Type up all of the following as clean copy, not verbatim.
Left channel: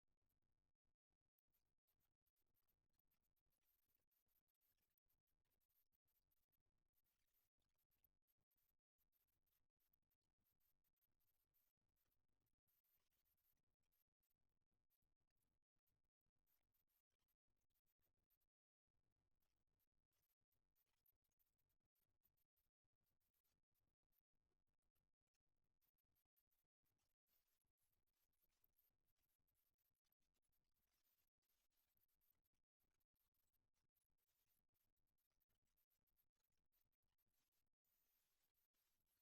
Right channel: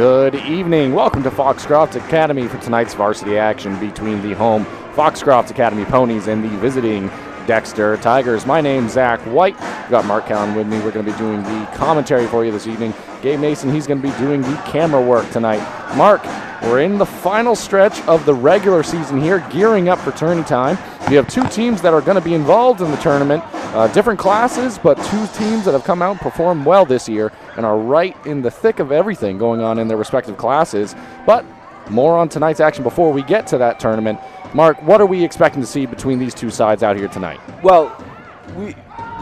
Good evening. Welcome to Foxcroft Academy for tonight's varsity action between the home Foxcroft Academy Ponies and the visiting Dexter Tigers. My name's Zach White. We've got Mark Cowan with me. We're going to be doing the commentary for you this evening. Gabe Mason, he's going to be doing the camera work tonight. Mark, we're in the final stretch of the regular season here, gearing up for tourney time. We have two teams that are going to be involved in the tournament, different classes, but two teams that have come out and performed well this year and are right in the thick of everything going on in their respective classes. But more on tonight's action before we get to that tournament. Mark, what are we expecting to see between these two sides out here tonight? Well, the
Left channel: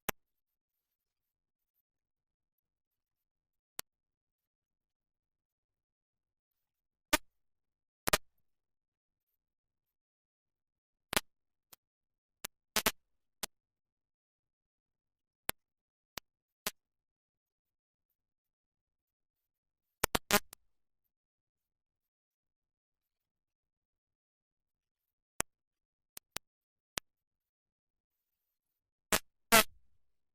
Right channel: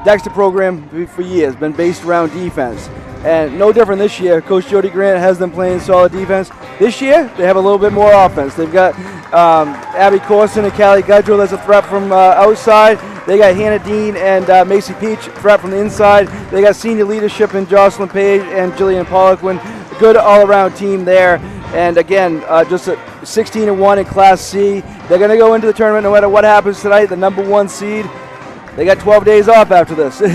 Dexter program for years been based around defense. And no different this year. Coach Jody Grant has them playing solid defense. This year, they have a little bit more offense. They've got Abby Corson and Callie Gudrill as a threat from outside. They got Hannah Dean and Macy Peach, threat from the inside. They got senior leadership in Jocelyn Page and Jillian Poliquin. Good all-around team there. And again, just a 16-1 in Class C. They're going to go into the tournament no matter what happens tonight. The number one seed. They got 12 days off after this, so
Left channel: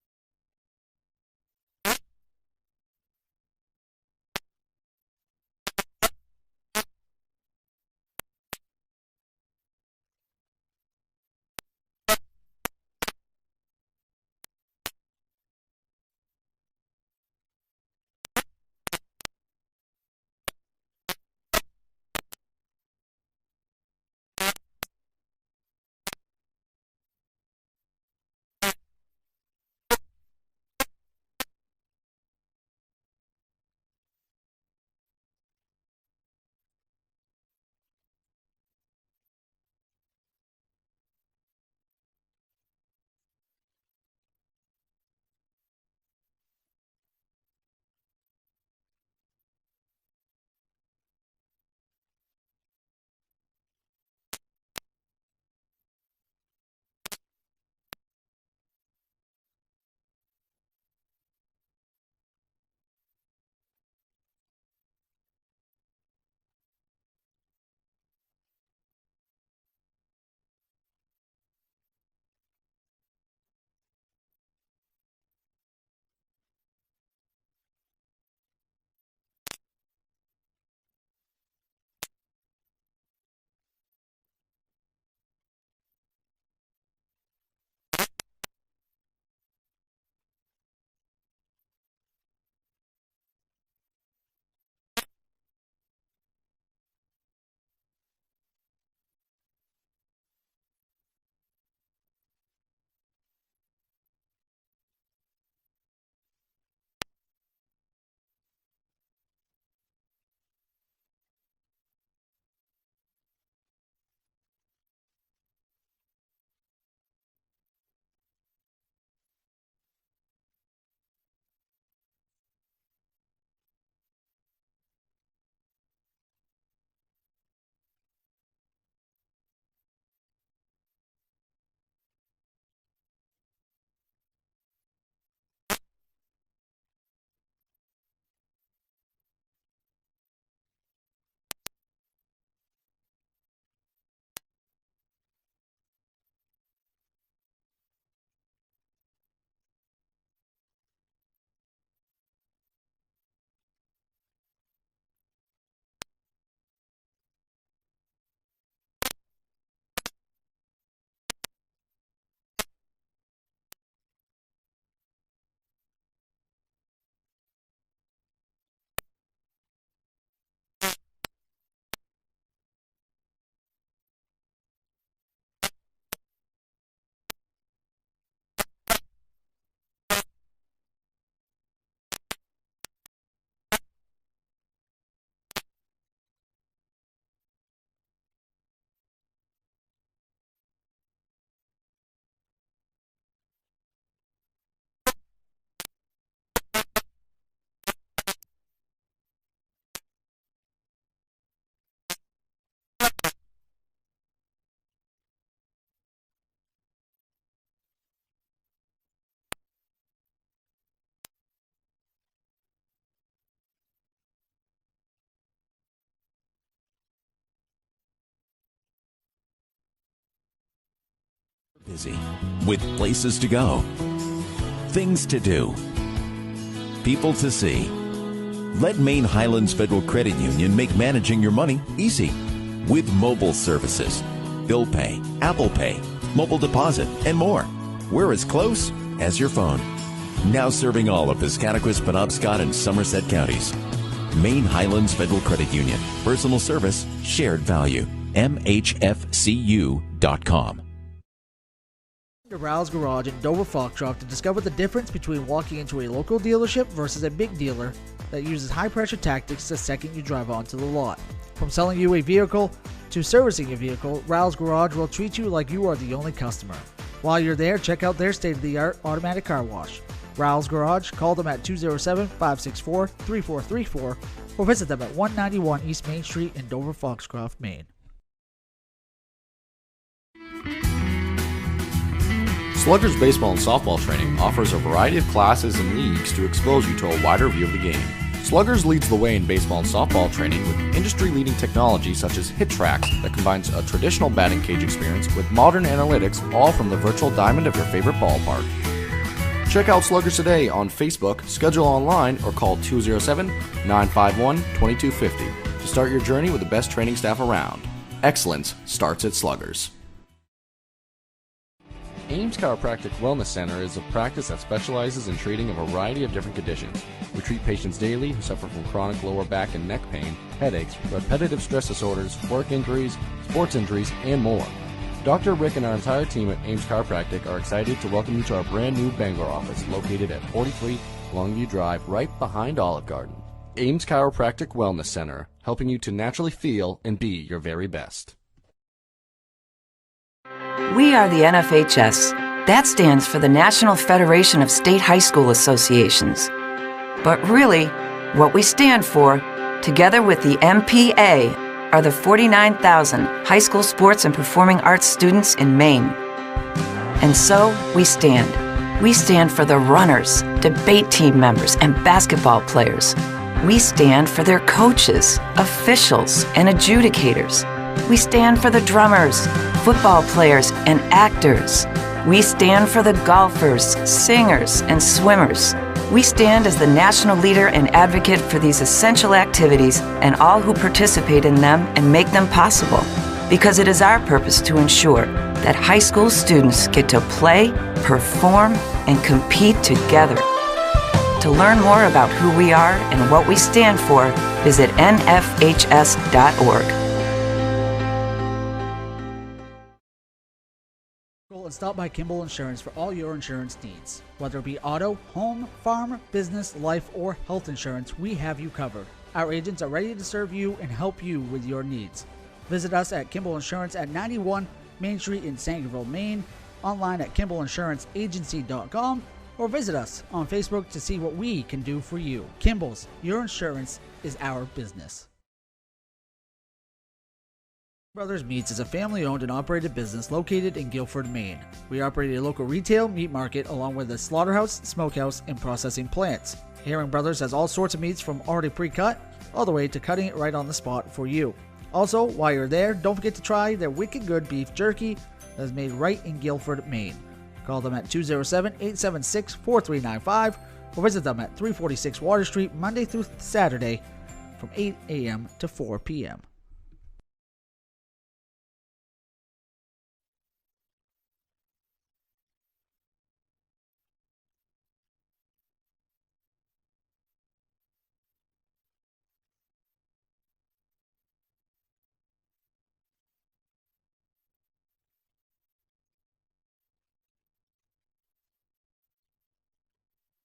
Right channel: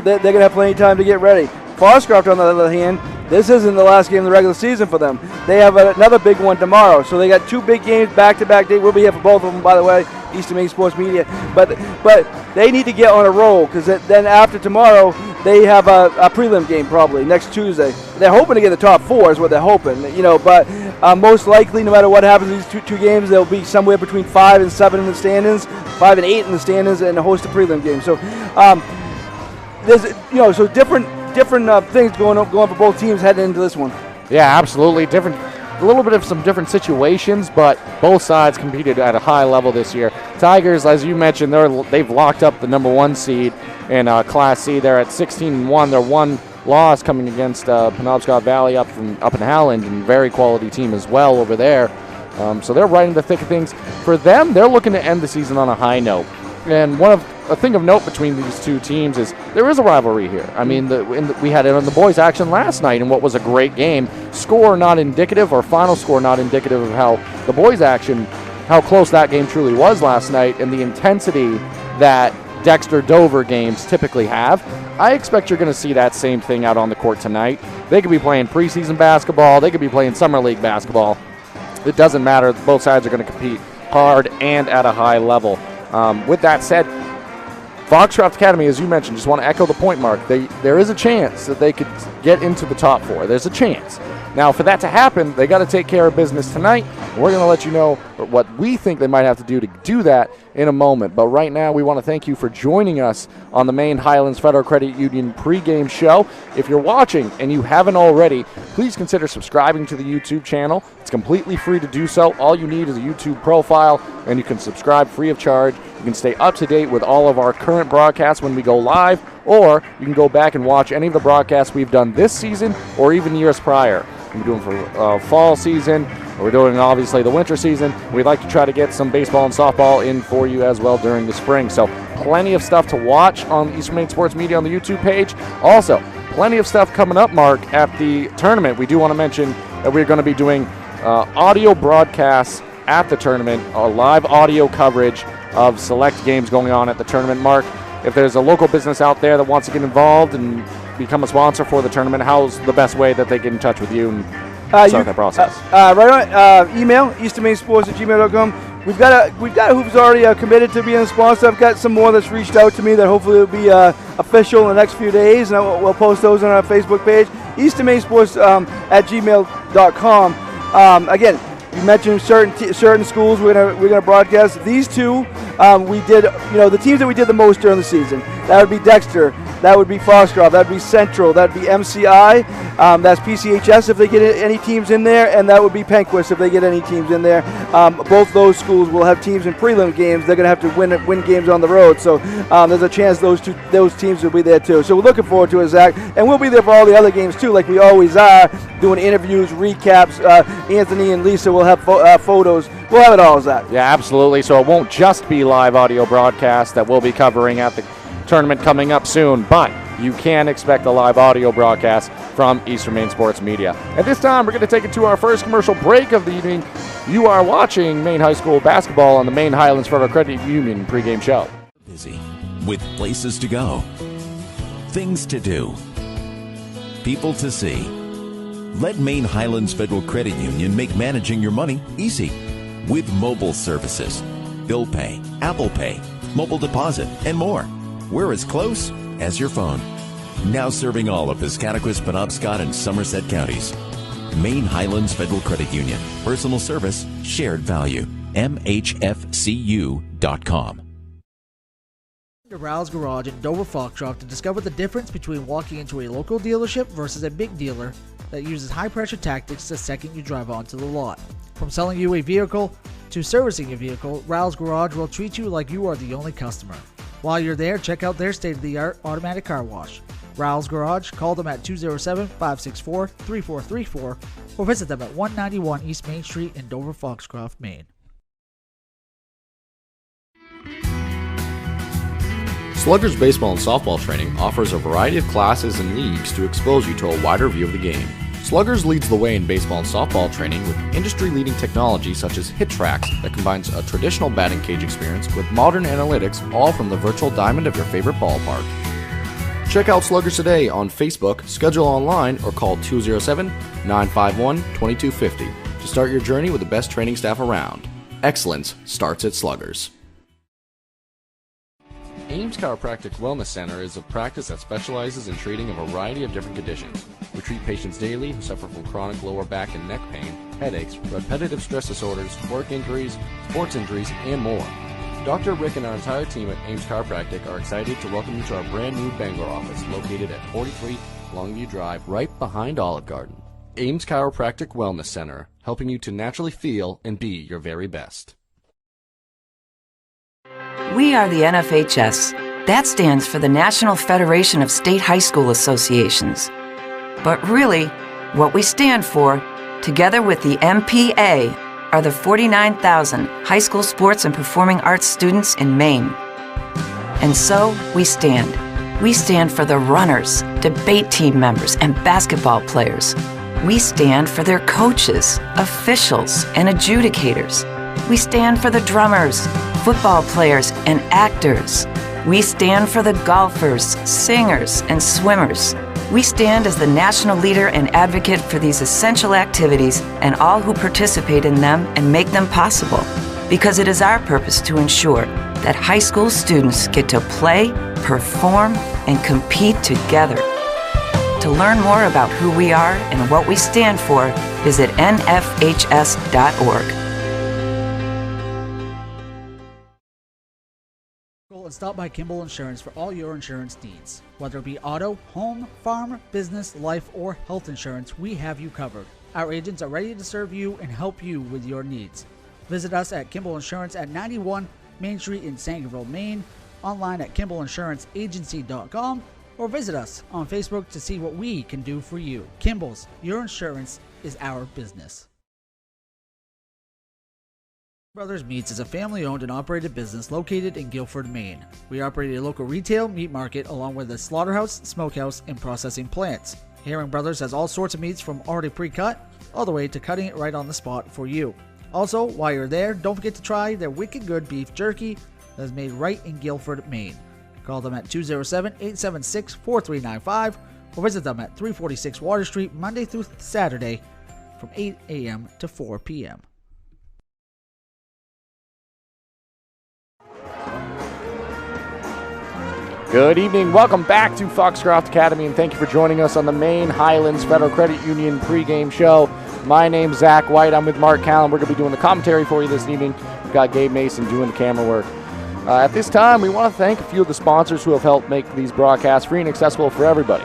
they're going to have plenty of time to get ready. Foxcroft, on the other hand, this isn't the last game of the regular season for them. They have another big one tomorrow. So they got two big games back-to-back days. We'll be here for both of them, by the way, Eastern Maine Sports Media. But they need to get on a roll because then after tomorrow, they have a prelim game probably next Tuesday. They're hoping to get the top four is what they're hoping, but most likely, no matter what happens in these two games, they'll be somewhere between 5 and 7 in the standings, 5 and 8 in the standings, and host a prelim game. So there's different things going for both teams heading into this one. Yeah, absolutely. A little bit of some different situations, but both sides competed at a high level this year. Tigers, as you mentioned, they've locked up the number one seed in Class C. They're at 16-1. They're one loss coming against Penobscot Valley up in Howland, and very quality team as well over there. So they're right in the thick of things. For them, they're looking to end the season on a high note. And a thing of note between these two teams is there is a rivalry here. I mean, we had it on the boys' action last night in what was a great game. Score not indicative, or final score not indicative of how the boys' action, how close that game truly was last night, and the intensity that Dexter-Dover games typically have. I expect you're going to see that same thing out on the court tonight. They could be playing preseason basketball. They could be playing summer league basketball. It doesn't matter. Both sides are going to compete hard and at a high level. With that said, Foxcroft Academy, as you mentioned, just want to echo the point, Mark. There is a chance that they could get into the top four. There's a chance. Now, for that to happen, they got to take care of business tonight. We're going to let you know what we think they might have to do that in a moment. But right now, we want to thank you for joining us on the Maine Highlands Federal Credit Union pregame show. If you're watching and you haven't already, please consider subscribing to the YouTube channel. It's completely free to do so. All you need is a YouTube profile, and you can subscribe free of charge. You can stay up to date with all of our current broadcasts when we go live, or you can go back and watch any of the broadcasts we've done this season or even years prior. We're doing for fall season. We're doing, obviously, the winter season. We'd like to try to get some baseball and softball in for you as well during the spring. So plenty of stuff to watch on Eastern Maine Sports Media on the YouTube page. Also, plenty of stuff coming up, Mark, at the tournament. We do want to mention that we're going to be doing audio broadcasts at the tournament, live audio coverage of select games going on at the tournament. Mark, if there's a local business out there that wants to get involved and become a sponsor for the tournament, how's the best way that they get in touch with you and start that process? Right on email, easternmainsports@gmail.com. We've got who's already committed to being a sponsor. I've got some more that's reached out to me that hopefully will be official in the next few days, and we'll post those on our Facebook page, easternmainsports@gmail.com. Again, you mentioned certain schools we're gonna broadcast. These two, we did, the teams that we did the most during the season. That would be Dexter, that would be Foxcroft, that would be Central, that would be MCI, that's PCHS if they get any teams in there, and that would be Penquist if they get any teams in there. Both those schools will have teams in prelim games. They're gonna have to win games on the road. So there's a chance those teams will be there too. So we're looking forward to it, Zach, and we'll be there for all the other games too, like we always are, doing interviews, recaps. Anthony and Lisa will have photos. We'll have it all, Zach. Yeah, absolutely. So it won't just be live audio broadcast that we'll be covering at the tournament coming up soon, but you can expect a live audio broadcast from Eastern Maine Sports Media. At this time, we're going to take it to our first commercial break of the evening. You are watching Maine High School basketball on the Maine Highlands Federal Credit Union pregame show. Busy with places to go, things to do, people to see. Let Maine Highlands Federal Credit Union make managing your money easy with mobile services, bill pay, Apple Pay, mobile deposit, and more. We're as close as your phone. Now serving all of Piscataquis, Penobscot, and Somerset counties. Maine Highlands Federal Credit Union. Personal service, shared value. MHFCU.com. To Rouse Garage in Dover Foxcroft to discover the difference between walking into a local dealership versus a big dealer that uses high-pressure tactics the second you drive onto the lot. From selling you a vehicle to servicing a vehicle, Rouse Garage will treat you like you are the only customer. While you're there, check out their state-of-the-art automatic car wash. Rouse Garage, call them at 207-564-3434 or visit them at 191 East Main Street in Dover Foxcroft, Maine. Sluggers baseball and softball training offers a variety of classes and leagues to expose you to a wider view of the game. Sluggers leads the way in baseball and softball training with industry-leading technology such as Hit Tracks that combines a traditional batting cage experience with modern analytics, all from the virtual diamond of your favorite ballpark. Check out Sluggers today on Facebook, schedule online, or call 207-951-2250 to start your journey with the best training staff around. Excellence starts at Sluggers. Ames Chiropractic Wellness Center is a practice that specializes in treating a variety of different conditions. We treat patients daily who suffer from chronic lower back and neck pain, headaches, repetitive stress disorders, work injuries, sports injuries, and more. Dr. Rick and our entire team at Ames Chiropractic are excited to welcome you to our brand new Bangor office located at 43 Longview Drive, right behind Olive Garden. Ames Chiropractic Wellness Center, helping you to naturally feel and be your very best. We are the NFHS. That stands for the National Federation of State High School Associations. But really, what we stand for, together with the MPA, are the 49,000 high school sports and performing arts students in Maine. And so, we stand. We stand for the runners, debate team members, and basketball players. We stand for their coaches, officials, and adjudicators. We stand for the drummers, football players, and actors. We stand for the golfers, singers, and swimmers. We stand as the national leader and advocate for these essential activities and all who participate in them and make them possible, because it is our purpose to ensure that high school students get to play, perform, and compete together. To learn more about who we are and what we stand for, visit nfhs.org. And stop by Kimball Insurance for all your insurance needs. Whether it be auto, home, farm, business, life, or health insurance, we have you covered. Our agents are ready to serve you and help you with your needs. Visit us at Kimball Insurance at 91 Main Street in Sangerville, Maine, online at KimballInsuranceAgency.com, or visit us on Facebook to see what we can do for you. Kimball's, your insurance is our business. Brothers Meats is a family-owned and operated business located in Guilford, Maine. We operate a local retail meat market along with a slaughterhouse, smokehouse, and processing plants. Herring Brothers has all sorts of meats from already pre-cut all the way to cutting it right on the spot for you. Also, while you're there, don't forget to try their wicked good beef jerky that is made right in Guilford, Maine. Call them at 207-876-4395 or visit them at 346 Water Street Monday through Saturday from 8 a.m. to 4 p.m. Good evening. Welcome back to Foxcroft Academy, and thank you for joining us on the Maine Highlands Federal Credit Union pregame show. My name's Zach White. I'm with Mark Callan. We're going to be doing the commentary for you this evening. We've got Gabe Mason doing the camera work. At this time, we want to thank a few of the sponsors who have helped make these broadcasts free and accessible for everybody.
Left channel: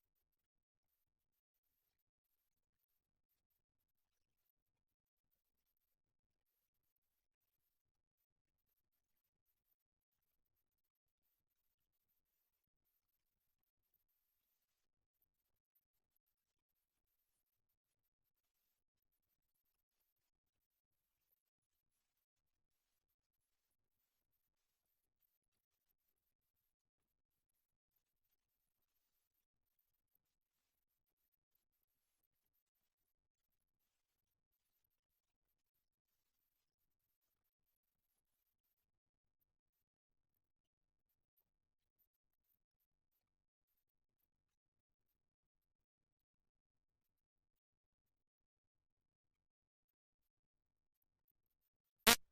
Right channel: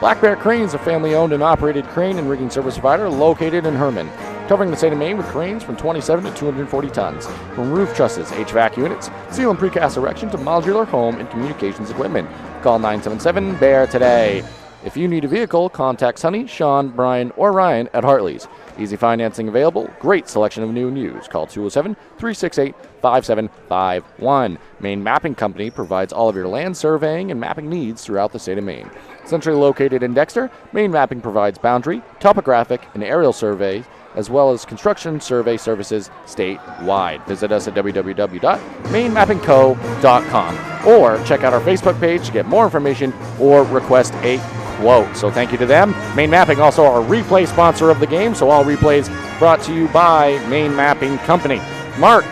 Black Bear Cranes, a family-owned and operated crane and rigging service provider located in Herman, covering the state of Maine with cranes from 27 to 240 tons. From roof trusses, HVAC units, steel and precast erection to modular home and communications equipment. Call 977-BEAR today. If you need a vehicle, contact Sonny, Sean, Brian, or Ryan at Hartley's. Easy financing available. Great selection of new and used. Call 207-368-5751. Maine Mapping Company provides all of your land surveying and mapping needs throughout the state of Maine. Centrally located in Dexter, Maine Mapping provides boundary, topographic, and aerial surveys as well as construction survey services statewide. Visit us at www.mainmappingco.com or check out our Facebook page to get more information or request a quote. So thank you to them. Main Mapping, also our replay sponsor of the game, so all replays brought to you by Main Mapping Company. Mark,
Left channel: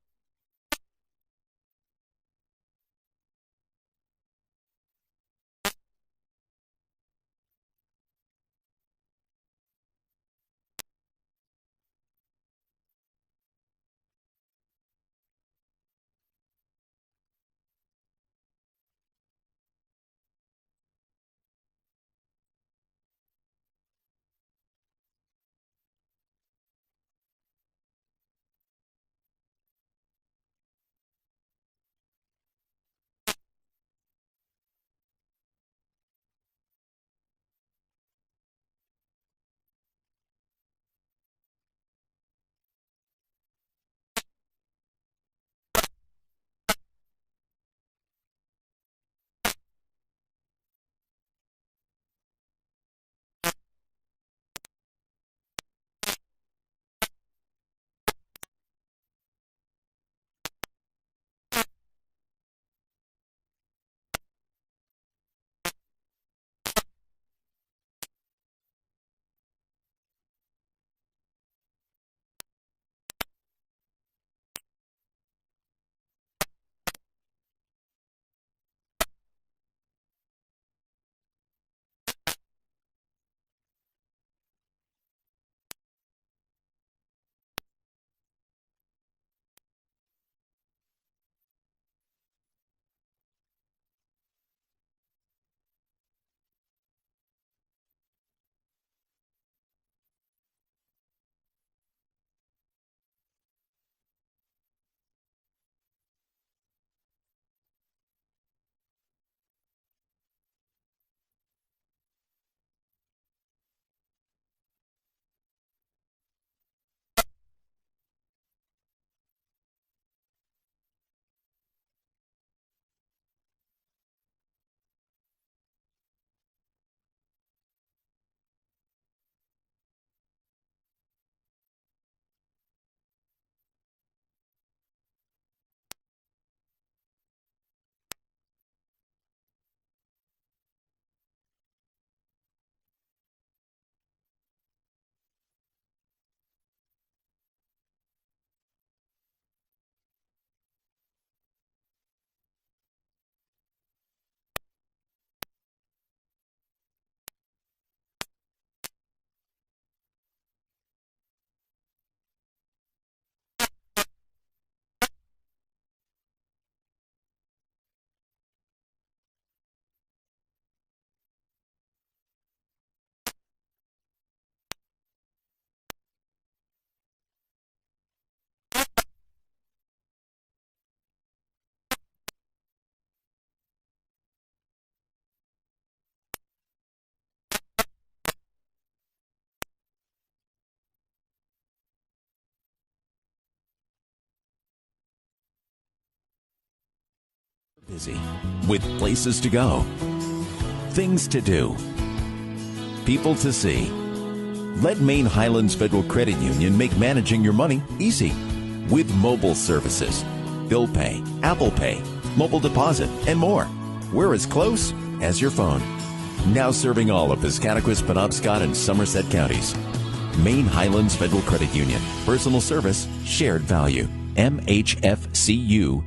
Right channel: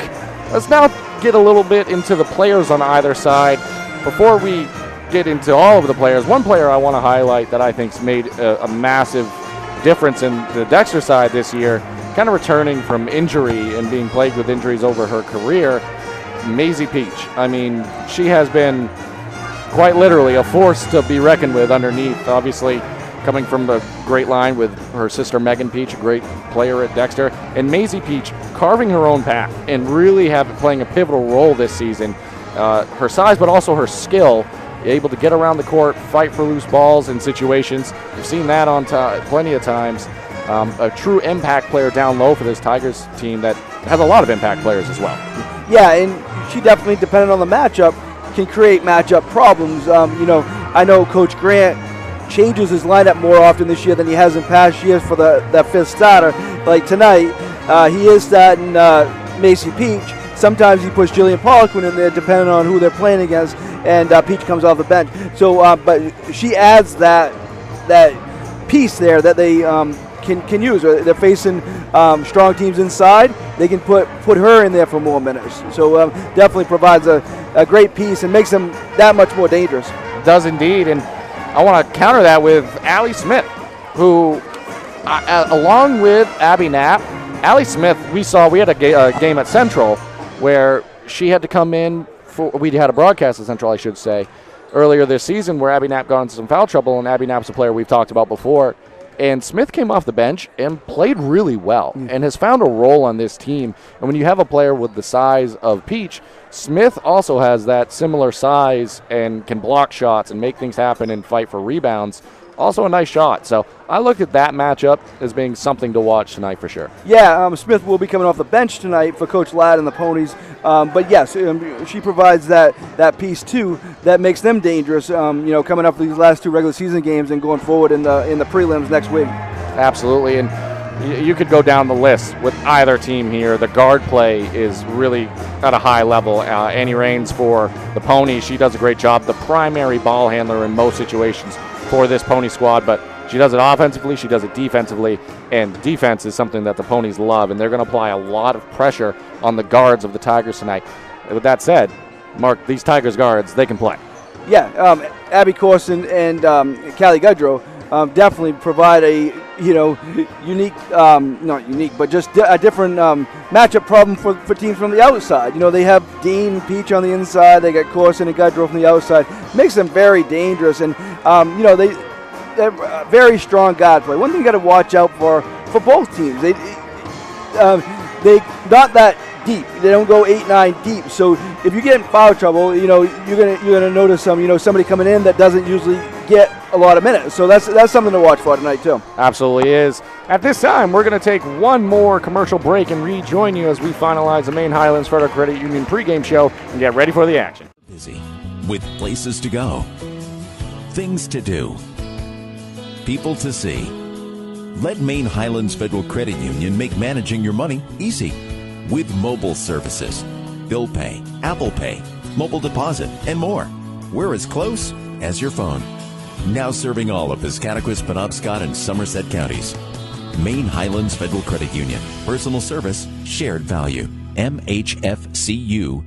let's now get a little bit into the players on either side. Before we get into all of the players, one player I want to highlight that I think's made a massive difference in the Dexter side this year, kind of returning from injury and being plagued with injuries over her career, Maisie Peach. I mean, she has been quite literally a force to be reckoned with underneath, obviously coming from a great line with her sister Megan Peach, a great player at Dexter, and Maisie Peach carving her own path and really playing a pivotal role this season. Her size, but also her skill, able to get around the court, fight for loose balls in situations. We've seen that on plenty of times. A true impact player down low for this Tigers team that has a lot of impact players as well. Yeah, and she definitely, depending on the matchup, can create matchup problems. I know Coach Grant changes his lineup more often this year than he has in past years for that fifth starter. Like tonight, he is starting Maisie Peach. Sometimes he puts Jillian Poliquin in there depending on who they're playing against, and Peach comes off the bench. So, but she adds that piece there that they can use. They're facing strong teams inside. They can put her in there for more minutes. So definitely provides a great piece and makes them that much more dangerous. It does indeed, and I want to counter that with Allie Smith, who, along with Abby Knapp, Allie Smith, we had a game at Central where she had to come in we had a broadcast at Central, I should say, earlier this season where Abby Knapp got into some foul trouble, and Abby Knapp's a player we've talked about before. And Smith came off the bench and played really well and has found a role on this team. And when you have a player with the size of Peach, Smith also has that similar size and can block shots and make things happen and fight for rebounds. Also a nice shot. So I look at that matchup as being something to watch tonight for sure. Yeah, Smith will be coming off the bench tonight for Coach Ladd and the Ponies. But yes, she provides that piece too that makes them dangerous, coming up for these last two regular season games and going forward in the prelims next week. Absolutely. And you could go down the list with either team here. The guard play is really at a high level. Annie Raines for the Ponies, she does a great job. The primary ball handler in most situations for this Pony squad, but she does it offensively, she does it defensively, and defense is something that the Ponies love, and they're going to apply a lot of pressure on the guards of the Tigers tonight. With that said, Mark, these Tigers guards, they can play. Yeah, Abby Corson and Callie Gudrow definitely provide a unique, not unique, but just a different matchup problem for teams from the outside. They have Dean Peach on the inside, they got Corson and Gudrow from the outside. Makes them very dangerous, and they're very strong guard play. One thing you got to watch out for both teams, they not that deep. They don't go 8-9 deep. So if you get in foul trouble, you're gonna notice somebody coming in that doesn't usually get a lot of minutes. So that's something to watch for tonight too. Absolutely is. At this time, we're going to take one more commercial break and rejoin you as we finalize the Maine Highlands Federal Credit Union pregame show and get ready for the action. Busy with places to go, things to do, people to see. Let Maine Highlands Federal Credit Union make managing your money easy with mobile services, bill pay, Apple Pay, mobile deposit, and more. We're as close as your phone. Now serving all of Piscataquis, Penobscot, and Somerset counties. Maine Highlands Federal Credit Union. Personal service, shared value. MHFCU.com.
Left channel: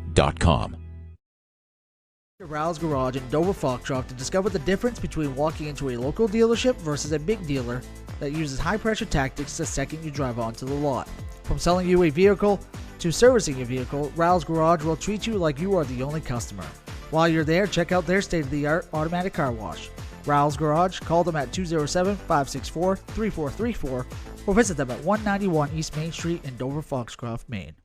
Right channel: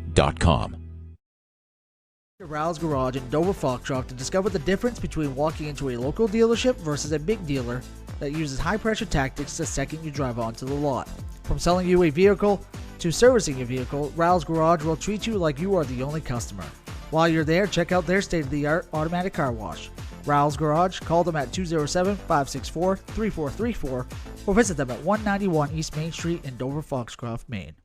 Rouse Garage in Dover Foxcroft to discover the difference between walking into a local dealership versus a big dealer that uses high-pressure tactics the second you drive onto the lot. From selling you a vehicle to servicing your vehicle, Rouse Garage will treat you like you are the only customer. While you're there, check out their state-of-the-art automatic car wash. Rouse Garage, call them at 207-564-3434 or visit them at 191 East Main Street in Dover Foxcroft, Maine.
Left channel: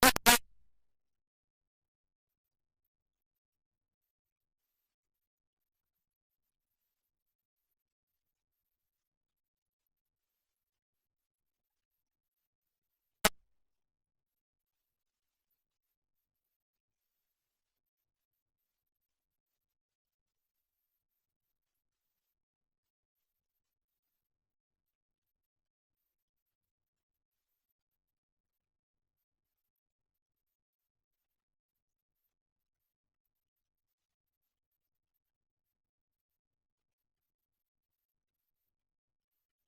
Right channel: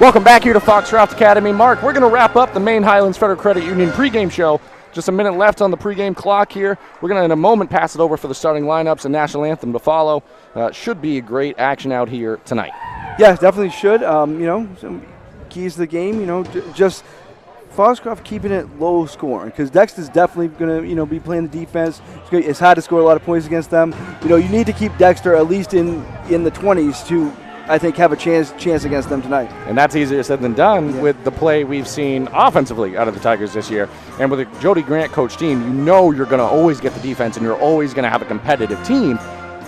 Welcome back here to Foxcroft Academy. Mark, we're going to wrap up the Maine Highlands Federal Credit Union pregame show. Just a minute left on the pregame clock here. We're going to, in a moment, pass it over for the starting lineups and national anthem to follow. Should be a great action out here tonight. Yeah, definitely should. Some keys to the game, just Foxcroft keeping it low scoring because Dexter's definitely going to be playing the defense. It's hard to score a lot of points against them. You need to keep Dexter at least in the 20s to, I think, have a chance against them tonight. And that's easier said than done with the play we've seen offensively out of the Tigers this year. And with a Jody Grant coach team, you're going to always get the defense and you're always going to have a competitive team.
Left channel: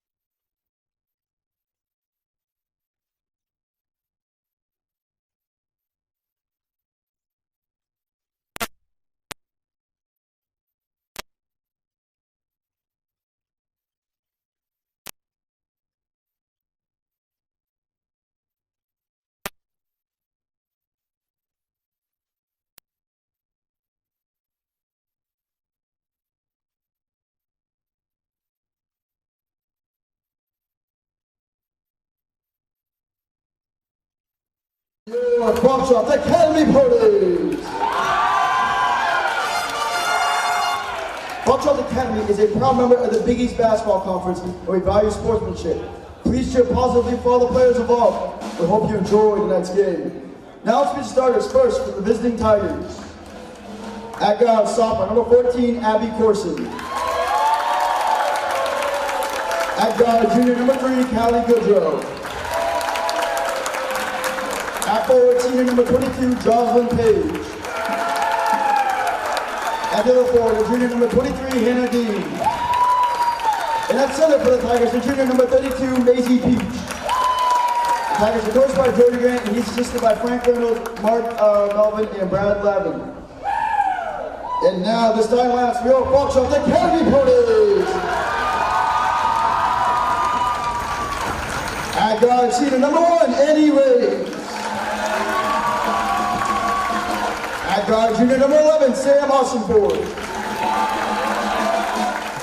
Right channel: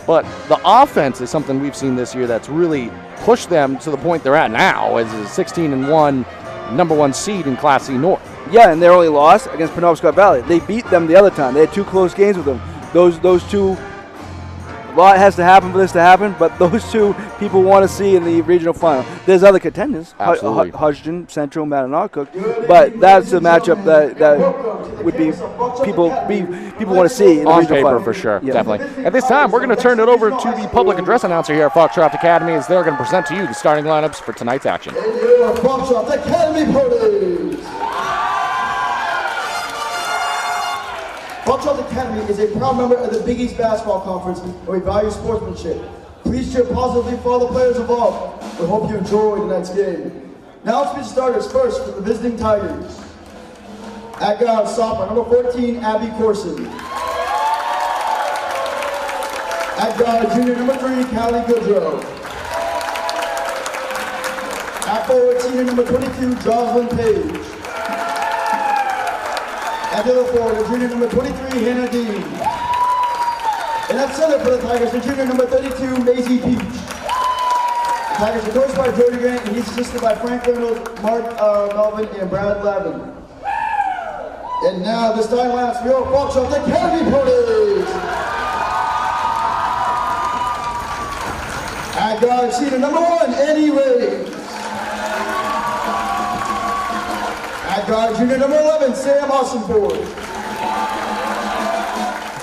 But the offense is something we've seen this year that's really pushed them to the point they're at now as a 16-1 number 1 seed in Class C North. Yeah, and their only loss against Penobscot Valley. They beat them the other time. They had 2 close games with them. Those two, a lot has to happen for this to happen, but those 2 people want to see in the regional final. There's other contenders, Hodgson, Central, Mattanock, but that's a matchup that would be people want to see in the on regional paper final. for sure, definitely. At this time, we're going to turn it over to the public address announcer here at Foxcroft Academy as they're going to present to you the starting lineups for tonight's action. Foxcroft Academy ponies. Foxcroft Academy is a proud member of the Big East Basketball Conference, and we value sportsmanship. Please cheer positively for all the players involved. We hope you enjoy tonight's game. Now let's get starters. First for the visiting Tigers. At guard, stopper, number 14, Abby Corson. At guard, junior number 3, Callie Goodrow. At forward, senior number 22, Jocelyn Page. At the other forward, junior number 23, Hannah Dean. And at center for the Tigers, the junior number 32, Maisie Peach. The Tigers are coached by Jody Grant, and he's assisted by Frank Reynolds, Mark Melvin, and Brad Lavin. And now, this time last, we are Foxcroft Academy ponies. At guard, senior number 1, Annie Ray. At guard, junior number 11, Sam Austinford.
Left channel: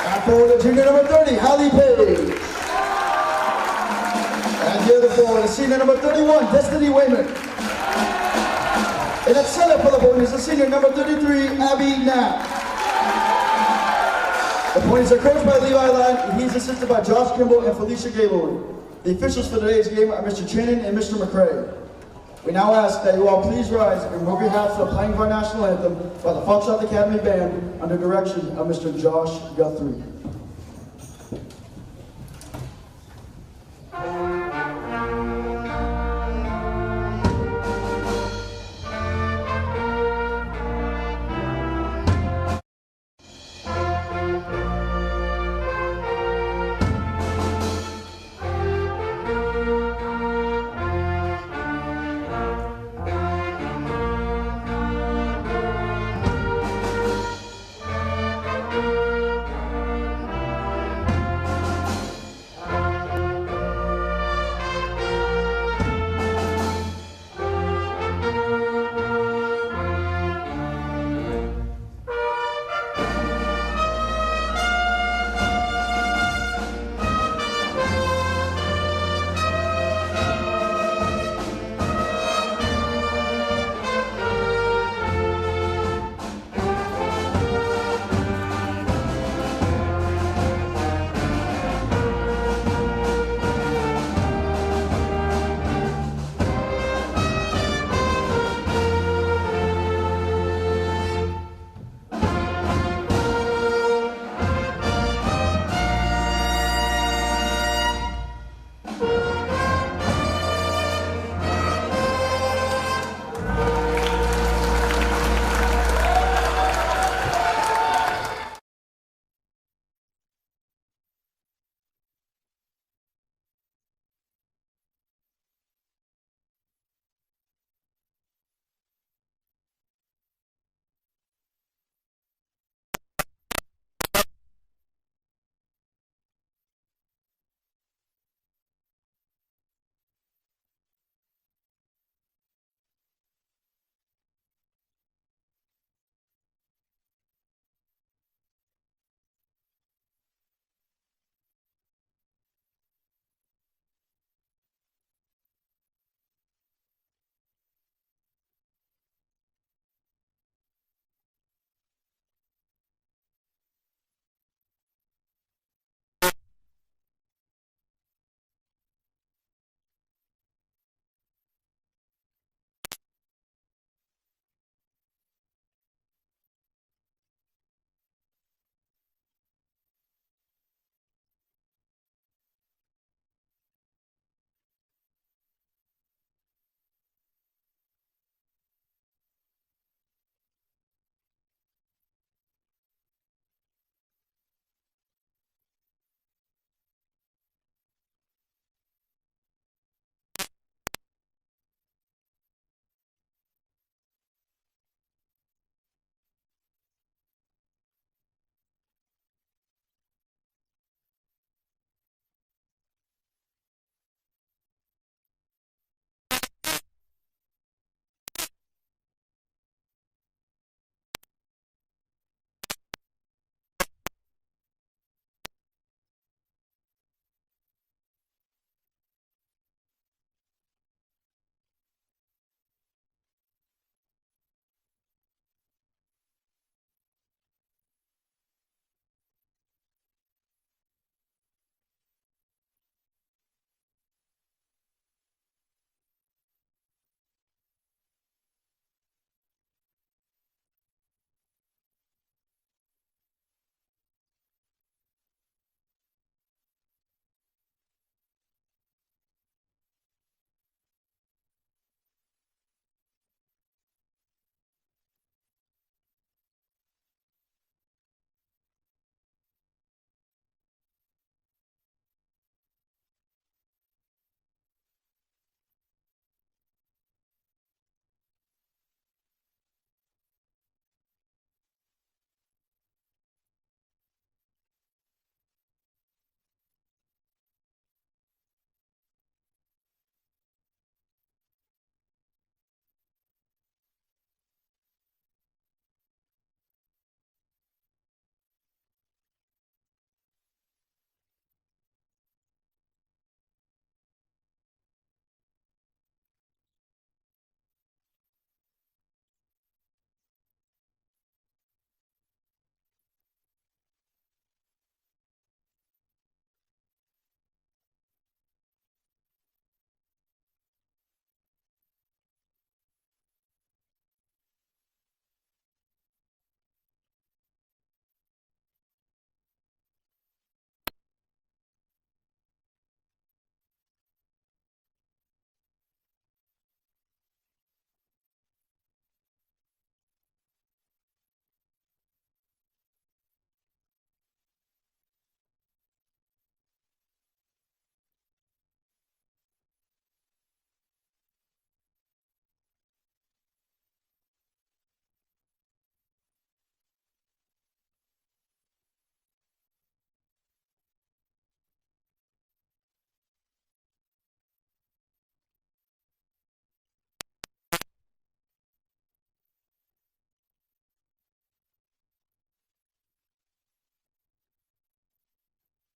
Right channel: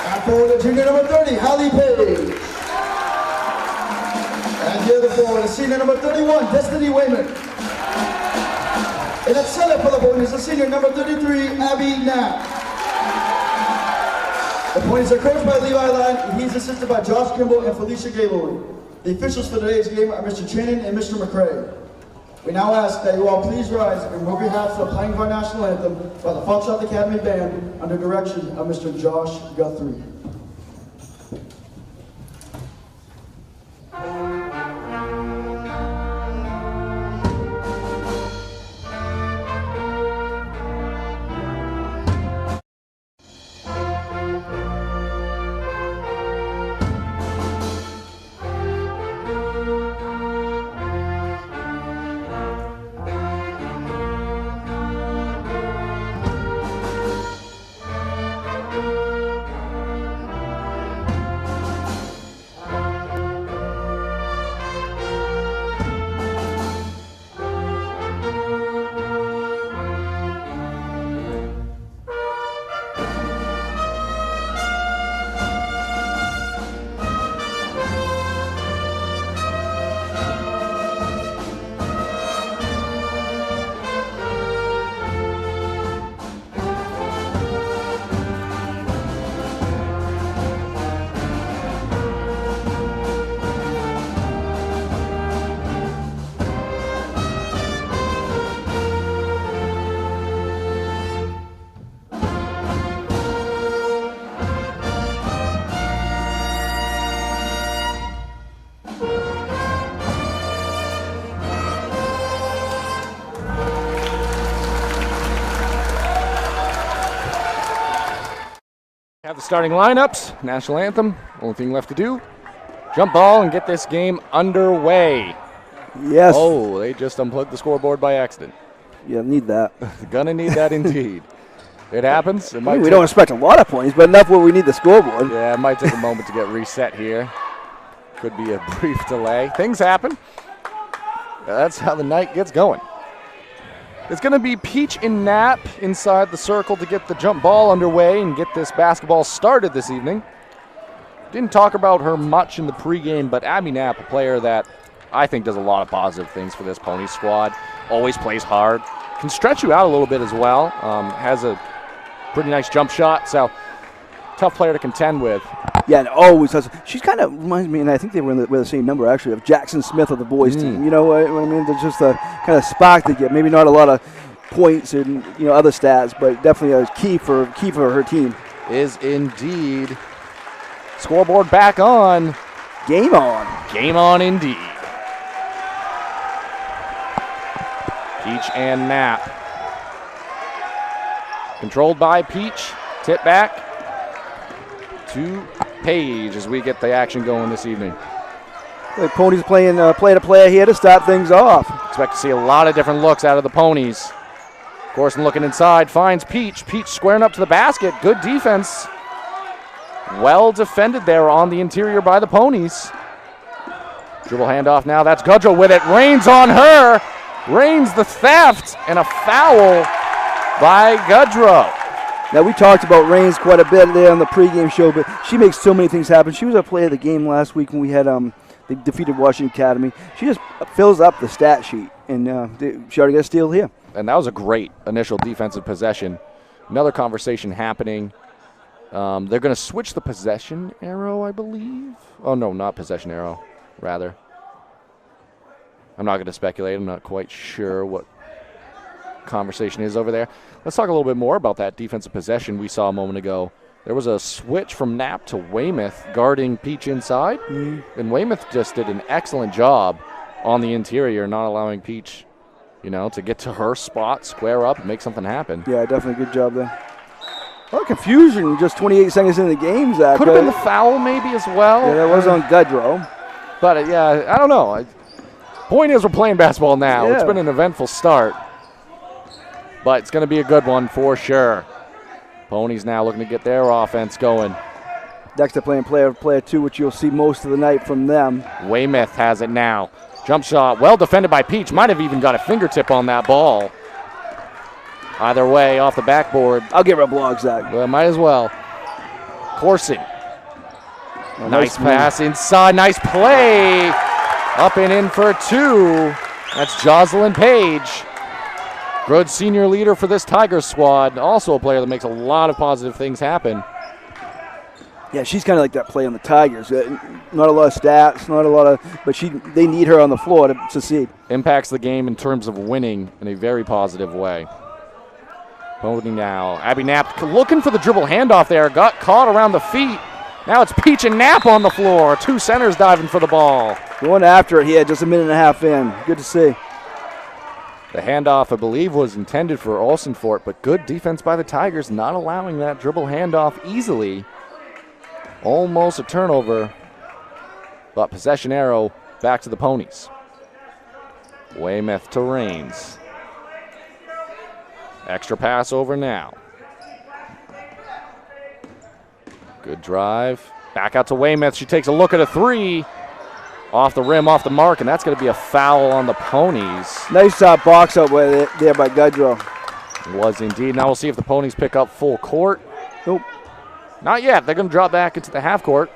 At forward, junior number 30, Hallie Page. And the other forward, senior number 31, Destiny Wayman. And at center for the ponies, the senior number 33, Abby Knapp. The ponies are coached by Levi Ladd, and he's assisted by Josh Kimball and Felicia Gaylord. The officials for today's game are Mr. Channon and Mr. McCrae. We now ask that you all please rise and we'll be half for playing of our national anthem by the Foxcroft Academy Band under direction of Mr. Josh Guthrie. Have the starting lineups, national anthem. Only thing left to do, jump ball and get this game underway. Yes. Oh, they just unplugged the scoreboard by accident. Yeah, need that. Gonna need that indeed. It happens. It might we don't expect a lot of points, but enough where we need the scoreboard. Yeah, it might take a moment to get reset here. Could be a brief delay. Things happen. That's how the night gets going. It's going to be Peach and Knapp inside the circle to get the jump ball underway and get this basketball started this evening. Didn't talk about her much in the pregame, but Abby Knapp, a player that I think does a lot of positive things for this Pony squad. Always plays hard. Can stretch you out a little bit as well. Has a pretty nice jump shot, so tough player to contend with. Yeah, and always has. She's kind of reminds me, and I think they were with the same number actually, of Jackson Smith of the boys team. You know what I mean? There's just a kind of spark they get. Maybe not a lot of points and other stats, but definitely a key for her team. Is indeed. Scoreboard back on. Game on. Game on indeed. Peach and Knapp. Controlled by Peach. Tip back to Page as we get the action going this evening. The Ponies playing play-to-play here to start things off. Expect to see a lot of different looks out of the Ponies. Corson looking inside, finds Peach. Peach squaring up to the basket. Good defense. Well defended there on the interior by the Ponies. Dribble handoff now. That's Gudrow with it. Rains on her. Rains the theft, and a foul by Gudrow. Now, we talked about Rains quite a bit there on the pregame show, but she makes so many things happen. She was our player of the game last week when we had they defeated Washington Academy. She just fills up the stat sheet, and she already got a steal here. And that was a great initial defensive possession. Another conversation happening. They're going to switch the possession arrow, I believe. Oh, no, not possession arrow, rather. I'm not going to speculate. I'm not quite sure what conversation is over there. Let's talk a little bit more about that defensive possession we saw a moment ago. There was a switch from Knapp to Weymouth guarding Peach inside, and Weymouth just did an excellent job on the interior, not allowing Peach, to get to her spot, square up, and make something happen. Yeah, definitely good job there. A lot of confusion just 28 seconds into the game, Zach. Could have been the foul maybe as well. Yeah, that was on Gudrow. But, I don't know. Point is we're playing basketball now. Yeah. It's been an eventful start. But it's going to be a good one for sure. Ponies now looking to get their offense going. Dexter playing player 2, which you'll see most of the night from them. Weymouth has it now. Jump shot, well defended by Peach. Might have even got a fingertip on that ball. Either way, off the backboard. I'll give her a block, Zach. Well, might as well. Corson. Nice pass inside. Nice play. Up and in for 2. That's Jocelyn Page. Good senior leader for this Tigers squad. Also a player that makes a lot of positive things happen. Yeah, she's kind of like that play on the Tigers. Not a lot of stats, but they need her on the floor to succeed. Impacts the game in terms of winning in a very positive way. Pony now. Abby Knapp looking for the dribble handoff there. Got caught around the feet. Now it's Peach and Knapp on the floor. 2 centers diving for the ball. Going after it here, just a minute and a half in. Good to see. The handoff, I believe, was intended for Olsenfort, but good defense by the Tigers, not allowing that dribble handoff easily. Almost a turnover, but possession arrow back to the Ponies. Weymouth to Rains. Extra pass over now. Good drive. Back out to Weymouth. She takes a look at a 3. Off the rim, off the mark, and that's going to be a foul on the Ponies. Nice box out there by Gudrow. Was indeed. Now we'll see if the Ponies pick up full court. Nope. Not yet. They're going to drop back into the half court.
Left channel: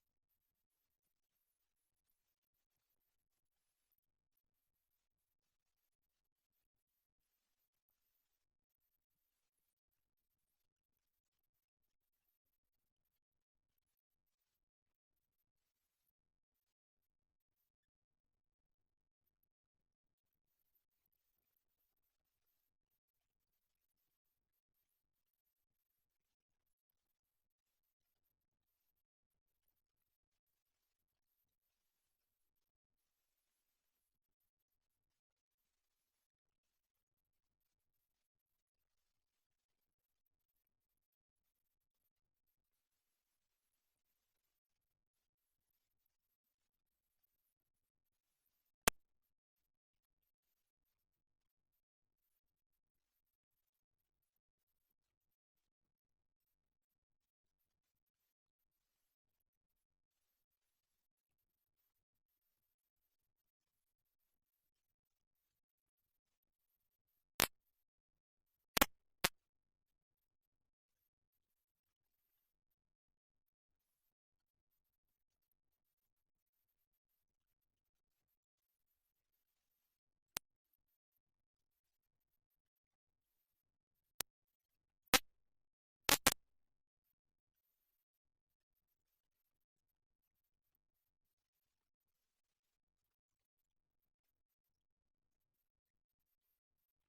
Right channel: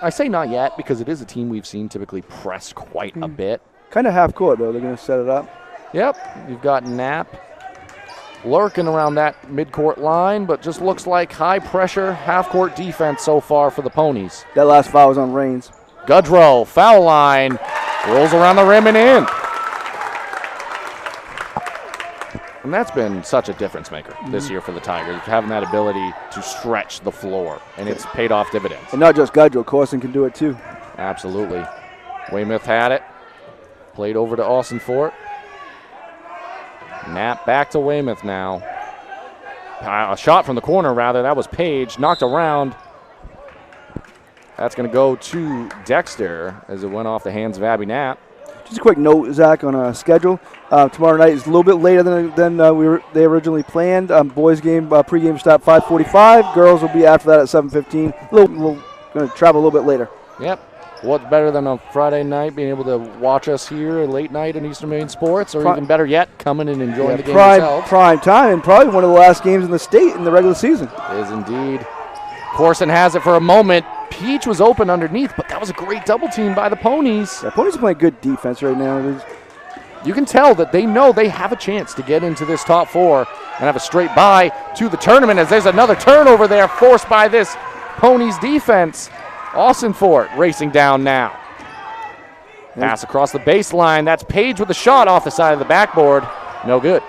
I say not yet because it is a team we've seen typically press quite a bit. Kind of half court, though. They're going to set it up. Yep. You've got Knapp lurking around that midcourt line, but just looks like high pressure half court defense so far for the Ponies. That last foul was on Rains. Gudrow, foul line, rolls around the rim and in. And that's been such a difference maker this year for the Tigers, having that ability to stretch the floor, and it's paid off dividends. And not just Gudrow, Corson can do it too. Absolutely. Weymouth had it, played over to Olsenfort. Knapp back to Weymouth now. A shot from the corner, rather. That was Page, knocked around. That's going to go to Dexter as it went off the hands of Abby Knapp. Just a quick note, Zach, on a schedule. Tomorrow night is a little bit later than they originally planned. Boys game pregame start 5:45. Girls will be after that at 7:15. We're going to travel a little bit later. Yep. What's better than a Friday night being able to watch us here late night in Eastern Maine Sports, or even better yet, coming and enjoying the game yourself? Prime time, and probably one of the last games in the state in the regular season. Is indeed. Corson has it for a moment. Peach was open underneath, but that was a great double team by the Ponies. Yeah, Ponies are playing good defense right now. You can tell that they know they have a chance to get into this top 4 and have a straight bye to the tournament, as there's another turnover there forced by this Ponies defense. Olsenfort racing down now. Pass across the baseline. That's Page with a shot off the side of the backboard. No good.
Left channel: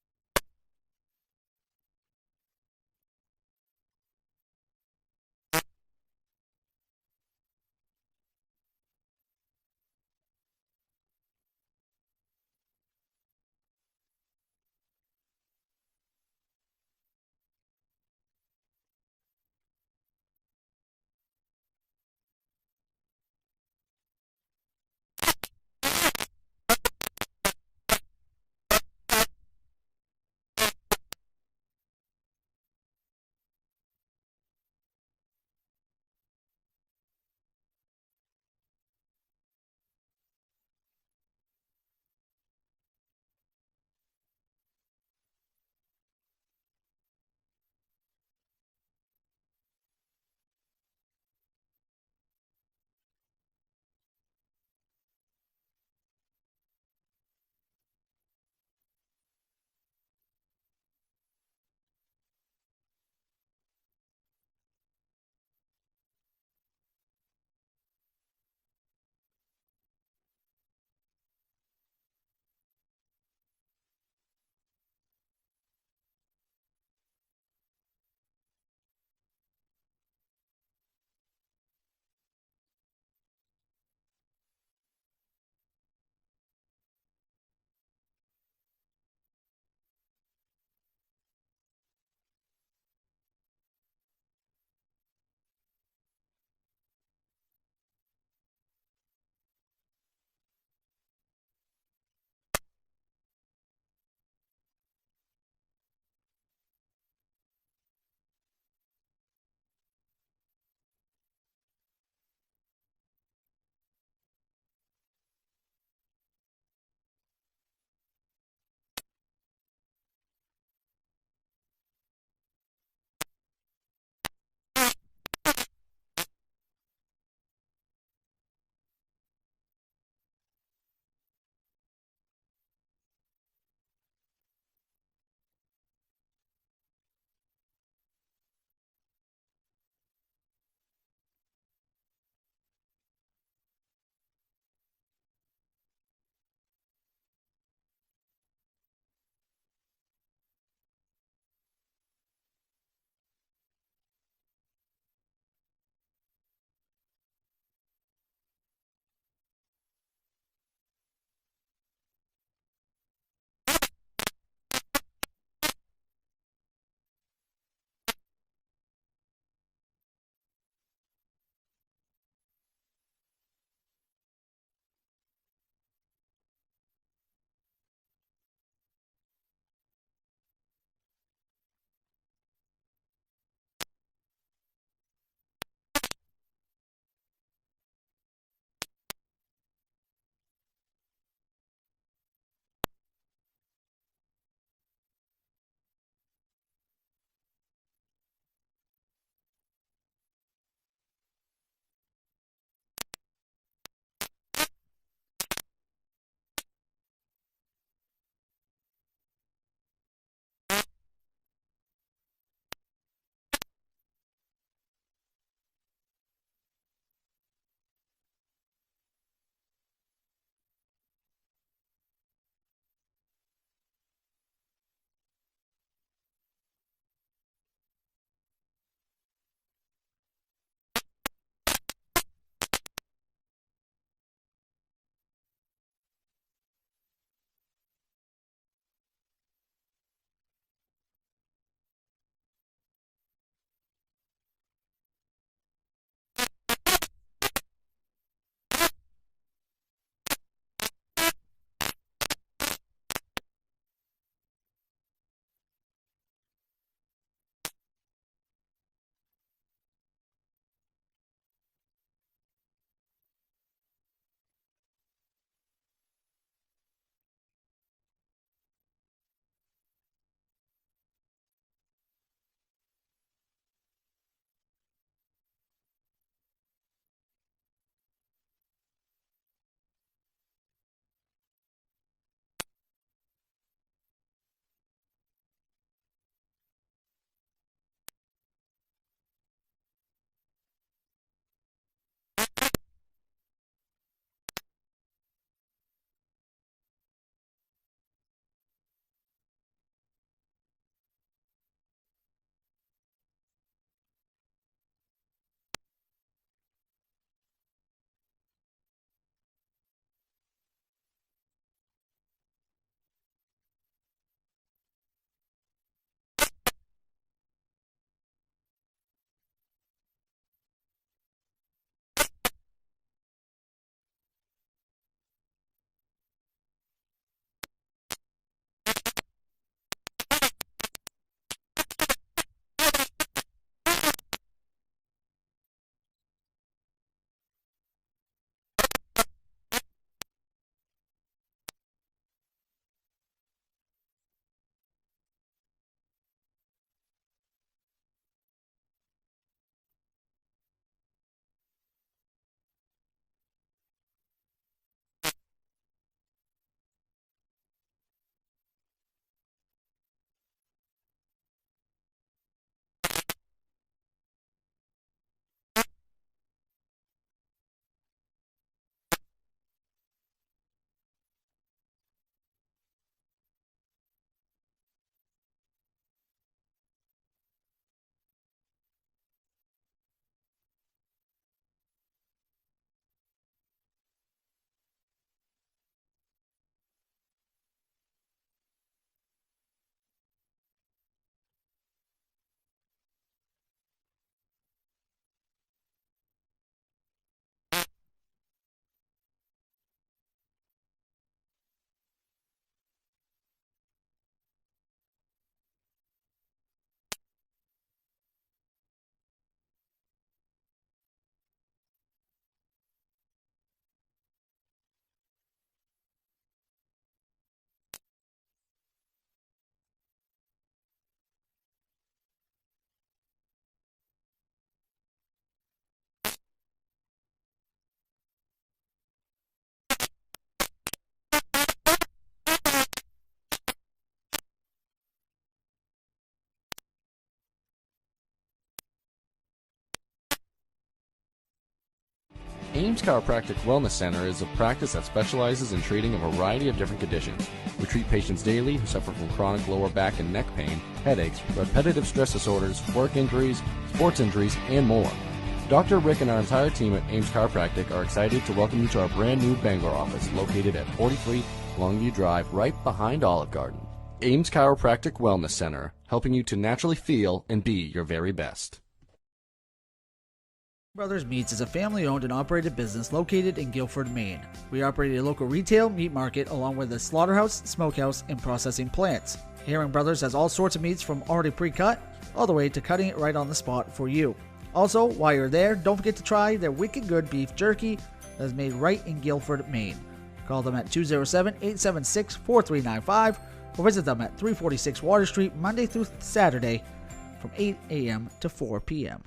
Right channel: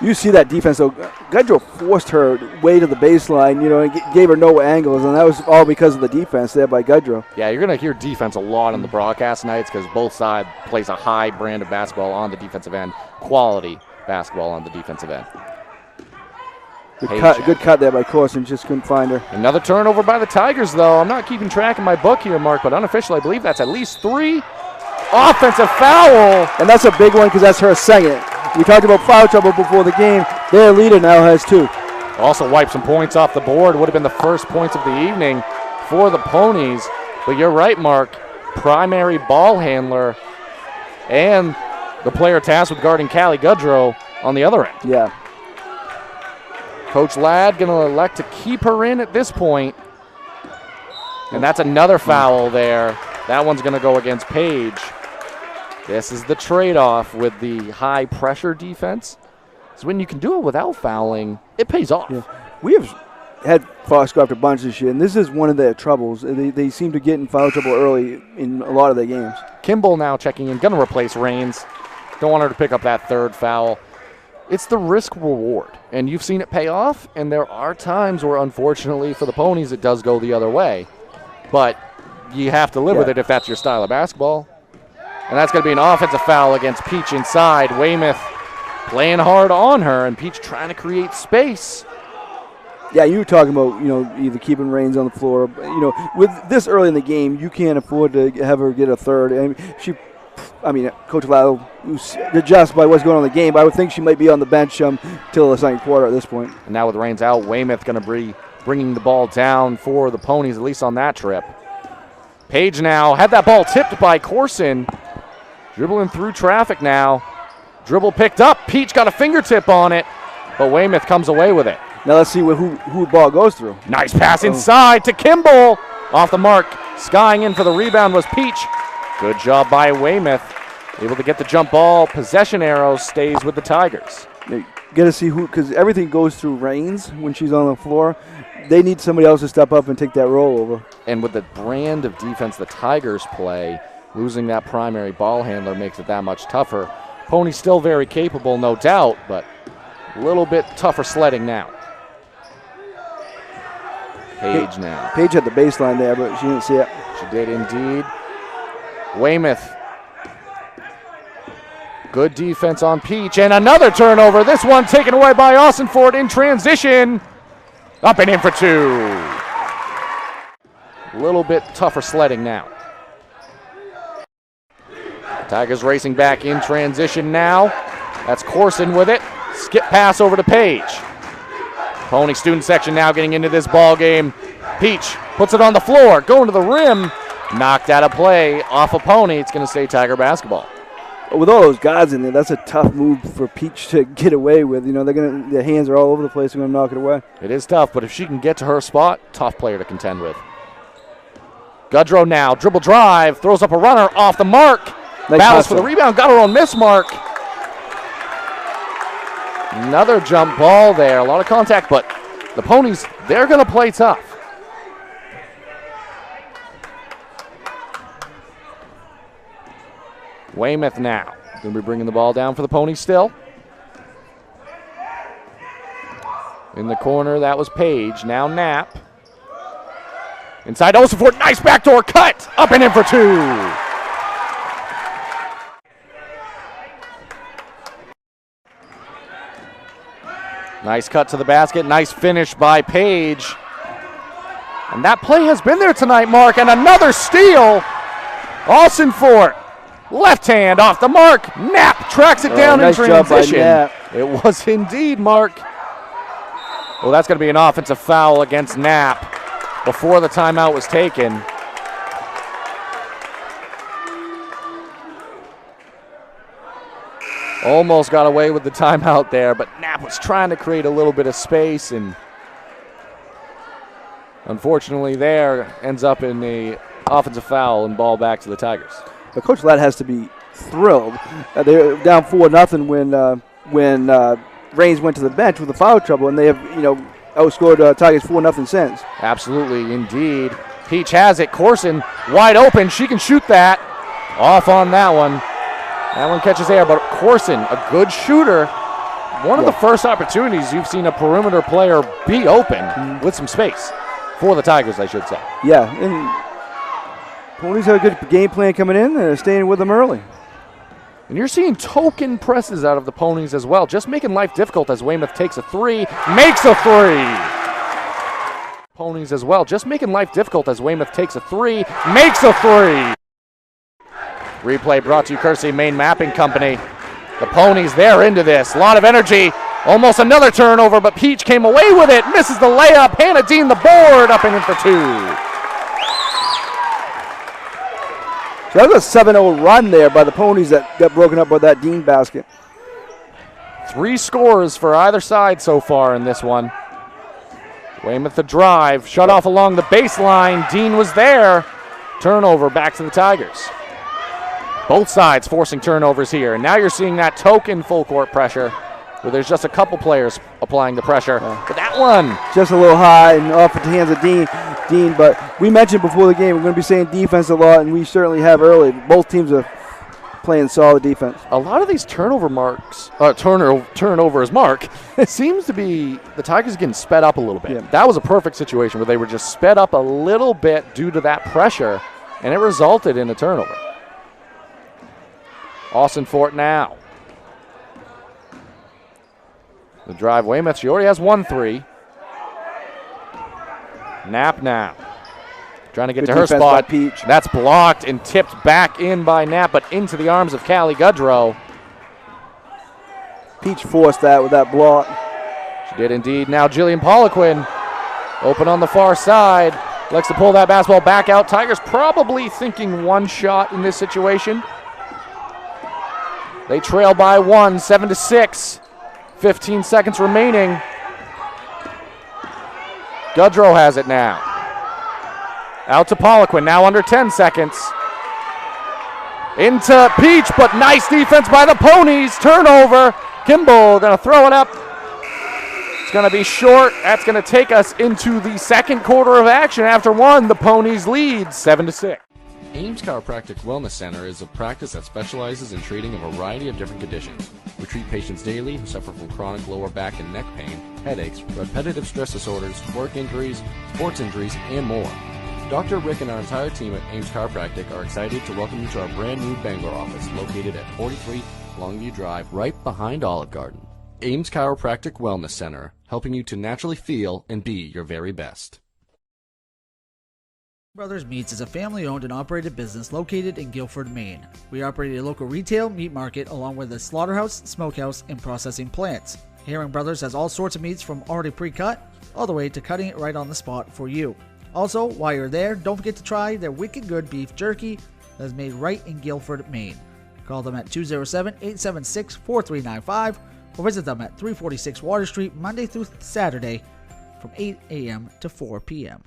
You see that defense, though. Gudrow forced her way to the baseline, and gave her no angles, and that was all because of the defense there by Gudrow. Yeah, you're going to hear defense a lot on the broadcast nights because both sides plays a high brand of basketball on the defensive end, quality basketball on the defensive end. Good cut there by Corson, just couldn't find her. Another turnover by the Tigers, though. I'm not keeping track in my book here, Mark, but unofficially, I believe that's at least 3. Offensive foul. And that's a big one because that's her second. We talked about foul trouble before the game. Their leader now has 2. Also wiped some points off the board. Would have been the first points of the evening for the Ponies. But you're right, Mark. Primary ball handler and the player tasked with guarding Callie Gudrow on the other end. Yeah. Coach Ladd going to elect to keep her in at this point. And that's another foul there. That one's going to go against Paige. This is the trade-off with the high-pressure defense. So when you can do it without fouling, it pays off. Yeah. We have had Foxcroft a bunch this year, and this is one of their troubles. They seem to get in foul trouble early in a lot of their games. Kimball now checking in, going to replace Raines. Don't want her to pick up that third foul. It's the risk-reward, and you've seen it pay off, and there are times where, unfortunately, for the Ponies, it does go the other way. But you have to live with it if that's your style of basketball. And that's going to be an offensive foul against Peach inside. Weymouth playing hard on her, and Peach trying to create space. Yeah, you were talking about, either keeping Raines on the floor. With this early in the game, you can't afford to have her get a third. Coach Lau adjusts by what's going on in the game, but I would think she might be on the bench till the second quarter at this point. And now with Raines out, Weymouth going to be bringing the ball down for the Ponies, at least on that trip. Paige now had that ball tipped by Corson. Dribbling through traffic now. Dribble picked up. Peach got a fingertip on it, but Weymouth comes away with it. Now let's see who the ball goes through. Nice pass inside to Kimball. Off the mark. Skying in for the rebound was Peach. Good job by Weymouth. Able to get the jump ball. Possession arrow stays with the Tigers. You got to see who, because everything goes through Raines when she's on the floor. They need somebody else to step up and take that role over. And with the brand of defense the Tigers play, losing that primary ball handler makes it that much tougher. Pony's still very capable, no doubt, but a little bit tougher sledding now. Paige now. Paige had the baseline there, but she didn't see it. She did indeed. Weymouth. Good defense on Peach, and another turnover. This one taken away by Austinford in transition. Up and in for 2. A little bit tougher sledding now. Tigers racing back in transition now. That's Corson with it. Skip pass over to Paige. Pony student section now getting into this ball game. Peach puts it on the floor, going to the rim. Knocked out of play off a Pony. It's going to stay Tiger basketball. With all those guys in there, that's a tough move for Peach to get away with. Their hands are all over the place. They're going to knock it away. It is tough, but if she can get to her spot, tough player to contend with. Gudrow now, dribble drive, throws up a runner off the mark. Nice Ballas for the rebound, got her on miss mark. Another jump ball there, a lot of contact, but the Ponies, they're going to play tough. Weymouth now, going to be bringing the ball down for the Ponies still. In the corner, that was Paige, now Knapp. Inside Osiford, nice backdoor cut, up and in for 2. Nice cut to the basket. Nice finish by Paige. And that play has been there tonight, Mark. And another steal. Austinford. Left hand off the mark. Knapp tracks it down nice in transition. Job by It was indeed, Mark. Well, that's going to be an offensive foul against Knapp before the timeout was taken. Almost got away with the timeout there, but Knapp was trying to create a little bit of space, and unfortunately there ends up in the offensive foul and ball back to the Tigers. But Coach Ladd has to be thrilled. They're down 4-0 when Raines went to the bench with the foul trouble, and they have outscored Tigers 4-0 since. Absolutely, indeed. Peach has it. Corson wide open. She can shoot that. Off on that one. That one catches air, but Corson, a good shooter. One of the first opportunities you've seen a perimeter player be open with some space for the Tigers, I should say. Yeah, and Ponies have a good game plan coming in. They're staying with them early. And you're seeing token presses out of the Ponies as well, just making life difficult as Weymouth takes a three, makes a three. Ponies as well, just making life difficult as Weymouth takes a three, makes a three. Replay brought to you courtesy of Maine Mapping Company. The Ponies, they're into this. A lot of energy. Almost another turnover, but Peach came away with it. Misses the layup. Hannah Dean the board, up and in for two. So that was a 7-0 run there by the Ponies that got broken up by that Dean basket. 3 scores for either side so far in this one. Weymouth the drive. Shut off along the baseline. Dean was there. Turnover back to the Tigers. Both sides forcing turnovers here. And now you're seeing that token full court pressure where there's just a couple players applying the pressure. But that one. Just a little high and off at the hands of Dean. But we mentioned before the game we're going to be saying defense a lot, and we certainly have early. Both teams are playing solid defense. A lot of these turnovers, Mark, it seems to be the Tigers getting sped up a little bit. Yeah. That was a perfect situation where they were just sped up a little bit due to that pressure, and it resulted in a turnover. Austin Fort now. The drive, Weymouth, she already has 1-3. Knapp now. Trying to get to her spot. Peach. That's blocked and tipped back in by Knapp, but into the arms of Callie Goodrow. Peach forced that with that block. She did indeed. Now Jillian Poliquin open on the far side. Likes to pull that basketball back out. Tigers probably thinking one shot in this situation. They trail by 1, 7-6. 15 seconds remaining. Goodrow has it now. Out to Poliquin, now under 10 seconds. Into Peach, but nice defense by the Ponies. Turnover. Kimball gonna throw it up. It's gonna be short. That's gonna take us into the second quarter of action. After 1, the Ponies lead 7-6. Ames Chiropractic Wellness Center is a practice that specializes in treating a variety of different conditions. We treat patients daily who suffer from chronic lower back and neck pain, headaches, repetitive stress disorders, work injuries, sports injuries, and more. Dr. Rick and our entire team at Ames Chiropractic are excited to welcome you to our brand new Bangor office located at 43 Longview Drive, right behind Olive Garden. Ames Chiropractic Wellness Center, helping you to naturally feel and be your very best. Brothers Meats is a family-owned and operated business located in Guilford, Maine. We operate a local retail meat market along with a slaughterhouse, smokehouse, and processing plants. Herring Brothers has all sorts of meats from already pre-cut all the way to cutting it right on the spot for you. Also, while you're there, don't forget to try their wicked good beef jerky that is made right in Guilford, Maine. Call them at 207-876-4395 or visit them at 346 Water Street Monday through Saturday from 8 a.m. to 4 p.m.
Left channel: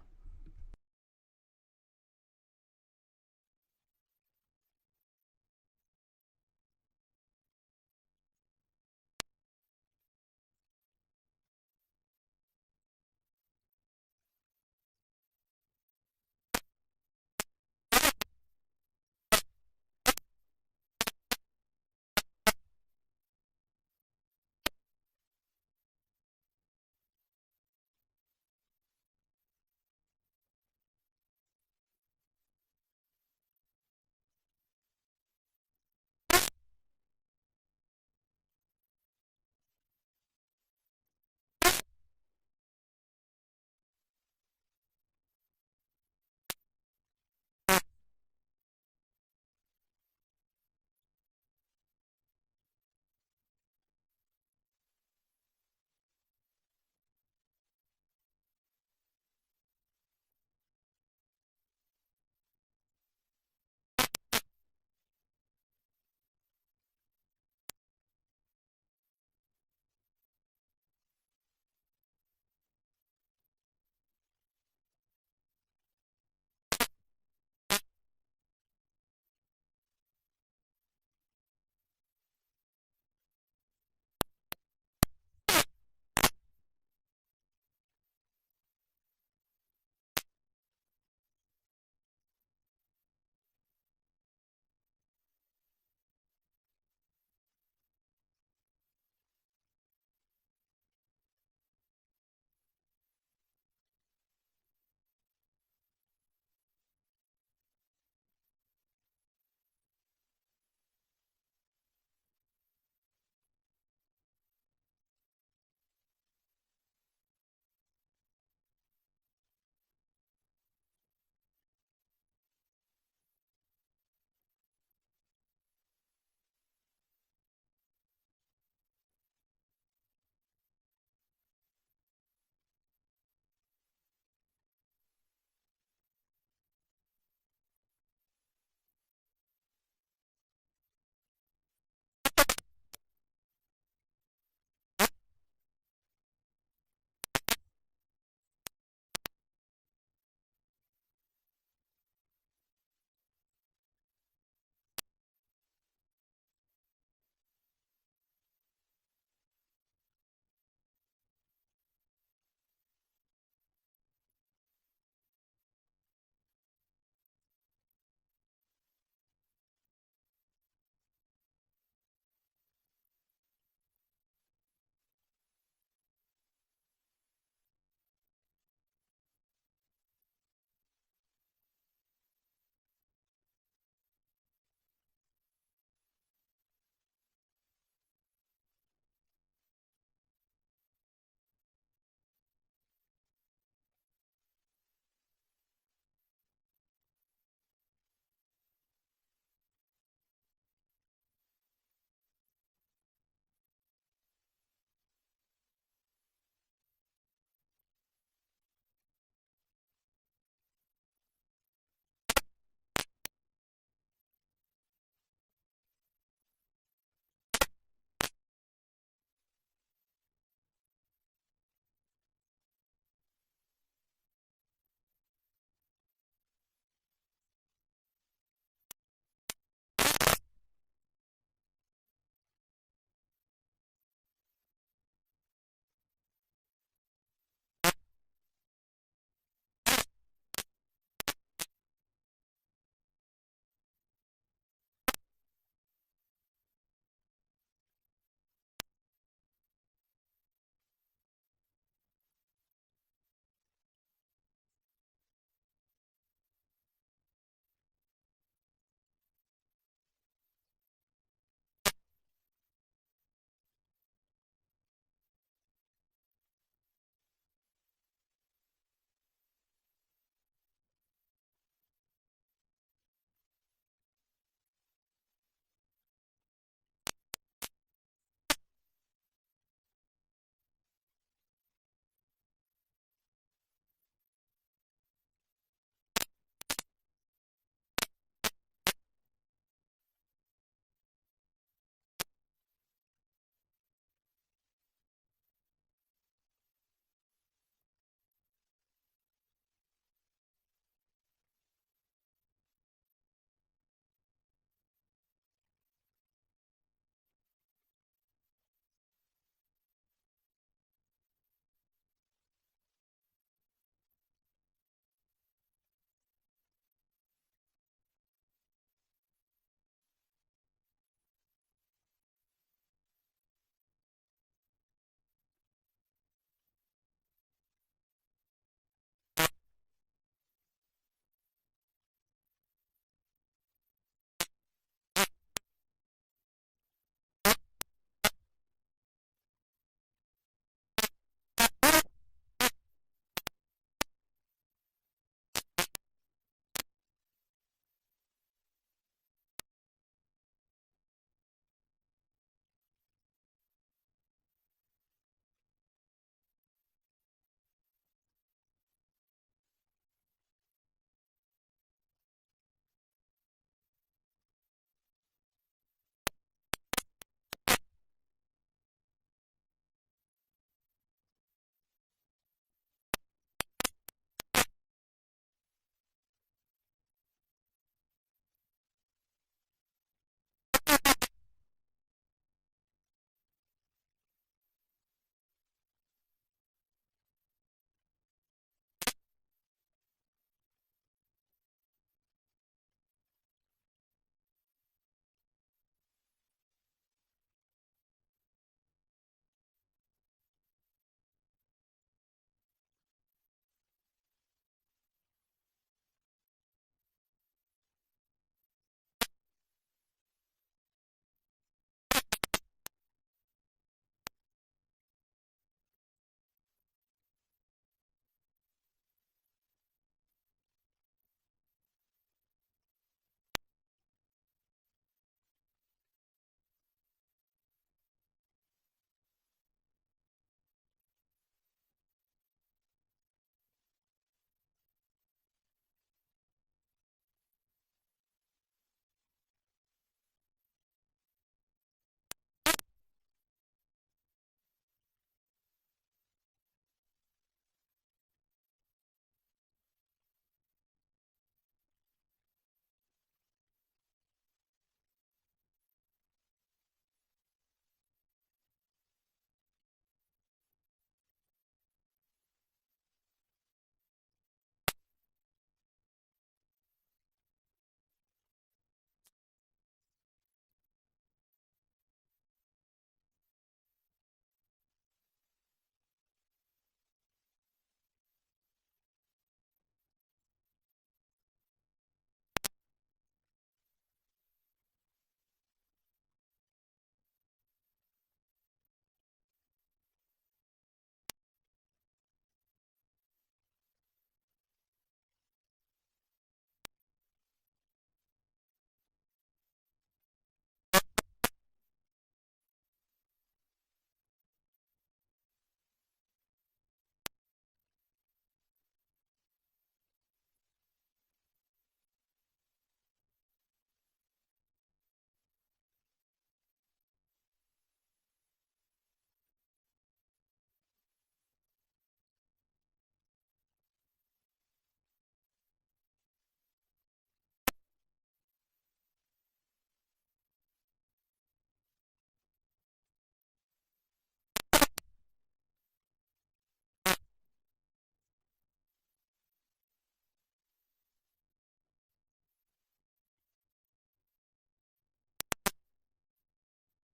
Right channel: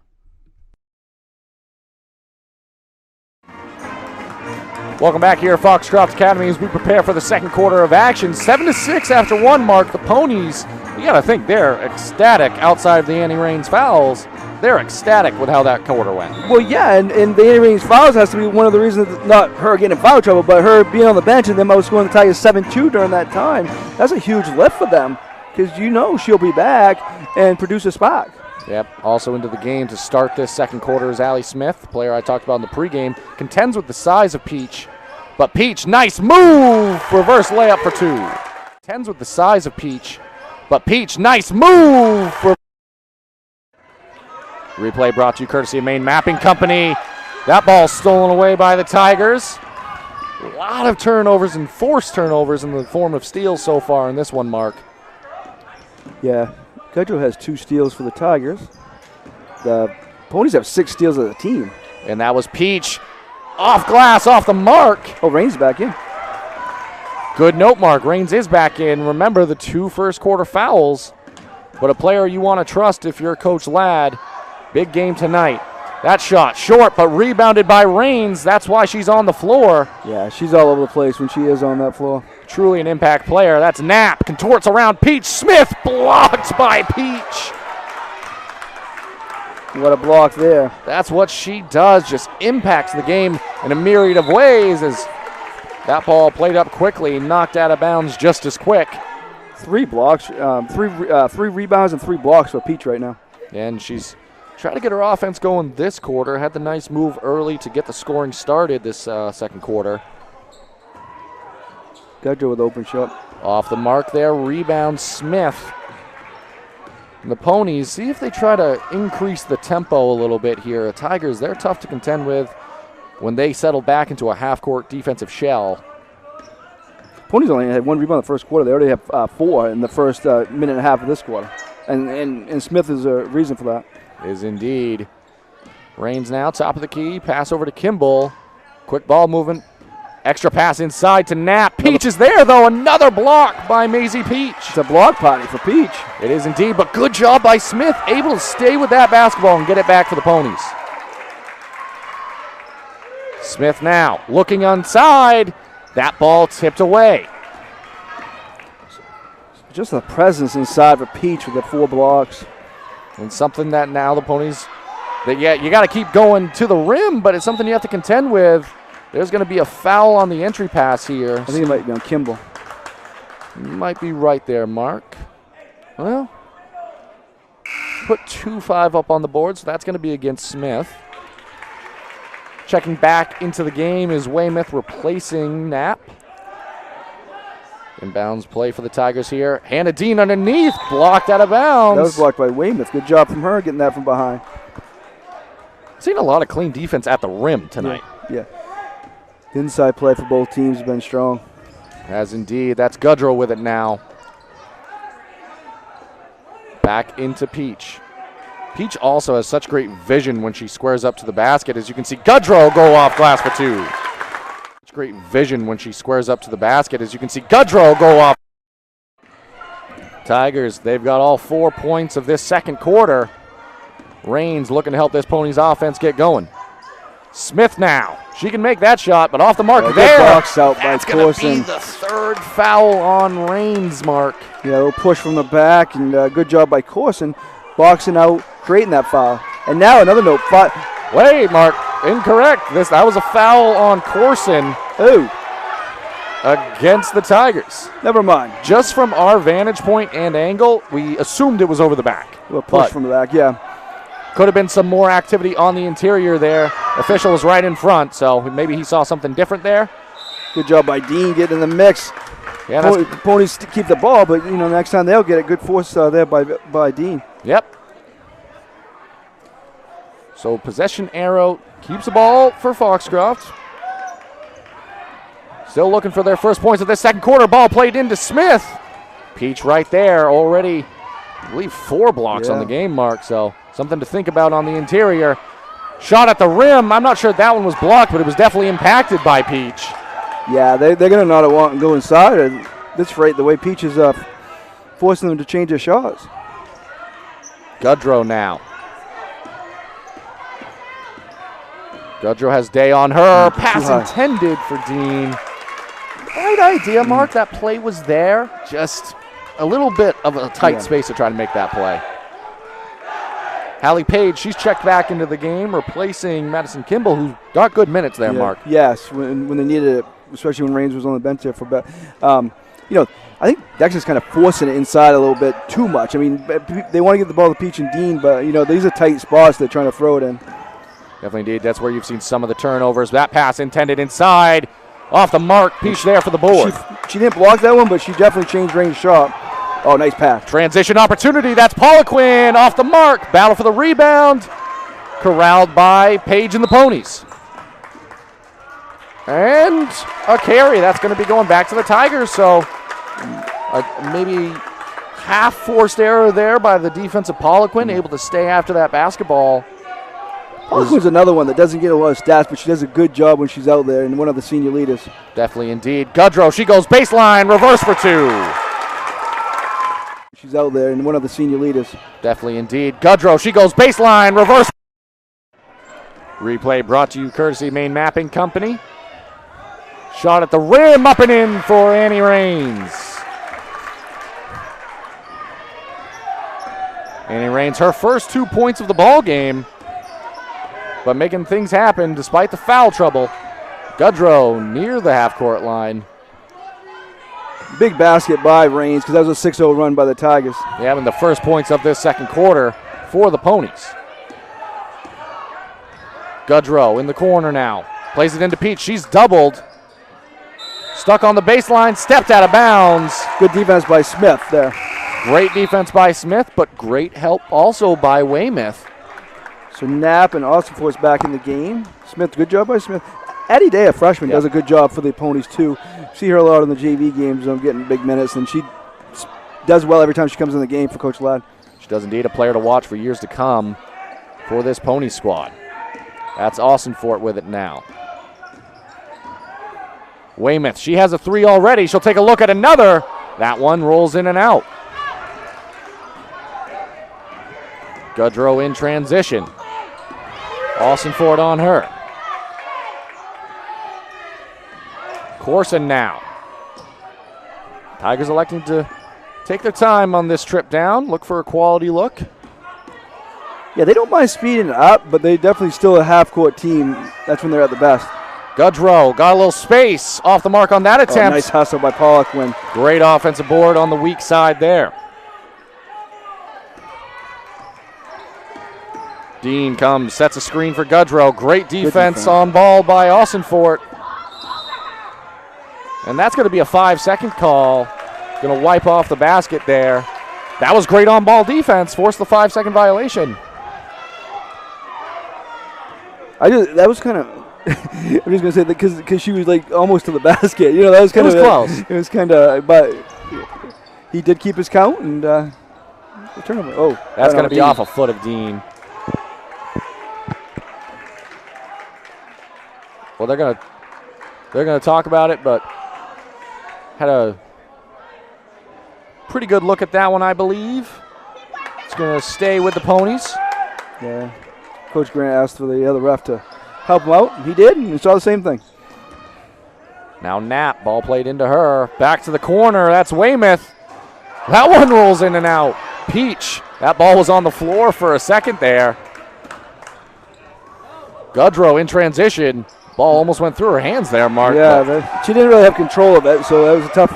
Welcome back here at Foxcroft Academy as we prepare for the second quarter of action. 7-6 after 1, Mark. The Ponies, you got to think they're ecstatic outside of the Annie Raines fouls. They're ecstatic with how that quarter went. Well, yeah, and the Annie Raines fouls has to be one of the reasons, not her getting in foul trouble, but her being on the bench and them outscoring the Tigers 7-2 during that time. That's a huge lift for them because you know she'll be back and produce a spark. Yep, also into the game to start this second quarter is Allie Smith, the player I talked about in the pregame. Contends with the size of Peach, but Peach, nice move! Reverse layup for 2. Contends with the size of Peach, but Peach, nice move! Replay brought to you courtesy of Maine Mapping Company. That ball stolen away by the Tigers. A lot of turnovers and forced turnovers in the form of steals so far in this one, Mark. Yeah. Goodrow has 2 steals for the Tigers. The Ponies have 6 steals as a team. And that was Peach. Off glass, off the mark. Oh, Raines back in. Good note, Mark. Raines is back in. Remember the 2 first quarter fouls. But a player you want to trust if you're Coach Ladd. Big game tonight. That shot short, but rebounded by Raines. That's why she's on the floor. Yeah, she's all over the place when she is on that floor. Truly an impact player. That's Knapp. Contorts around Peach. Smith blocked by Peach. What a block there. That's what she does. Just impacts the game in a myriad of ways as That ball played up quickly, knocked out of bounds just as quick. 3 blocks, three rebounds and 3 blocks for Peach right now. And she's trying to get her offense going this quarter. Had the nice move early to get the scoring started this second quarter. Gudger with open shot. Off the mark there, rebound Smith. And the Ponies, see if they try to increase the tempo a little bit here. Tigers, they're tough to contend with when they settle back into a half-court defensive shell. Ponies only had 1 rebound in the first quarter. They already have 4 in the first minute and a half of this quarter. And Smith is a reason for that. Is indeed. Raines now, top of the key, pass over to Kimball. Quick ball movement. Extra pass inside to Knapp. Peach is there, though. Another block by Maisie Peach. It's a block party for Peach. It is indeed, but good job by Smith, able to stay with that basketball and get it back for the Ponies. Smith now looking inside. That ball tipped away. Just the presence inside for Peach with the 4 blocks. And something that now the Ponies, you got to keep going to the rim, but it's something you have to contend with. There's going to be a foul on the entry pass here. I think it might be on Kimball. Might be right there, Mark. Well, put 2-5 up on the board, so that's going to be against Smith. Checking back into the game is Weymouth replacing Knapp. Inbounds play for the Tigers here. Hannah Dean underneath, blocked out of bounds. That was blocked by Weymouth. Good job from her getting that from behind. Seen a lot of clean defense at the rim tonight. Yeah. Inside play for both teams has been strong. As indeed. That's Gudrow with it now. Back into Peach. Peach also has such great vision when she squares up to the basket. As you can see, Gudrow go off glass for 2. Such great vision when she squares up to the basket. As you can see, Gudrow go off. Tigers, they've got all 4 points of this second quarter. Raines looking to help this Ponies offense get going. Smith now. She can make that shot, but off the mark there. Box out by That's going to be Corson. the 3rd foul on Raines, Mark. Yeah, a little push from the back, and good job by Corson. Boxing out, creating that foul. And now another note. Wait, Mark. Incorrect. That was a foul on Corson. Ooh. Against the Tigers. Never mind. Just from our vantage point and angle, we assumed it was over the back. A little push from the back, yeah. Could have been some more activity on the interior there. Official was right in front, so maybe he saw something different there. Good job by Dean getting in the mix. Yeah, Ponies keep the ball, but next time they'll get a good force there by Dean. Yep. So possession arrow keeps the ball for Foxcroft. Still looking for their first points of this second quarter. Ball played into Smith. Peach right there already, I believe 4 blocks on the game, Mark, so something to think about on the interior. Shot at the rim. I'm not sure that one was blocked, but it was definitely impacted by Peach. Yeah, they're going to not want to go inside. That's right, the way Peach is forcing them to change their shots. Gudrow now. Gudrow has day on her. Pass intended for Dean. Right idea, Mark. That play was there. Just a little bit of a tight space to try to make that play. Hallie Page, she's checked back into the game, replacing Madison Kimball, who got good minutes there, Mark. Yes, when they needed it, especially when Raines was on the bench there for I think Dexter's kind of forcing it inside a little bit too much. I mean, they want to get the ball to Peach and Dean, but, these are tight spots they're trying to throw it in. Definitely indeed. That's where you've seen some of the turnovers. That pass intended inside. Off the mark. Peach there for the board. She didn't block that one, but she definitely changed range shot. Oh, nice pass. Transition opportunity. That's Poliquin off the mark. Battle for the rebound. Corralled by Page and the Ponies. And a carry. That's going to be going back to the Tigers. So maybe half forced error there by the defensive Poliquin, able to stay after that basketball. Poliquin's another one that doesn't get a lot of stats, but she does a good job when she's out there, and one of the senior leaders. Definitely indeed. Gudrow, she goes baseline, reverse for 2. She's out there, and one of the senior leaders. Definitely indeed. Gudrow, she goes baseline, reverse. Replay brought to you courtesy Maine Mapping Company. Shot at the rim, up and in for Annie Raines. Annie Raines, her first 2 points of the ball game, but making things happen despite the foul trouble. Goodrow near the half-court line. Big basket by Rains because that was a 6-0 run by the Tigers. They having the first points of this second quarter for the Ponies. Goodrow in the corner now. Plays it into Peach. She's doubled. Stuck on the baseline. Stepped out of bounds. Good defense by Smith there. Great defense by Smith, but great help also by Weymouth. So Knapp and Austin Force back in the game. Smith, good job by Smith. Addie Day, a freshman, does a good job for the Ponies too. See her a lot in the JV games, getting big minutes, and she does well every time she comes in the game for Coach Ladd. She does indeed, a player to watch for years to come for this Pony squad. That's Austin Fort with it now. Weymouth, she has a 3 already. She'll take a look at another. That one rolls in and out. Goodrow in transition. Austin Fort on her. Corson now. Tigers electing to take their time on this trip down, look for a quality look. Yeah, they don't mind speeding it up, but they definitely still a half-court team. That's when they're at the best. Goodrow got a little space off the mark on that attempt. Nice hustle by Pollock. Great offensive board on the weak side there. Dean comes, sets a screen for Goodrow. Great defense on ball by Austin Fort. And that's going to be a 5-second call. Going to wipe off the basket there. That was great on-ball defense. Forced the 5-second violation. That was kind of. I'm just going to say that because she was like almost to the basket. That was kind of. It was close. It was kind of, but he did keep his count and turnover. Oh, that's going to be off a foot of Dean. Well, they're going to talk about it, but had a pretty good look at that one, I believe. It's going to stay with the Ponies. Yeah. Coach Grant asked for the other ref to help him out. He did, and we saw the same thing. Now Knapp, ball played into her. Back to the corner. That's Weymouth. That one rolls in and out. Peach. That ball was on the floor for a second there. Goodrow in transition. Ball almost went through her hands there, Mark. Yeah, she didn't really have control of it, so that was tough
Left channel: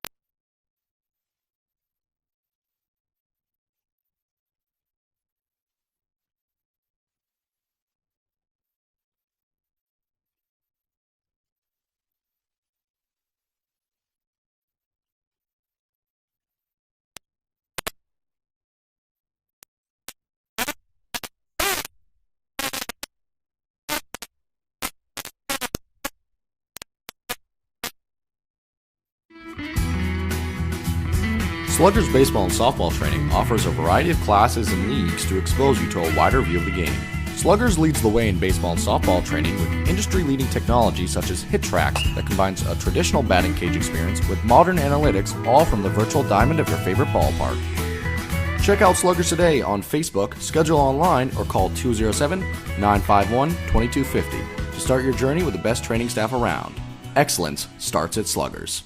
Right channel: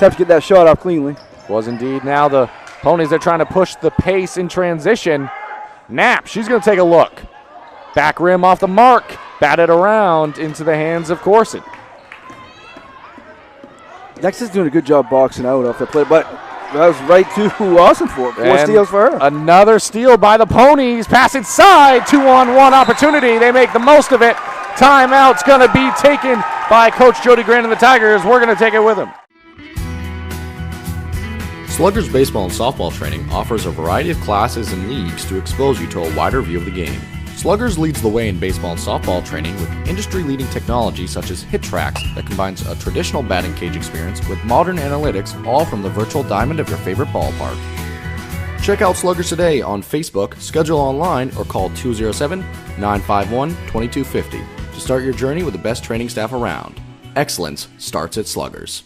to get that shot off cleanly. Was indeed. Now the Ponies are trying to push the pace in transition. Knapp, she's going to take a look. Back rim off the mark. Batted around into the hands of Corson. Dexter's doing a good job boxing out off the play, but that was right to Austin Fort. 4 steals for her. Another steal by the Ponies. Pass inside. 2-on-1 opportunity. They make the most of it. Timeout's going to be taken by Coach Jody Grant and the Tigers. We're going to take it with him. Sluggers baseball and softball training offers a variety of classes and leagues to expose you to a wider view of the game. Sluggers leads the way in baseball and softball training with industry-leading technology such as HitTrax that combines a traditional batting cage experience with modern analytics, all from the virtual diamond of your favorite ballpark. Check out Sluggers today on Facebook, schedule online, or call 207-951-2250 to start your journey with the best training staff around. Excellence starts at Sluggers.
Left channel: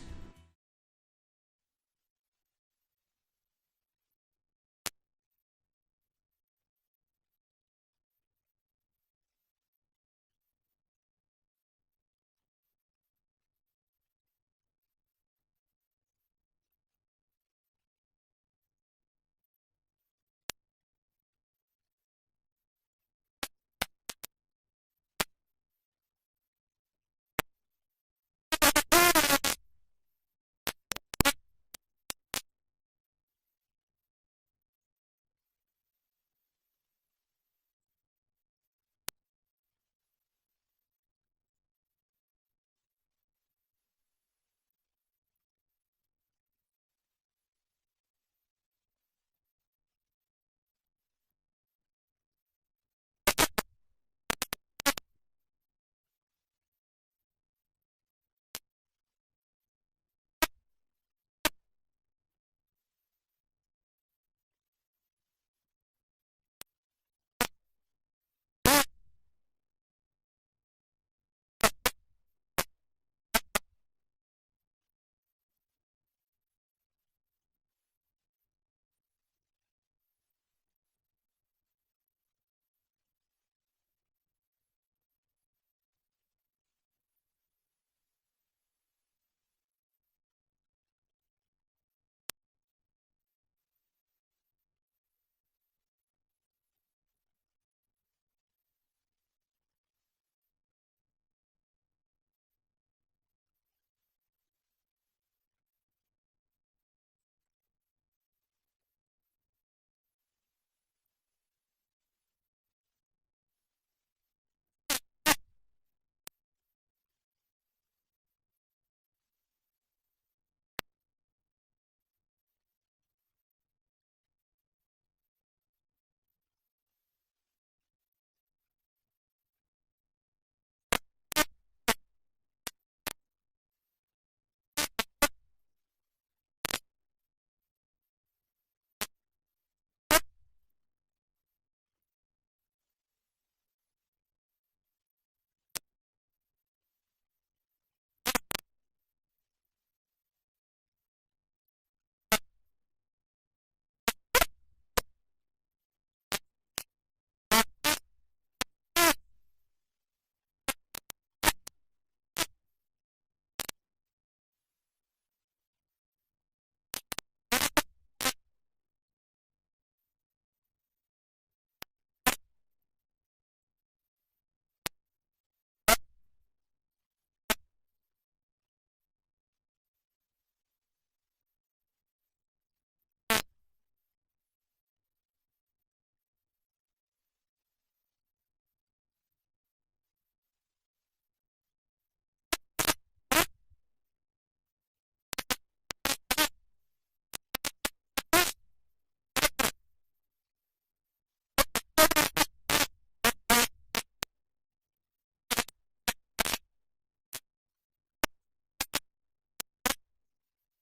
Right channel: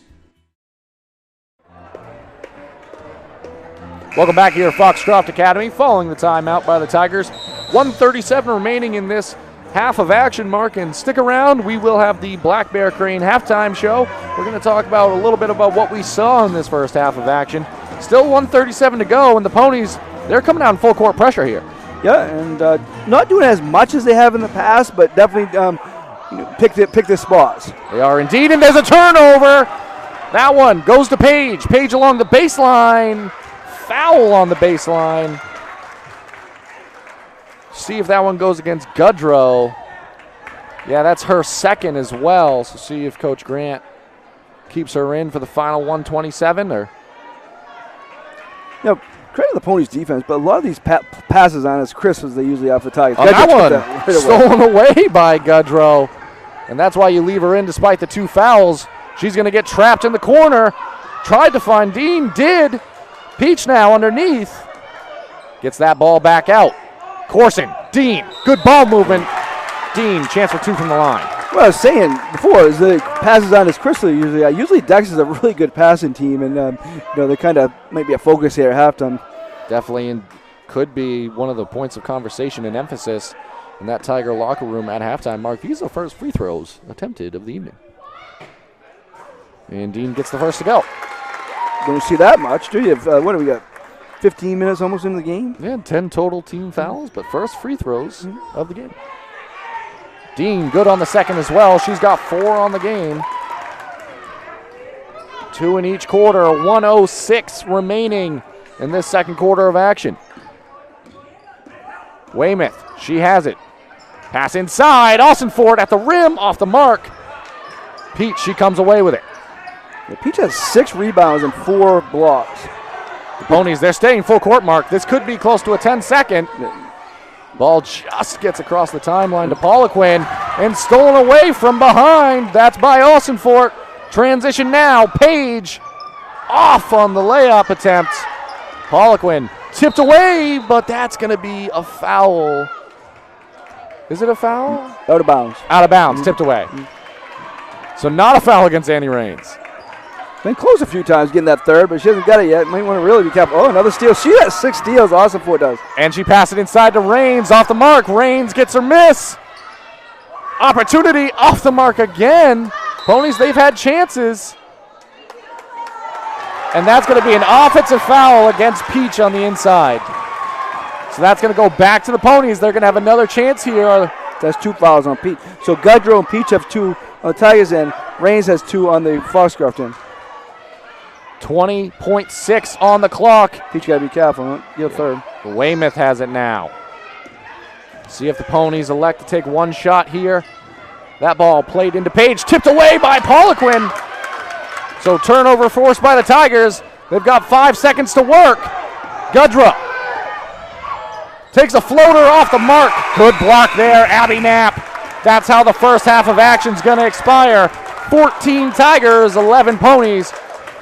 Welcome back here at Foxcroft Academy. Following the timeout by the Tigers. 1:37 remaining in this half of action, Mark. And stick around. We will have the Black Bear Crane halftime show. We're going to talk about a little bit about what we saw in this first half of action. Still 1:37 to go, and the Ponies, they're coming out in full court pressure here. Yeah, and not doing as much as they have in the past, but definitely pick their spots. They are indeed, and there's a turnover. That one goes to Page. Page along the baseline. Foul on the baseline. See if that one goes against Goodrow. Yeah, that's her second as well. So see if Coach Grant keeps her in for the final 127 or. Credit the Ponies' defense, but a lot of these passes aren't as crisp as they usually are for the Tigers. On that one, stolen away by Goodrow. And that's why you leave her in despite the 2 fouls. She's going to get trapped in the corner. Tried to find Dean, did. Peach now underneath. Gets that ball back out. Corson, Dean, good ball movement. Dean, chance for 2 from the line. What I was saying before is the passes on as crisp usually. Usually Dexter's a really good passing team, and they kind of might be a focus here at halftime. Definitely, and could be one of the points of conversation and emphasis in that Tiger locker room at halftime. Mark, these are the first free throws attempted of the evening. And Dean gets the first to go. Don't see that much, do you? What do we got? 15 minutes almost into the game? Yeah, 10 total team fouls, but first free throws of the game. Dean good on the second as well. She's got 4 on the game. 2 in each quarter, 1:06 remaining in this second quarter of action. Weymouth, she has it. Pass inside, Austin-Ford at the rim, off the mark. Peach, she comes away with it. Yeah, Peach has 6 rebounds and 4 blocks. The Ponies, they're staying full court, Mark. This could be close to a 10-second. Ball just gets across the timeline to Poliquin and stolen away from behind. That's by Austin-Ford. Transition now, Page off on the layup attempt. Poliquin tipped away, but that's going to be a foul. Is it a foul? Out of bounds. Out of bounds, tipped away. So not a foul against Annie Raines. Been close a few times getting that third, but she hasn't got it yet. Might want to really be careful. Oh, another steal. She has 6 steals. Austin-Ford does. And she passed it inside to Raines, off the mark. Raines gets her miss. Opportunity off the mark again. Ponies, they've had chances. And that's going to be an offensive foul against Peach on the inside. So that's going to go back to the Ponies. They're going to have another chance here. That's 2 fouls on Peach. So Gudrow and Peach have 2 on the Tigers end. Raines has 2 on the Foxcroft end. 20.6 on the clock. Peach got to be careful. You're third. Weymouth has it now. See if the Ponies elect to take one shot here. That ball played into Page, tipped away by Poliquin. So turnover forced by the Tigers. They've got 5 seconds to work. Gudrow takes a floater off the mark. Good block there, Abby Knapp. That's how the first half of action's going to expire. 14 Tigers, 11 Ponies.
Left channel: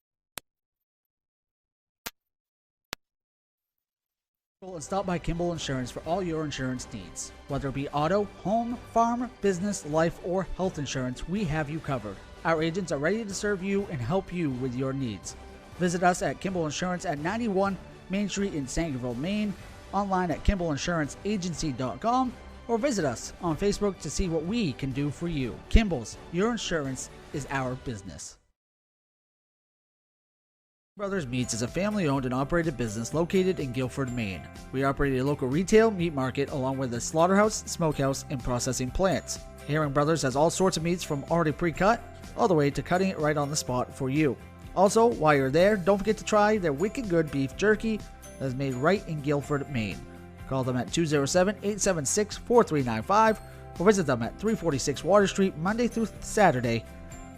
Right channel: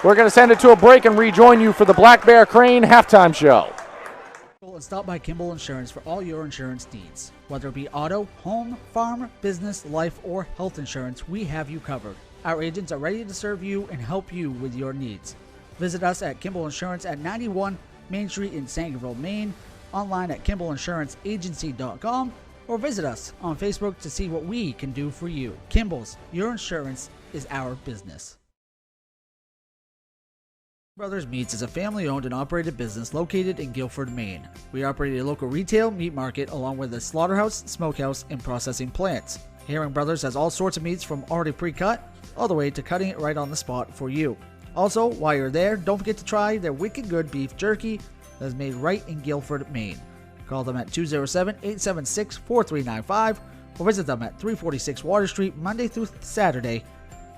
We're going to send it to a break and rejoin you for the Black Bear Crane halftime show. And stop by Kimball Insurance for all your insurance needs. Whether it be auto, home, farm, business, life, or health insurance, we have you covered. Our agents are ready to serve you and help you with your needs. Visit us at Kimball Insurance at 91 Main Street in Sangerville, Maine, online at KimballInsuranceAgency.com, or visit us on Facebook to see what we can do for you. Kimball's, your insurance is our business. Brothers Meats is a family-owned and operated business located in Guilford, Maine. We operate a local retail meat market along with a slaughterhouse, smokehouse, and processing plants. Herring Brothers has all sorts of meats from already pre-cut all the way to cutting it right on the spot for you. Also, while you're there, don't forget to try their wicked good beef jerky that is made right in Guilford, Maine. Call them at 207-876-4395 or visit them at 346 Water Street Monday through Saturday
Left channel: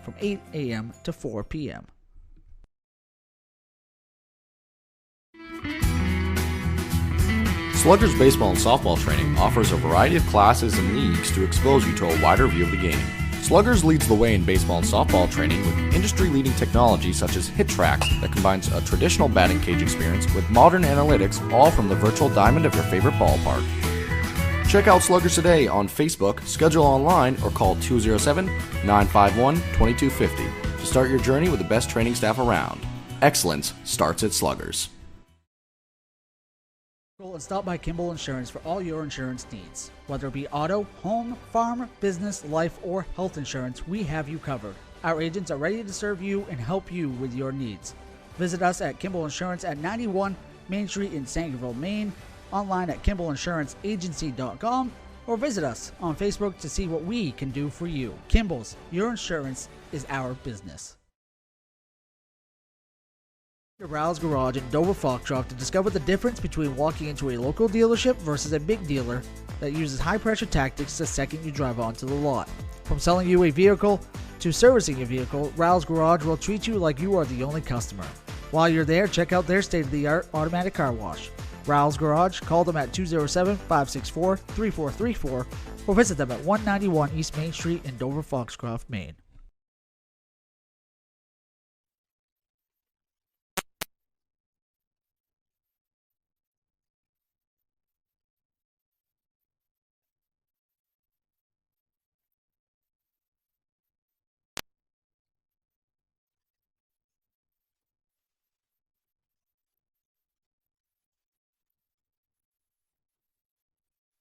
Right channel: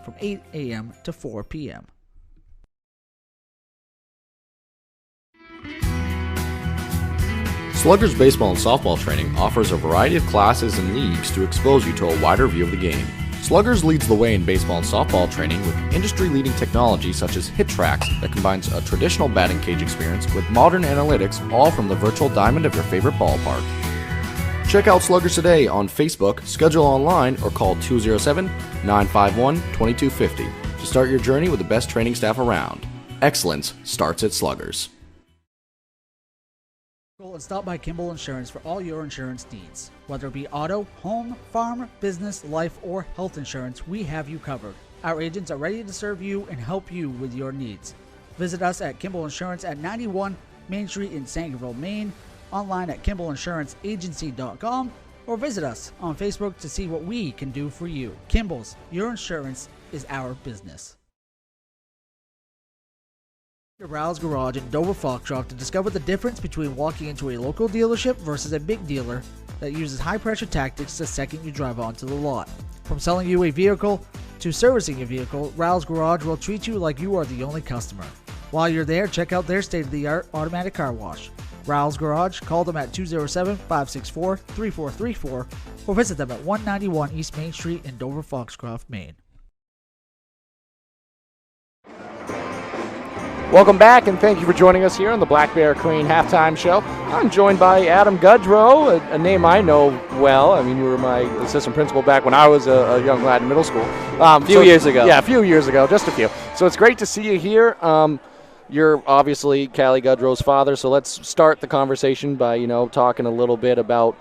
from 8 a.m. to 4 p.m. Sluggers Baseball and Softball Training offers a variety of classes and leagues to expose you to a wider view of the game. Sluggers leads the way in baseball and softball training with industry-leading technology such as HitTrax that combines a traditional batting cage experience with modern analytics, all from the virtual diamond of your favorite ballpark. Check out Sluggers today on Facebook, schedule online, or call 207-951-2250 to start your journey with the best training staff around. Excellence starts at Sluggers. And stop by Kimball Insurance for all your insurance needs. Whether it be auto, home, farm, business, life, or health insurance, we have you covered. Our agents are ready to serve you and help you with your needs. Visit us at Kimball Insurance at 91 Main Street in Sangerville, Maine, online at KimballInsuranceAgency.com, or visit us on Facebook to see what we can do for you. Kimball's, your insurance is our business. Rouse Garage in Dover Foxcroft to discover the difference between walking into a local dealership versus a big dealer that uses high-pressure tactics the second you drive onto the lot. From selling you a vehicle to servicing your vehicle, Rouse Garage will treat you like you are the only customer. While you're there, check out their state-of-the-art automatic car wash. Rouse Garage, call them at 207-564-3434 or visit them at 191 East Main Street in Dover Foxcroft, Maine. Welcome back, and thank you for joining us here on the Black Bear Crane halftime show. I'm joined by Adam Gudrow, a name I know well. I mean, you were my assistant principal back when I was a young lad in middle school. A few years ago. Yeah, a few years ago, just a few. So it's great to see you here. You're obviously Callie Gudrow's father, so let's start the conversation by, talking a little bit about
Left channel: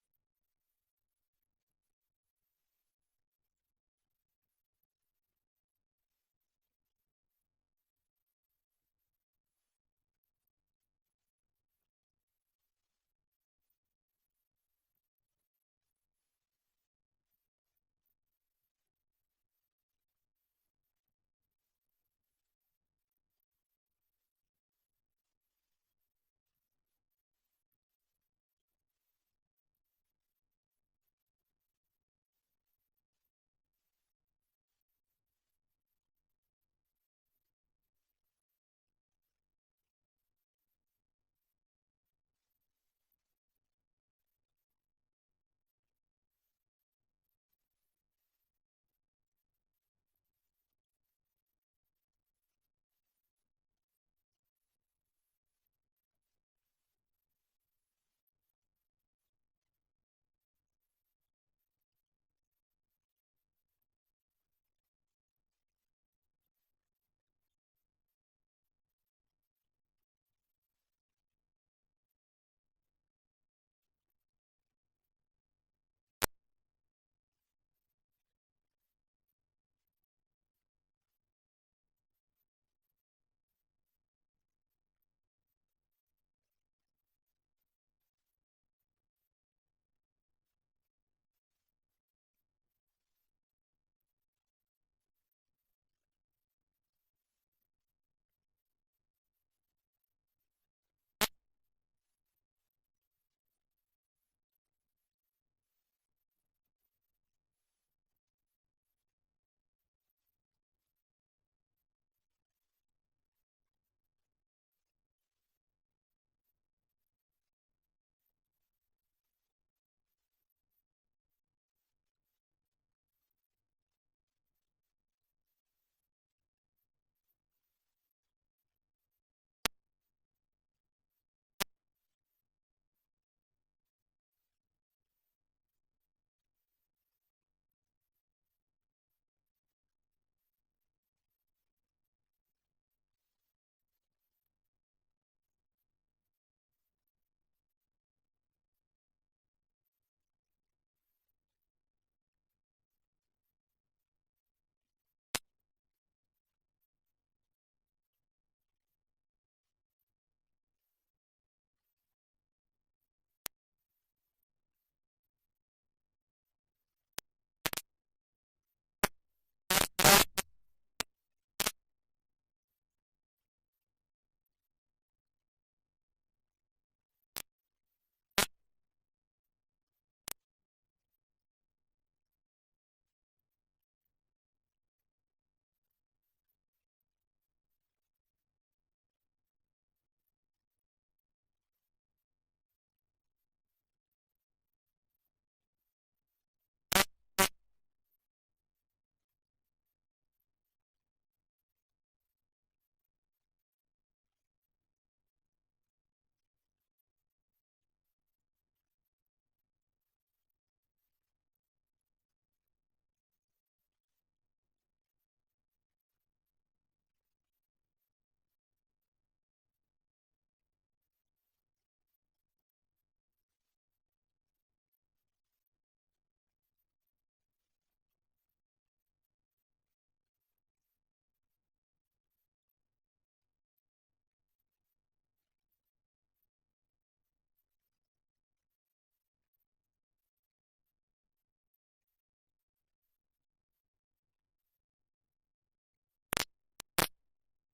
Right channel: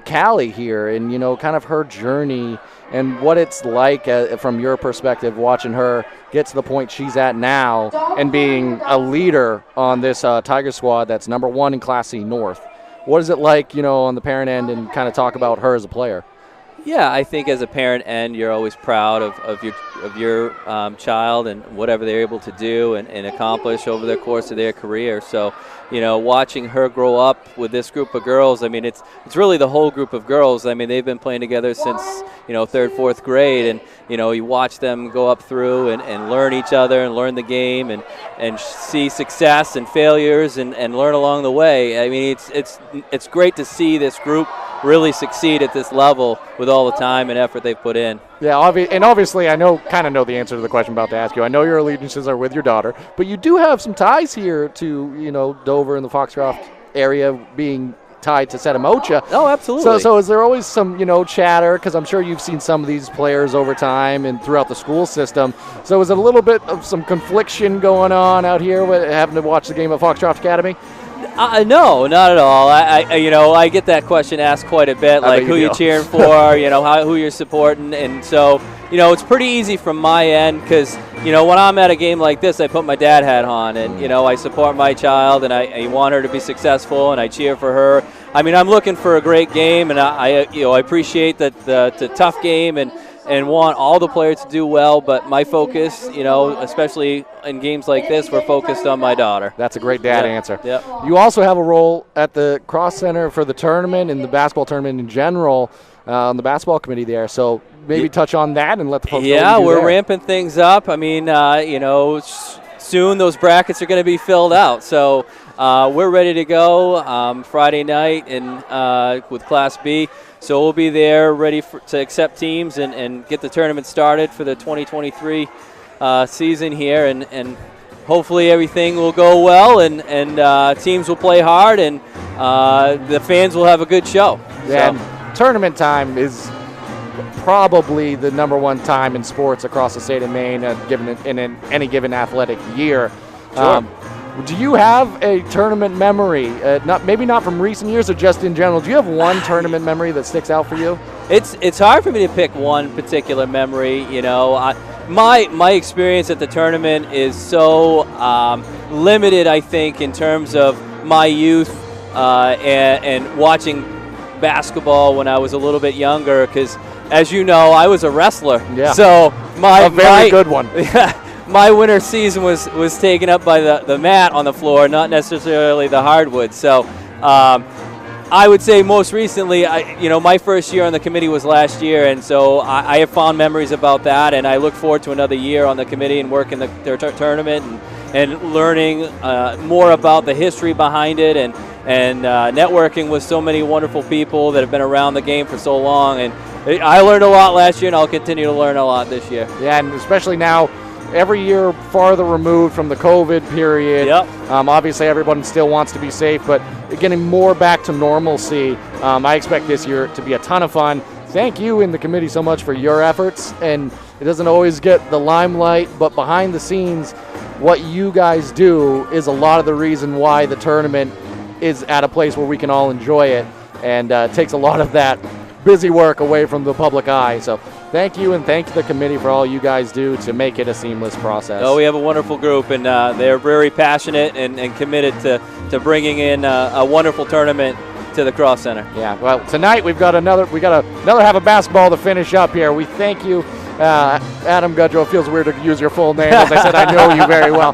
Callie here and, you know, kind of her journey and what it's like from your perspective watching her get to the point she's at now and being a leader on this Tiger squad that's number 1 in Class C North. What is it like, you know, on the parent end, and kind of talk about her as a player? Yeah, I think as a parent end, you're always proud of your child and whatever they're able to do and accomplish over the course of their career. So, you know, watching her grow up with this group of girls, I mean, it's really the whole group of girls. I mean, they've been playing together since, you know, 3rd, 4th grade, and, you know, you watch them go up through and learn each other and learn the game and see success and failures and learn along the way. I mean, it's great to see this group really succeed at this level with all the time and effort they've put in. Yeah, obviously I kind of know the answer to the question I'm about to ask you. I know your allegiances are with your daughter, but you do have some ties here to, you know, Dover and the Foxcroft area being tied to Setamocha. Oh, absolutely. So is there always some, you know, chatter? Because I'm sure you've seen some of these players over time and throughout the school system. So is it a little bit of some confliction going on out here with having to watch the game at Foxcroft Academy? No, not at all. I get that question asked quite a bit, like who you're cheering for, you know, who you're supporting, and so, you know, it's pretty easy from my end because, you know, when I'm at a game like this, I put my dad hat on, and, you know, I support my child, and I want her to be successful, and I cheer for her. I mean, I'm looking for a great game, and I appreciate that the tough game and want all the players to do well, but my focus, you know, especially in games like this, we're focused on my daughter. That's a great dad answer. Yep. You also have a role at the Cross Center for the tournament and the basketball tournament in general on the basketball committee there, so maybe touch on that and let the folks know what you do we're there. ramping things up. I mean, you know, soon those brackets are going to be filled out, so we're ready to go Friday night with Class B. So we'll be there ready to accept teams and get the tournament started for the 2023 season here. And hopefully everything will go well and teams will play hard and the fans will have a good show. Yeah, so. Tournament time is probably the number 1 time in sports across the state of Maine in any given athletic year. Sure. Do you have a tournament memory? Maybe not from recent years or just in general. Do you have one tournament memory that sticks out for you? It's hard for me to pick one particular memory. You know, my experience at the tournament is so limited, I think, in terms of my youth and watching basketball when I was a little bit younger. Because, as you know, I was a wrestler. Yeah. So a very good one. My winter season was taken up by the mat on the floor, not necessarily the hardwood. So I would say most recently, my first year on the committee was last year, and so I have fond memories about that, and I look forward to another year on the committee and working their tournament and learning more about the history behind it and networking with so many wonderful people that have been around the game for so long. And I learned a lot last year, and I'll continue to learn a lot this year. Yeah, and especially now, every year farther removed from the COVID period. Yep. Obviously, everyone still wants to be safe, but getting more back to normalcy. I expect this year to be a ton of fun. Thank you and the committee so much for your efforts. And it doesn't always get the limelight, but behind the scenes, what you guys do is a lot of the reason why the tournament is at a place where we can all enjoy it, and takes a lot of that busy work away from the public eye. So thank you, and thank the committee for all you guys do to make it a seamless process. Oh, we have a wonderful group, and they're very passionate and committed to bringing in a wonderful tournament to the Cross Center. Yeah, well, tonight we got another half of basketball to finish up here. We thank you, Adam Gudrow. It feels weird to use your full name. As I said, I know you very well.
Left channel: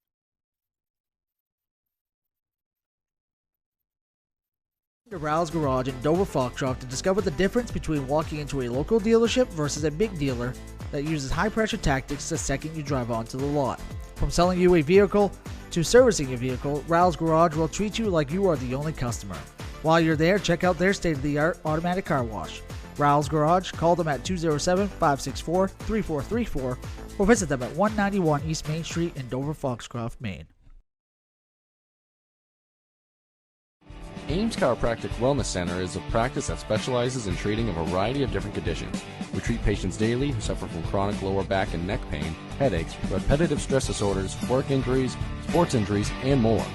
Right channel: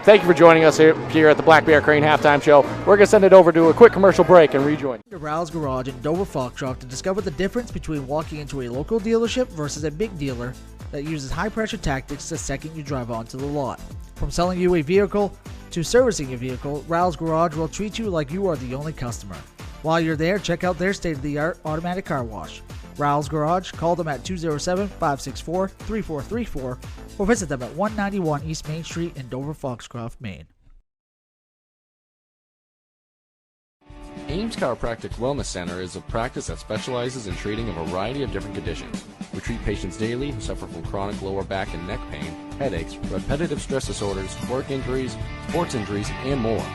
Thank you for joining us here at the Black Bear Crane Halftime Show. We're going to send it over to a quick commercial break and rejoin. To Rouse Garage in Dover Foxcroft to discover the difference between walking into a local dealership versus a big dealer that uses high-pressure tactics the second you drive onto the lot. From selling you a vehicle to servicing your vehicle, Rouse Garage will treat you like you are the only customer. While you're there, check out their state-of-the-art automatic car wash. Rouse Garage, call them at 207-564-3434 or visit them at 191 East Main Street in Dover Foxcroft, Maine. Ames Chiropractic Wellness Center is a practice that specializes in treating a variety of different conditions. We treat patients daily who suffer from chronic lower back and neck pain, headaches, repetitive stress disorders, work injuries, sports injuries, and more.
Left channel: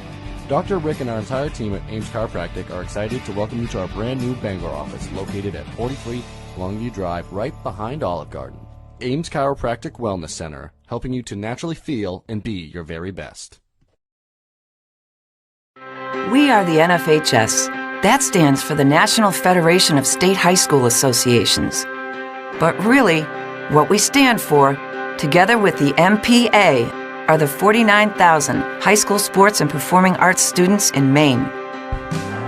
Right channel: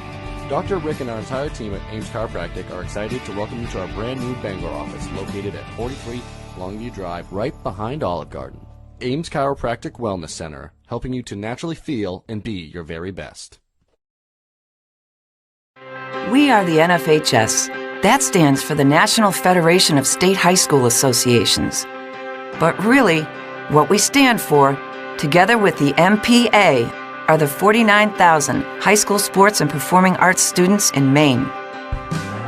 Dr. Rick and our entire team at Ames Chiropractic are excited to welcome you to our brand new Bangor office located at 43 Longview Drive, right behind Olive Garden. Ames Chiropractic Wellness Center, helping you to naturally feel and be your very best. We are the NFHS. That stands for the National Federation of State High School Associations. But really, what we stand for, together with the MPA, are the 49,000 high school sports and performing arts students in Maine.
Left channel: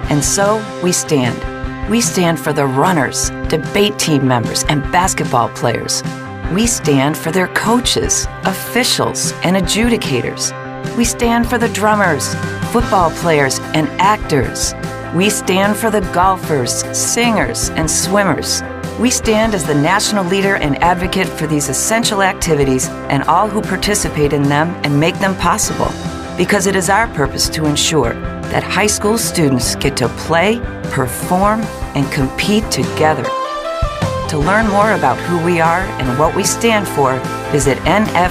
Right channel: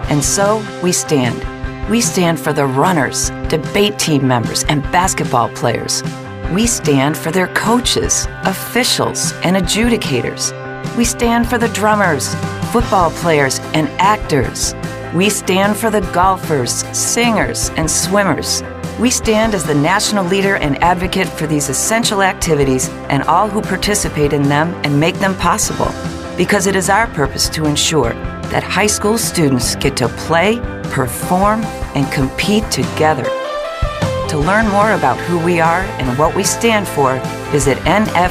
And so we stand. We stand for the runners, debate team members, and basketball players. We stand for their coaches, officials, and adjudicators. We stand for the drummers, football players, and actors. We stand for the golfers, singers, and swimmers. We stand as the national leader and advocate for these essential activities and all who participate in them and make them possible, because it is our purpose to ensure that high school students get to play, perform, and compete together. To learn more about who we are and what we stand for, visit nfhs.org.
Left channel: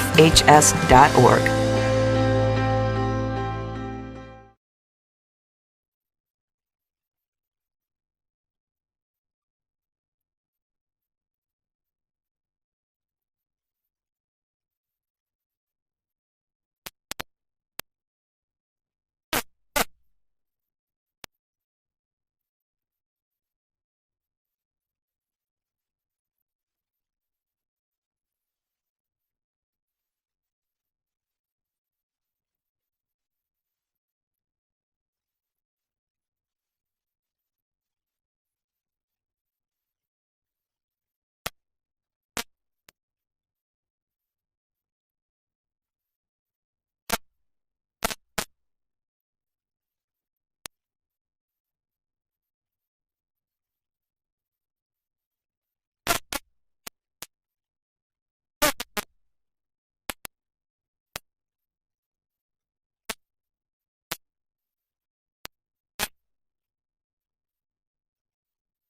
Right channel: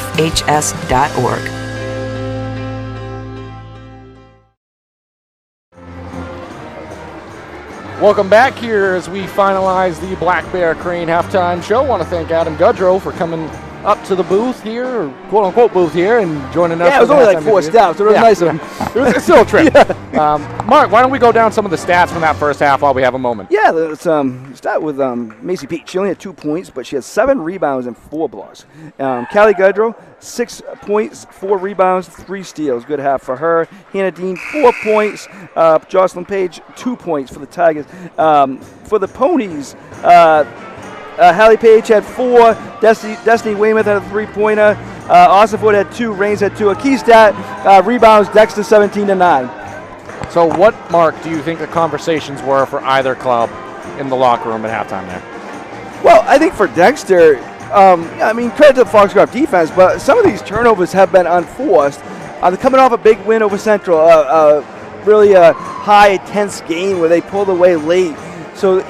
Welcome back here as we finalize the Black Bear Crane halftime show. I want to thank Adam Gudrow for coming up to the booth here, or quote-unquote booth here, and joining us. Yeah, it was only like 4 steps, so it was nice of him. It was still a trip. Mark, why don't we go down some of the stats from that first half while we have a moment? Yeah, let's start with Macy Peach. She only had 2 points, but she had 7 rebounds and 4 blocks. Callie Gudrow, 6 points, 4 rebounds, 3 steals. Good half for her. Hannah Dean, 4 points. Jocelyn Page, 2 points for the Tigers. For the Ponies, Hallie Page had 4. Destiny Weymouth had a 3-pointer. Austin Ford had 2. Rains had 2. A key stat, rebounds, Dexter 17-9. So what, Mark, do you think the conversations were for either club in the locker room at halftime there? Well, I think for Dexter, credit to the Foxcroft defense, but some of these turnovers have been unforced. They're coming off a big win over Central, really a high, tense game where they pulled away late. So,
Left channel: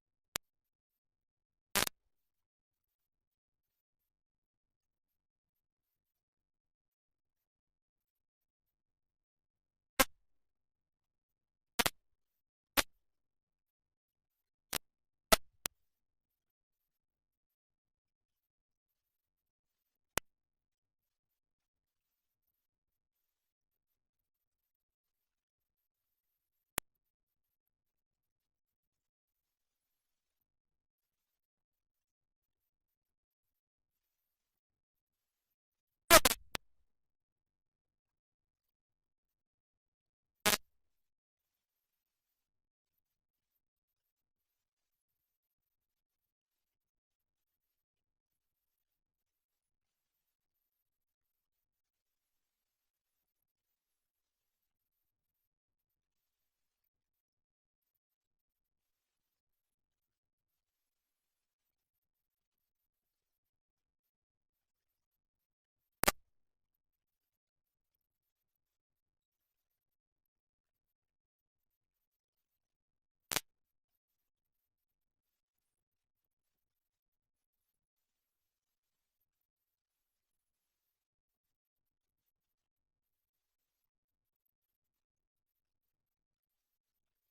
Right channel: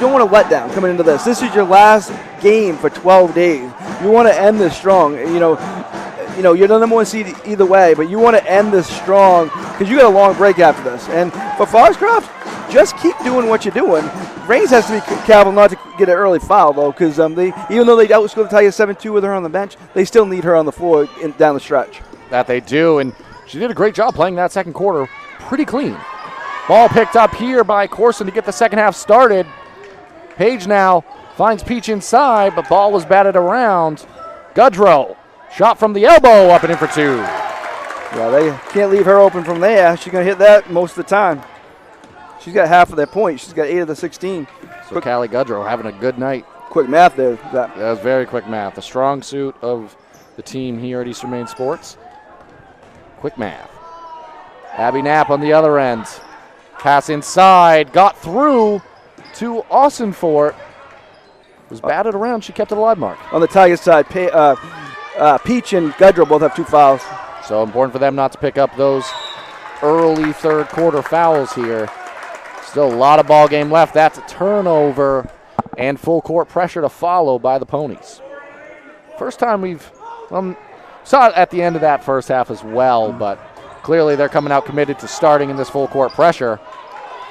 don't want to let down coming into this. This is your last game for 12 days. You want to end this strong. You're the number 1 seed either way, but you want to end this strong because you got a long break after this. And for Foxcroft, just keep doing what you're doing. Rains has to be careful not to get an early foul, though, because even though they outscored the Tigers 7-2 with her on the bench, they still need her on the floor down the stretch. That they do, and she did a great job playing that second quarter pretty clean. Ball picked up here by Corson to get the second half started. Page now finds Peach inside, but ball was batted around. Gudrow, shot from the elbow, up and in for 2. Yeah, they can't leave her open from there. She's going to hit that most of the time. She's got half of their points. She's got 8 of the 16. So Callie Gudrow having a good night. Quick math there. That was very quick math. The strong suit of the team here at Eastern Maine Sports. Quick math. Abby Knapp on the other end. Pass inside, got through to Austinfort. Was batted around. She kept it alive, Mark. On the Tigers side, Peach and Gudrow both have 2 fouls. So important for them not to pick up those early third quarter fouls here. Still a lot of ball game left. That's a turnover and full court pressure to follow by the Ponies. First time we've saw it at the end of that first half as well, but clearly they're coming out committed to starting in this full court pressure.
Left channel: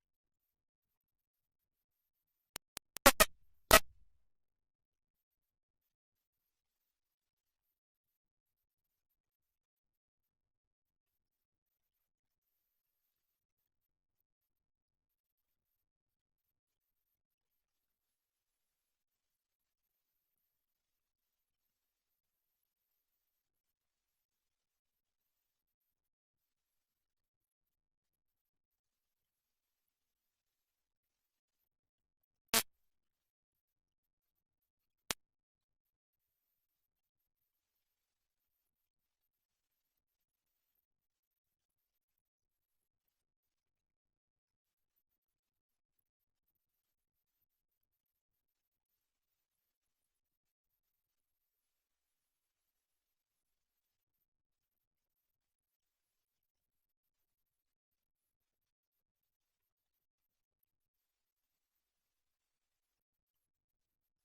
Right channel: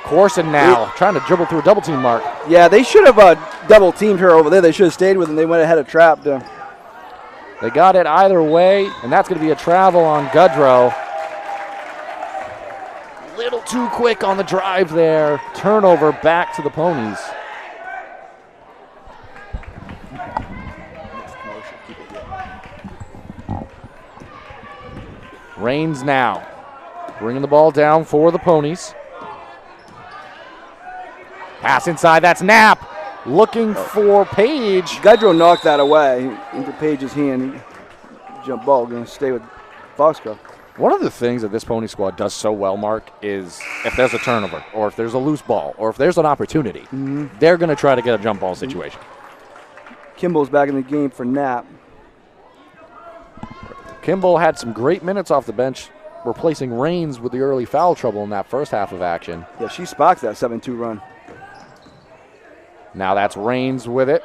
Corson now trying to dribble through a double team, Mark. Yeah, they should have double teamed her over there. They should have stayed with them. They went ahead of trap there. They got it either way, and that's going to be a travel on Gudrow. Little too quick on the drive there. Turnover back to the Ponies. Rains now. Bringing the ball down for the Ponies. Pass inside, that's Knapp. Looking for Page. Gudrow knocked that away into Page's hand. Jump ball, going to stay with Foxcroft. One of the things that this Pony squad does so well, Mark, is if there's a turnover or if there's a loose ball or if there's an opportunity, they're going to try to get a jump ball situation. Kimball's back in the game for Knapp. Kimball had some great minutes off the bench, replacing Rains with the early foul trouble in that first half of action. Yeah, she sparked that 7-2 run. Now that's Rains with it.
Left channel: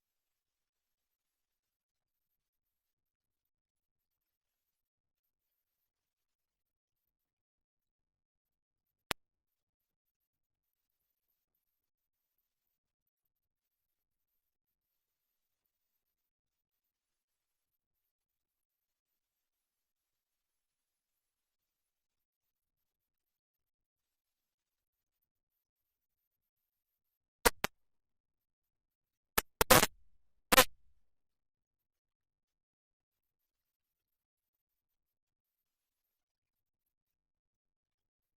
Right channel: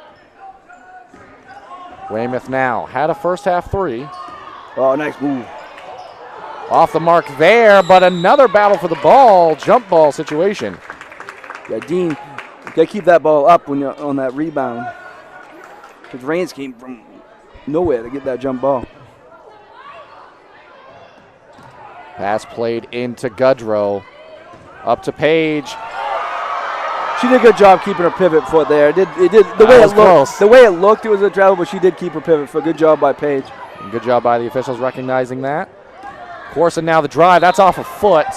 Weymouth now had a first half 3. Oh, nice move. Off the mark there, but another battle for the ball, jump ball situation. Yeah, Dean, you got to keep that ball up when you're on that rebound. Because Rains came from nowhere to get that jump ball. Pass played into Goodrow. Up to Page. She did a good job keeping her pivot foot there. The way it looked, it was a travel, but she did keep her pivot foot. Good job by Page. And good job by the officials recognizing that. Corson now the drive. That's off a foot.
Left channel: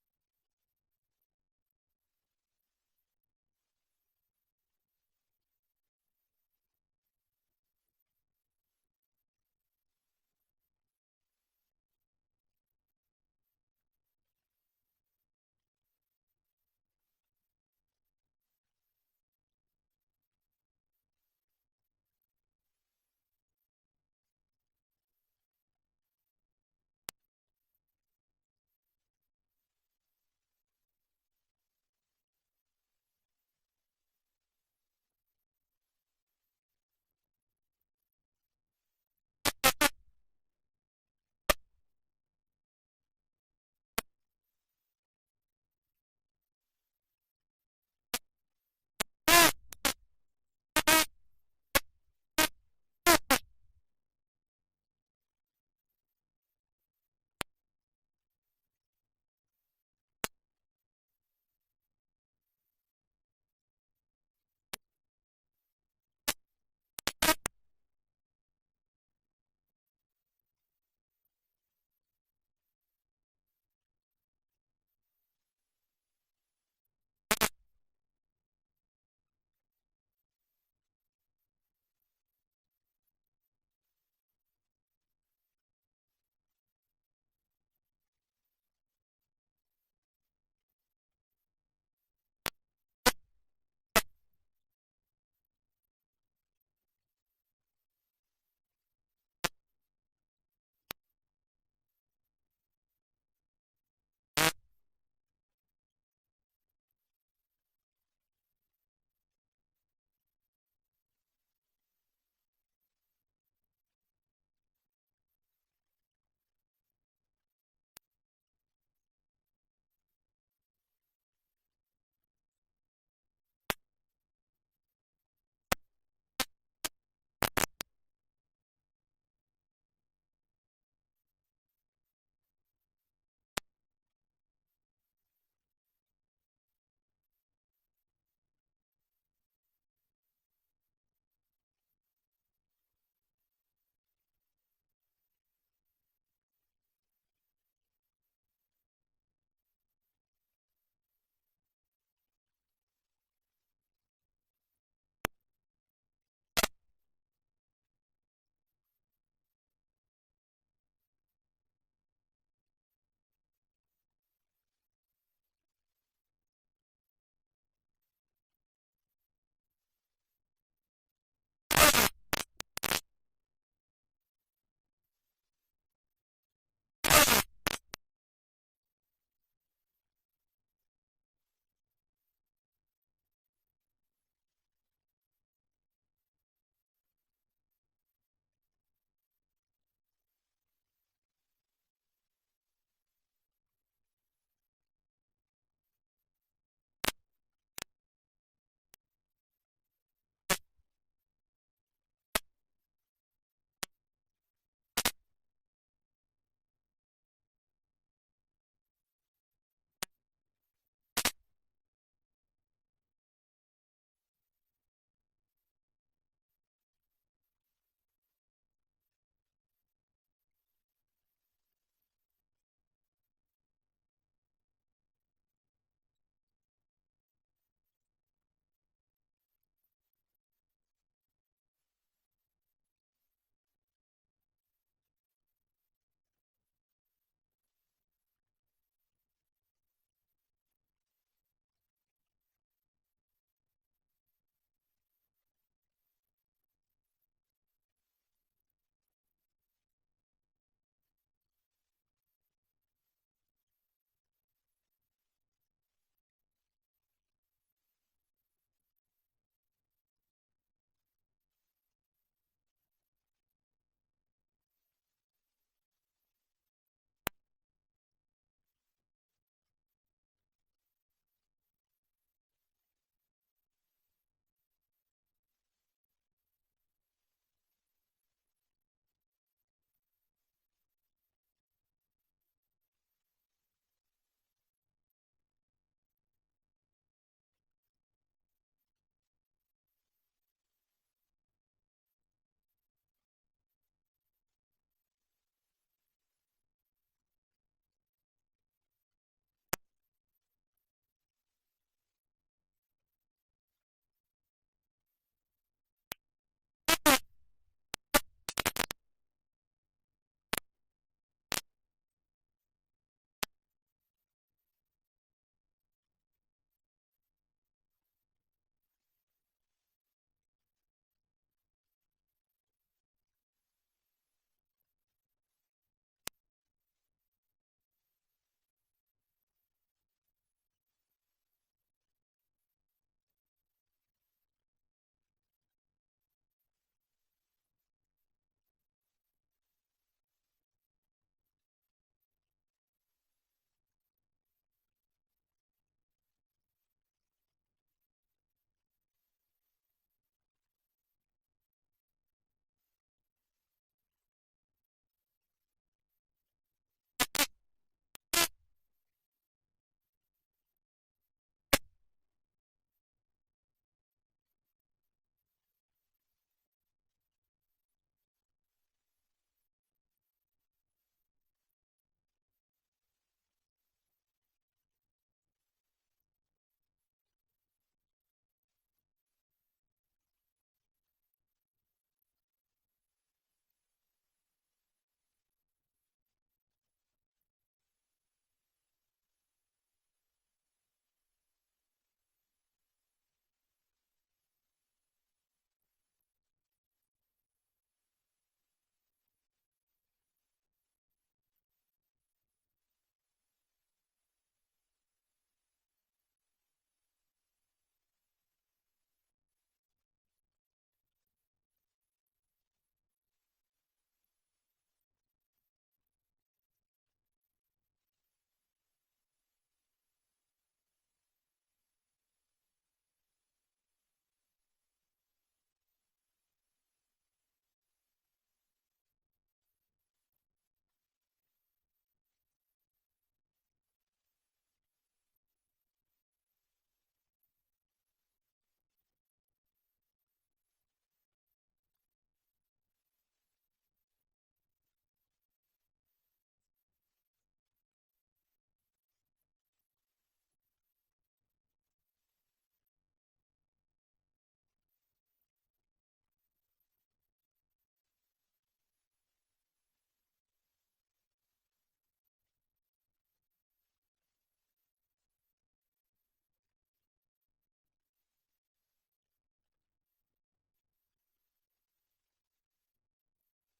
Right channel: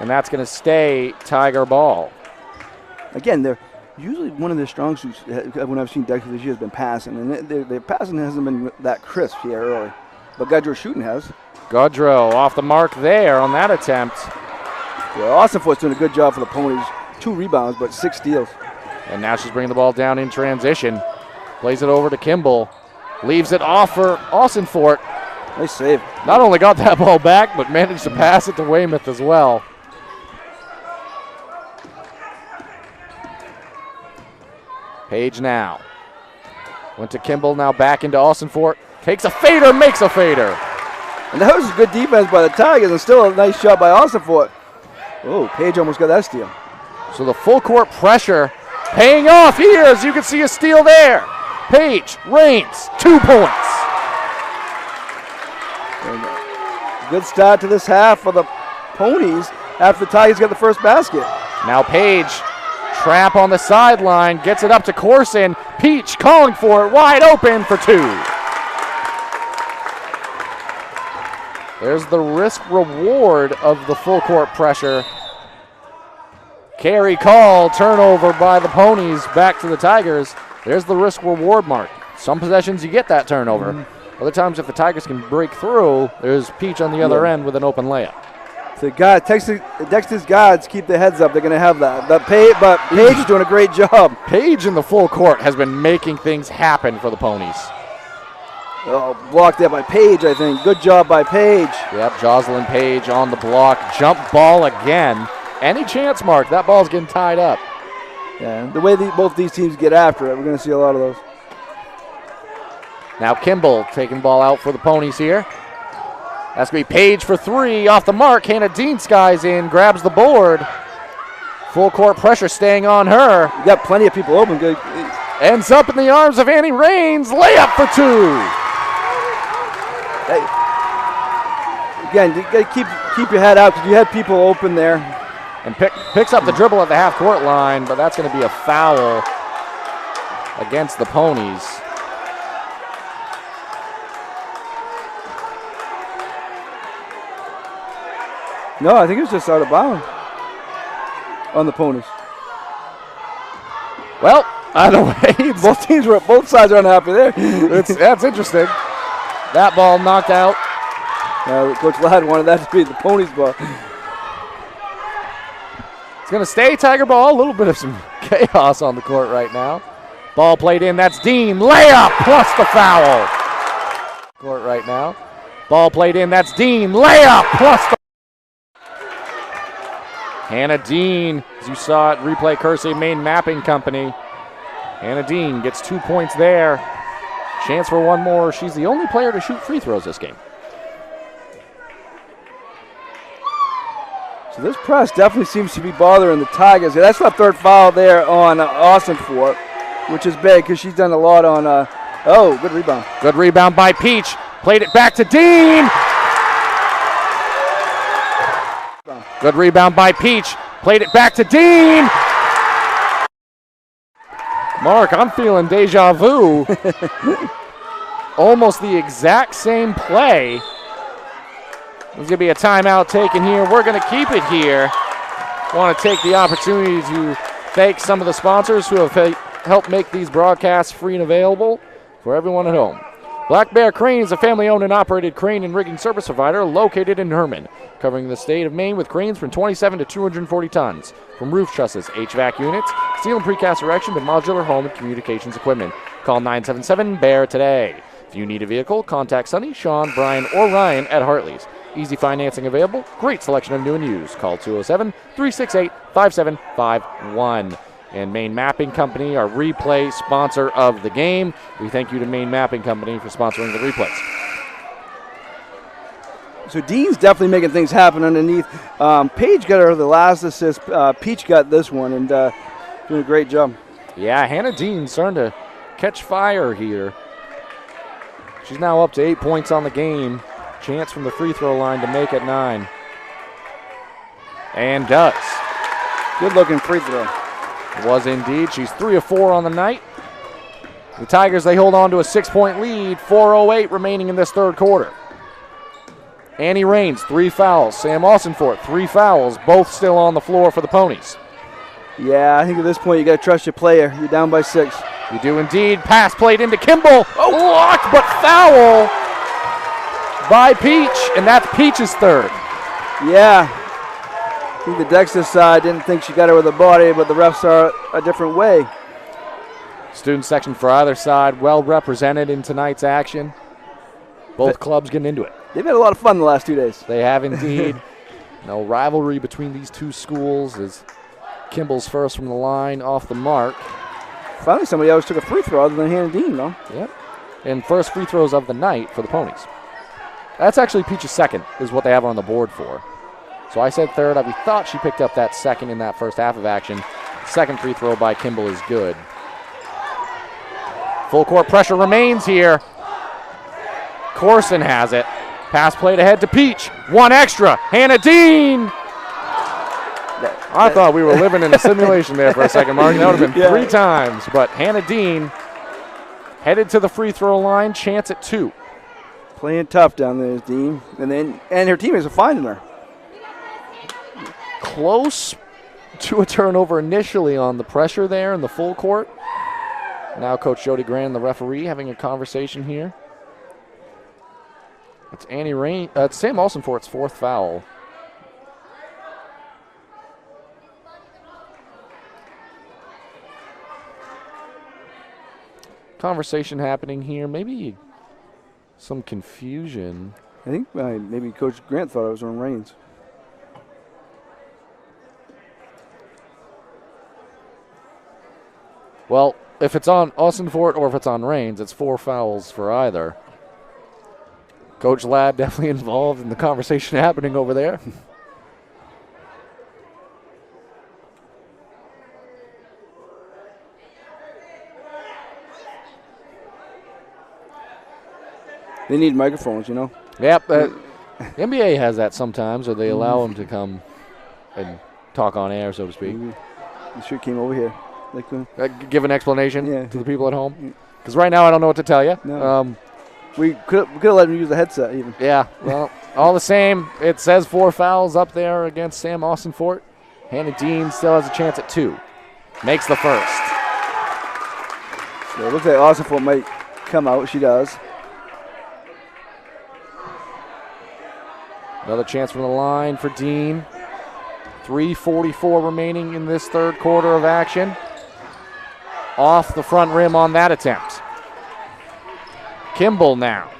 And that's going to stay Tiger ball. Again, they're usually one of their strong suits when I've seen Dexter this year has been passing. And their passing hasn't been that crisp here early. But Goodrow shooting has. Goodrow off the mark there on that attempt. Yeah, Austinfort's doing a good job for the Ponies. 2 rebounds, but 6 steals. And now she's bringing the ball down in transition. Plays it over to Kimball. Leaves it off for Austinfort. Nice save. Not only got that ball back, but managed to pass it to Weymouth as well. Page now. Went to Kimball, now back into Austinfort. Takes a fader, makes a fader. And that was a good defense by the Tigers, and still a nice shot by Austinfort. Oh, Page almost got that steal. So the full court pressure paying off here, as you can see a steal there. Page, Rains, 2 points. And good start to this half for the Ponies after the Tigers got the first basket. Now Page, trap on the sideline, gets it up to Corson. Peach calling for it, wide open for 2. There's the risk reward of the full court pressure. Carry call, turnover by the Ponies, back to the Tigers. There's the risk reward mark. Some possessions you get that turnover. Other times if the Tigers can break through, there's Peach on the other end with an open layup. So Dexter's guards keep their heads up. They're going to have that. But Page is doing a great job. Page in the full court has been making things happen for the Ponies. Oh, blocked there by Page, I think. Good job by Page. Yep, Jocelyn Page on the block. Jump ball again. Any chance, Mark, that ball's getting tied up. Yeah, the way both these teams get after it, we're going to see a lot of those. Now Kimball taking the ball out for the Ponies here. That's going to be Page for 3. Off the mark, Hannah Dean skies in, grabs the board. Full court pressure staying on her. You got plenty of people open. Good. Ends up in the arms of Annie Rains. Layup for 2. Again, you got to keep your head out because you had people open there. And picks up the dribble at the half-court line, but that's going to be a foul against the Ponies. No, I think it was just out of bounds on the Ponies. Well, either way, both sides are unhappy there. That's interesting. That ball knocked out. Coach Ladd wanted that to be the Ponies' ball. It's going to stay Tiger ball. A little bit of some chaos on the court right now. Ball played in. That's Dean. Layup plus the foul. Court right now. Ball played in. That's Dean. Layup plus the. Hannah Dean, as you saw it, replay Kersey Maine Mapping Company. Hannah Dean gets 2 points there. Chance for one more. She's the only player to shoot free throws this game. So this press definitely seems to be bothering the Tigers. That's the 3rd foul there on Austinfort, which is big because she's done a lot on. Good rebound. Good rebound by Peach. Played it back to Dean. Good rebound by Peach. Played it back to Dean. Mark, I'm feeling deja vu. Almost the exact same play. There's going to be a timeout taken here. We're going to keep it here. Want to take the opportunity to thank some of the sponsors who have helped make these broadcasts free and available for everyone at home. Black Bear Crane is a family-owned and operated crane and rigging service provider located in Herman, covering the state of Maine with cranes from 27 to 240 tons. From roof trusses, HVAC units, steel and precast erection to modular home and communications equipment. Call 977-BEAR today. If you need a vehicle, contact Sonny, Sean, Brian, or Ryan at Hartley's. Easy financing available. Great selection of new and used. Call 207-368-5751. And Maine Mapping Company, our replay sponsor of the game. We thank you to Maine Mapping Company for sponsoring the replays. So Dean's definitely making things happen underneath. Paige got her the last assist. Peach got this one, and doing a great job. Yeah, Hannah Dean starting to catch fire here. She's now up to 8 points on the game. Chance from the free throw line to make it 9. And does. Good looking free throw. Was indeed. She's 3 of 4 on the night. The Tigers, they hold on to a 6-point lead. 4:08 remaining in this third quarter. Annie Raines, 3 fouls. Sam Austinfort, 3 fouls. Both still on the floor for the Ponies. Yeah, I think at this point you got to trust your player. You're down by 6. You do indeed. Pass played into Kimball. Blocked, but foul by Peach, and that's Peach's third. Yeah. I think the Dexter side didn't think she got her with the body, but the refs saw it a different way. Student section for either side well represented in tonight's action. Both clubs getting into it. They've had a lot of fun the last 2 days. They have indeed. No rivalry between these two schools as Kimball's first from the line off the mark. Finally, somebody else took a free throw other than Hannah Dean, though. Yep. And first free throws of the night for the Ponies. That's actually Peach's second, is what they have her on the board for. So I said third. We thought she picked up that second in that first half of action. Second free throw by Kimball is good. Full court pressure remains here. Corson has it. Pass played ahead to Peach. One extra. Hannah Dean. I thought we were living in a simulation there for a second, Mark. That would have been 3 times. But Hannah Dean headed to the free throw line. Chance at 2. Playing tough down there, Dean. And her teammates are finding her. Close to a turnover initially on the pressure there in the full court. Now Coach Jody Grant, the referee, having a conversation here. It's Annie Rain. It's Sam Olsenfort's 4th foul. Conversation happening here. Maybe some confusion. I think maybe Coach Grant thought it was on Raines. Well, if it's on Austinfort or if it's on Raines, it's 4 fouls for either. Coach Ladd definitely involved in the conversation happening over there. They need microphones, you know. Yep. The NBA has that sometimes, or they allow them to come and talk on air, so to speak. You sure came over here. Give an explanation to the people at home? Because right now I don't know what to tell you. No. We could have let him use the headset even. Yeah, well, all the same, it says 4 fouls up there against Sam Austinfort. Hannah Dean still has a chance at 2. Makes the first. So it looks like Austinfort might come out. She does. Another chance from the line for Dean. 3:44 remaining in this third quarter of action. Off the front rim on that attempt. Kimball now.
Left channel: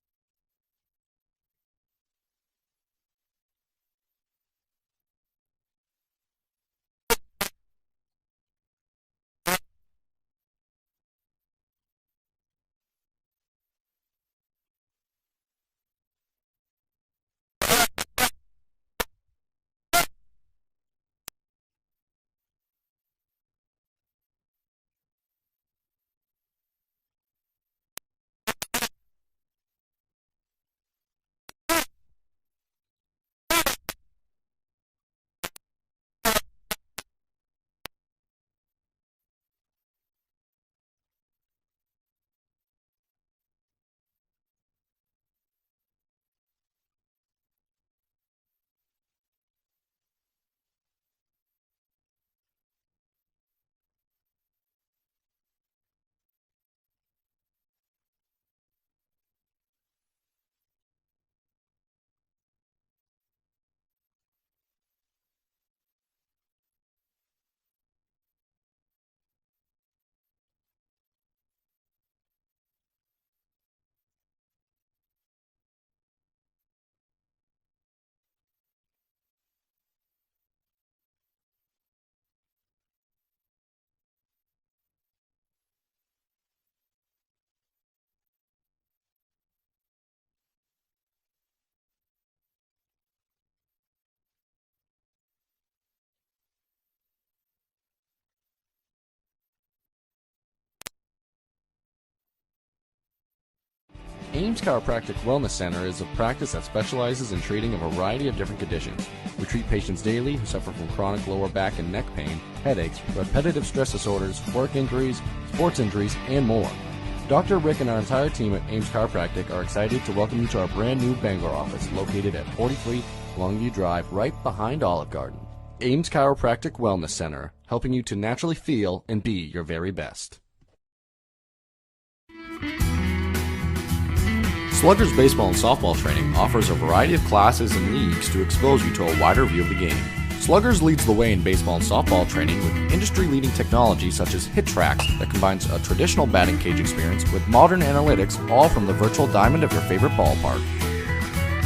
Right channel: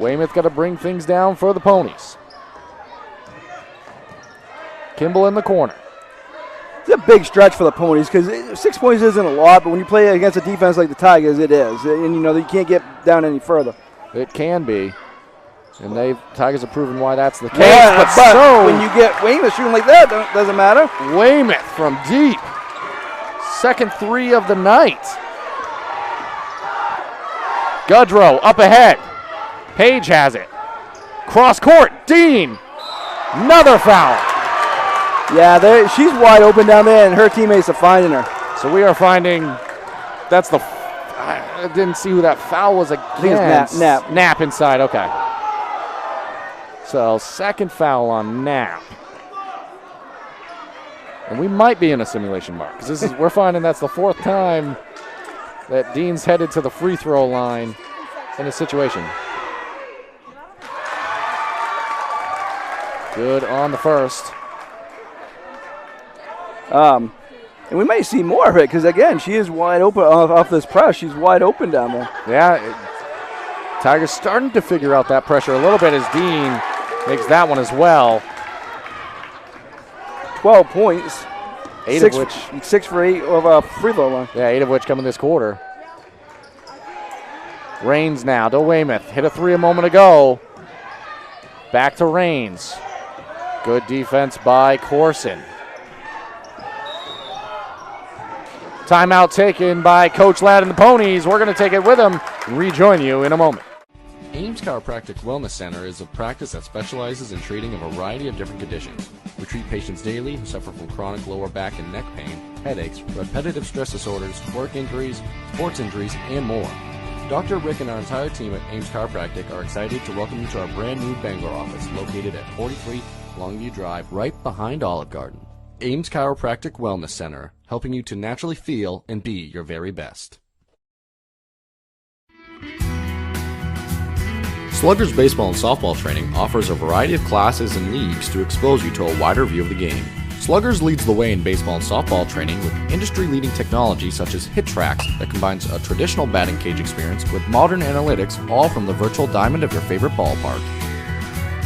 Weymouth got to bring things down for the Ponies. Kimball in the corner. It's a big stretch for the Ponies because 6 points isn't a lot, but when you play against a defense like the Tigers, it is. And, you know, you can't get down any further. It can be. And Tigers have proven why that's the case. Yeah, but when you get Weymouth shooting like that, it doesn't matter. Weymouth from deep. Second 3 of the night. Gudrow up ahead. Page has it. Cross court. Dean. Another foul. Yeah, she's wide open down there, and her teammates are finding her. So we are finding. That's the. I didn't see who that foul was against. I think it's Knapp. Knapp inside. Okay. So second foul on Knapp. And we might be in a simulation, Mark, because we're finding that's the 4th time that Dean's headed to the free throw line in a situation. Good on the first. And we might see more of it because, again, she is wide open off this press. She's wide open down there. Yeah, Tigers starting to figure out that pressure a little bit as Dean makes that one as well. 12 points. 6 for 8 of a free throw line. Yeah, 8 of which come in this quarter. Rains now to Weymouth. Hit a three a moment ago. Back to Rains. Good defense by Corson. Timeout taken by Coach Ladd and the Ponies. We're going to take it with him. Rejoin you in a moment. Ames Chiropractic Wellness Center is a practice that specializes in treating a variety of different conditions. We treat patients daily who suffer from chronic lower back and neck pain, headaches, repetitive stress disorders, work injuries, sports injuries, and more. Dr. Rick and our entire team at Ames Chiropractic are excited to welcome you to our brand new Bangor office located at 43 Longview Drive, right behind Olive Garden. Ames Chiropractic Wellness Center, helping you to naturally feel and be your very best. Sluggers baseball and softball training offers a variety of classes and leagues to expose you to a wider view of the game. Sluggers leads the way in baseball and softball training with industry-leading technology such as HitTrax that combines a traditional batting cage experience with modern analytics, all from the virtual diamond of your favorite ballpark.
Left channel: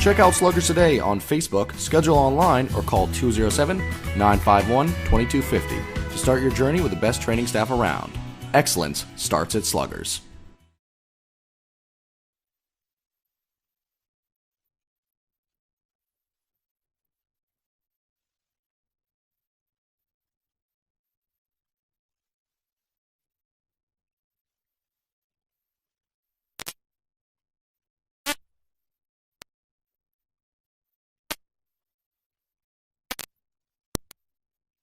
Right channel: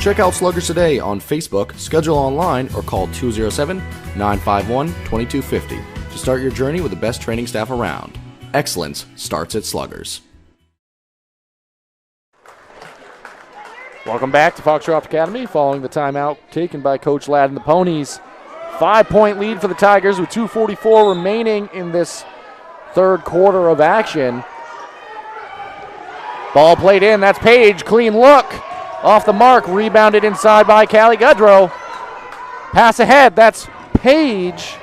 Check out Sluggers today on Facebook, schedule online, or call 207-951-2250 to start your journey with the best training staff around. Excellence starts at Sluggers. Welcome back to Foxcroft Academy following the timeout taken by Coach Ladd and the Ponies. 5-point lead for the Tigers with 2:44 remaining in this third quarter of action. Ball played in, that's Page, clean look. Off the mark, rebounded inside by Callie Goodrow. Pass ahead, that's Page.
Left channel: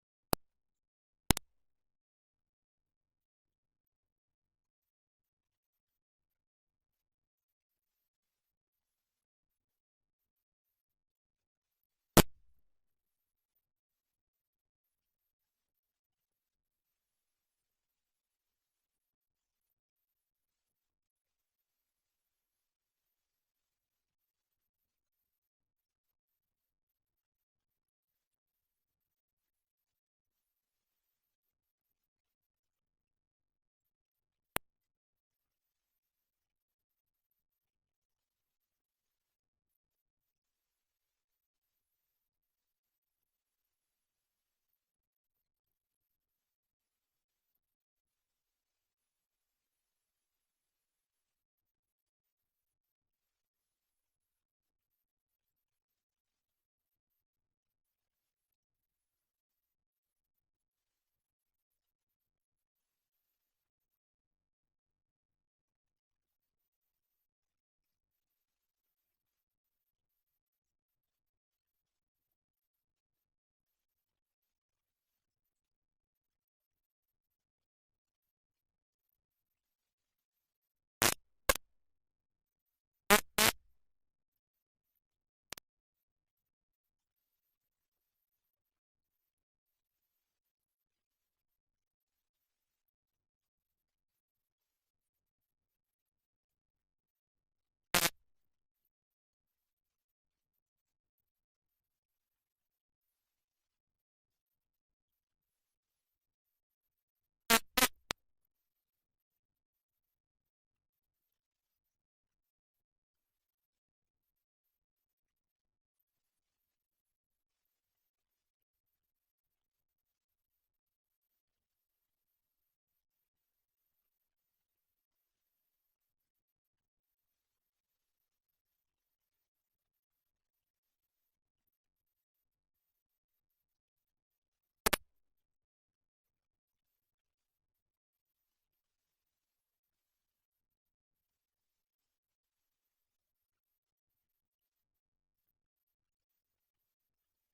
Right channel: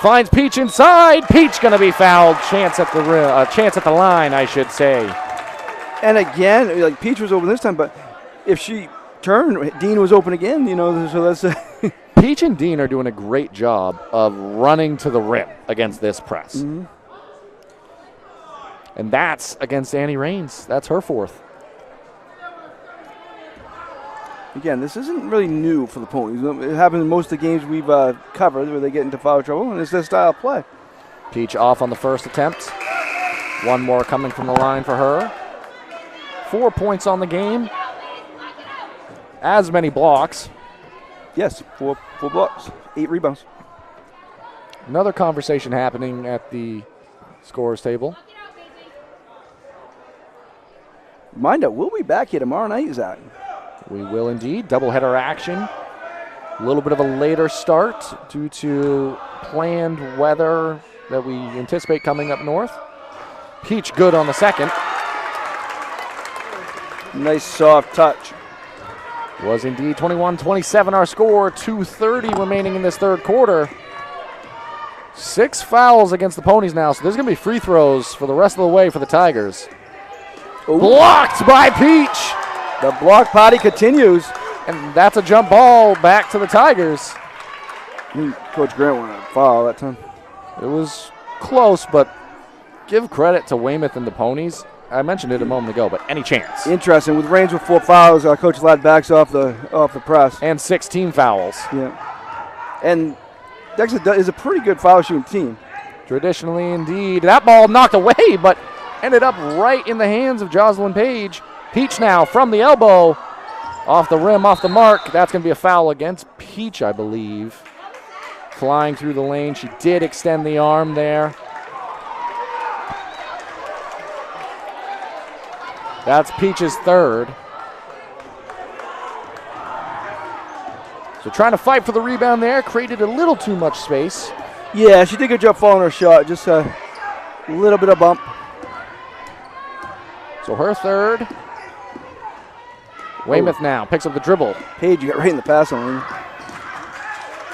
Finds Peach inside. Peach going to be fouled. Chance at the line, I should say. And again, like Peach was open this time, but if she turned, Dean was open again. So that's. Peach and Dean are doing a great job of running to the rim against this press. Mm-hmm. And that's against Annie Rains. That's her fourth. Again, this isn't really new for the Ponies. It happens in most of the games we've covered where they get into foul trouble, and it's their style of play. Peach off on the first attempt. One more coming from the line for her. 4 points on the game. As many blocks. Yes, four blocks, 8 rebounds. Another conversation happening at the scorers table. Reminder, we'll be back here tomorrow night, Zach. We will indeed. Doubleheader action. A little bit of a later start due to planned weather that we anticipate coming up north. Peach good on the second. Nice soft touch. Was indeed 21-27 our score. 2:30 remaining in this third quarter. 6 fouls against the Ponies now, so there's going to be free throws for the rest of the way for the Tigers. Ooh. Blocked by Peach. The block party continues. And that's a jump ball back to the Tigers. Coach Grant wanted a foul that time. It was close, but give credit to Weymouth and the Ponies. I mentioned it a moment ago, but any chance. Interesting. With Rains with 4 fouls, Coach Ladd backs off the press. And 16 fouls. Yeah. And Dexter is a pretty good foul shooting team. Traditionally, indeed. That ball knocked away, but ended up right in the hands of Jocelyn Page. Peach now from the elbow. Off the rim, off the mark. That's going to be a foul against Peach, I believe. Flying through the lane. She did extend the arm there. That's Peach's third. So trying to fight for the rebound there. Created a little too much space. Yeah, she did a good job following her shot. Just a little bit of bump. So her third. Weymouth now picks up the dribble. Page, you got right in the pass on.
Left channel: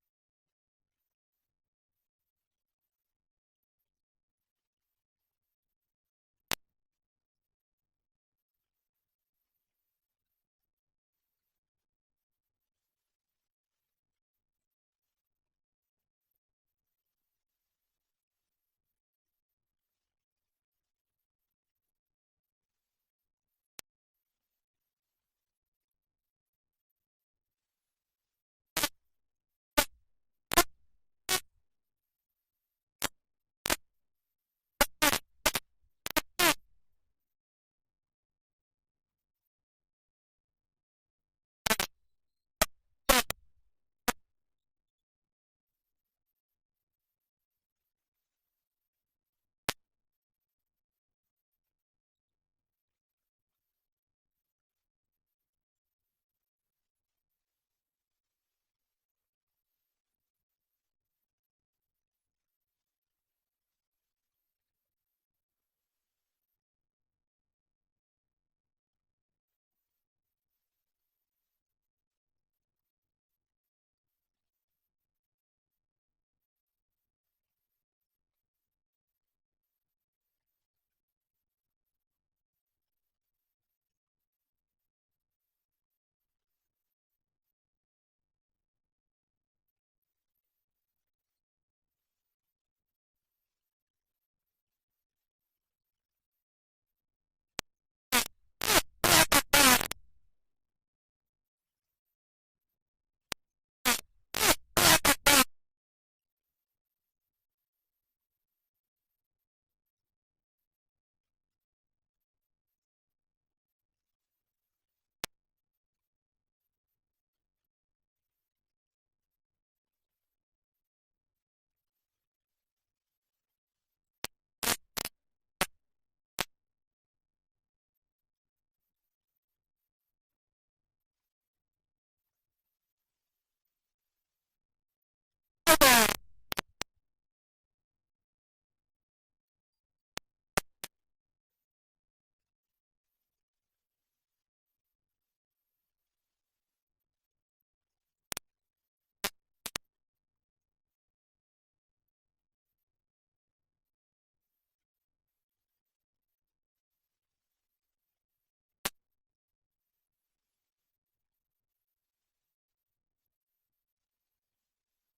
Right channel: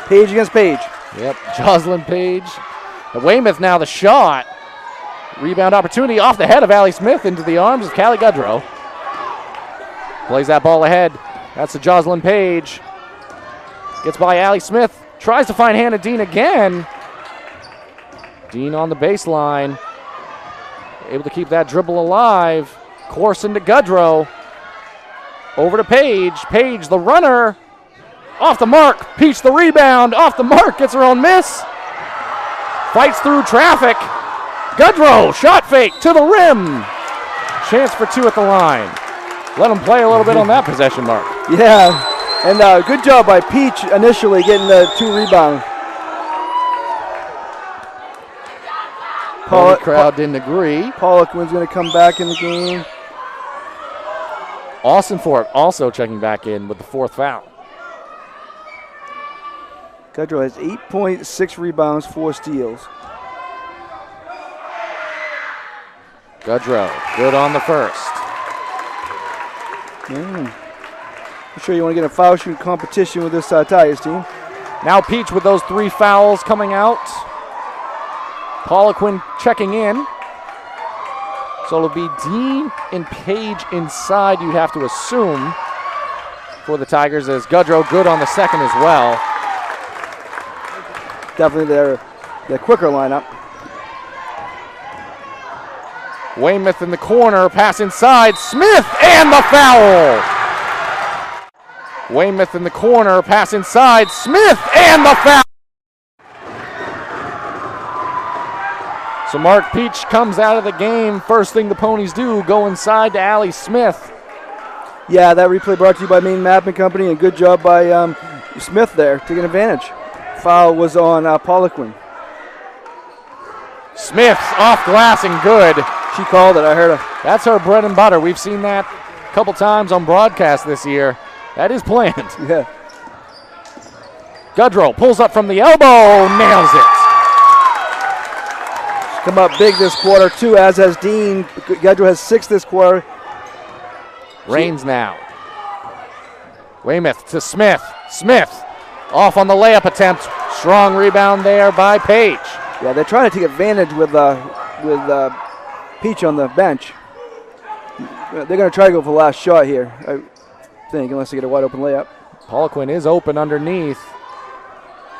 Page against Page. Yep, Jocelyn Page. And Weymouth now the shot. Rebound opportunity off the head of Allie Smith into the arms of Callie Goodrow. Plays that ball ahead. That's to Jocelyn Page. Gets by Allie Smith. Tries to find Hannah Dean again. Dean on the baseline. Able to keep that dribble alive. Corson to Goodrow. Over to Page. Page, the runner. Off the mark. Peach, the rebound. Off the mark. Gets her own miss. Fights through traffic. Goodrow, shot fake to the rim. Chance for 2 at the line. Let them play a little bit on that possession mark. Yeah, and good job by Peach initially getting the 2 rebounds. The crowd didn't agree. Poliquin's going to come back in the game. Austin Fort also checking back in with the 4th foul. Gudrow has 8.6 rebounds, 4 steals. Gudrow, good on the first. I'm sure you want to get a foul shooting competition with this Tigers team. Now Peach with those 3 fouls coming out. Poliquin checking in. So it'll be Dean and Page inside, you'd have to assume, for the Tigers, as Gudrow good on the second as well. Definitely their quicker lineup. Weymouth in the corner, pass inside, Smith, and the foul! Weymouth in the corner, pass inside, Smith, and the foul! So Mark Peach comes out of the game. First thing the Ponies do, go inside to Allie Smith. Yeah, that replay brought to you by Maine Mapping Company, and good job by Smith there, taking advantage. Foul was on Poliquin. Smith's off glass and good. She called it, I heard her. That's her bread and butter. We've seen that a couple times on broadcast this year. That is planned. Yeah. Gudrow pulls up from the elbow, nails it. Come up big this quarter, too, as has Dean. Gudrow has 6 this quarter. Rains now. Weymouth to Smith. Smith off on the layup attempt. Strong rebound there by Page. Yeah, they're trying to take advantage with Peach on the bench. They're going to try to go for the last shot here, I think, unless they get a wide open layup. Poliquin is open underneath.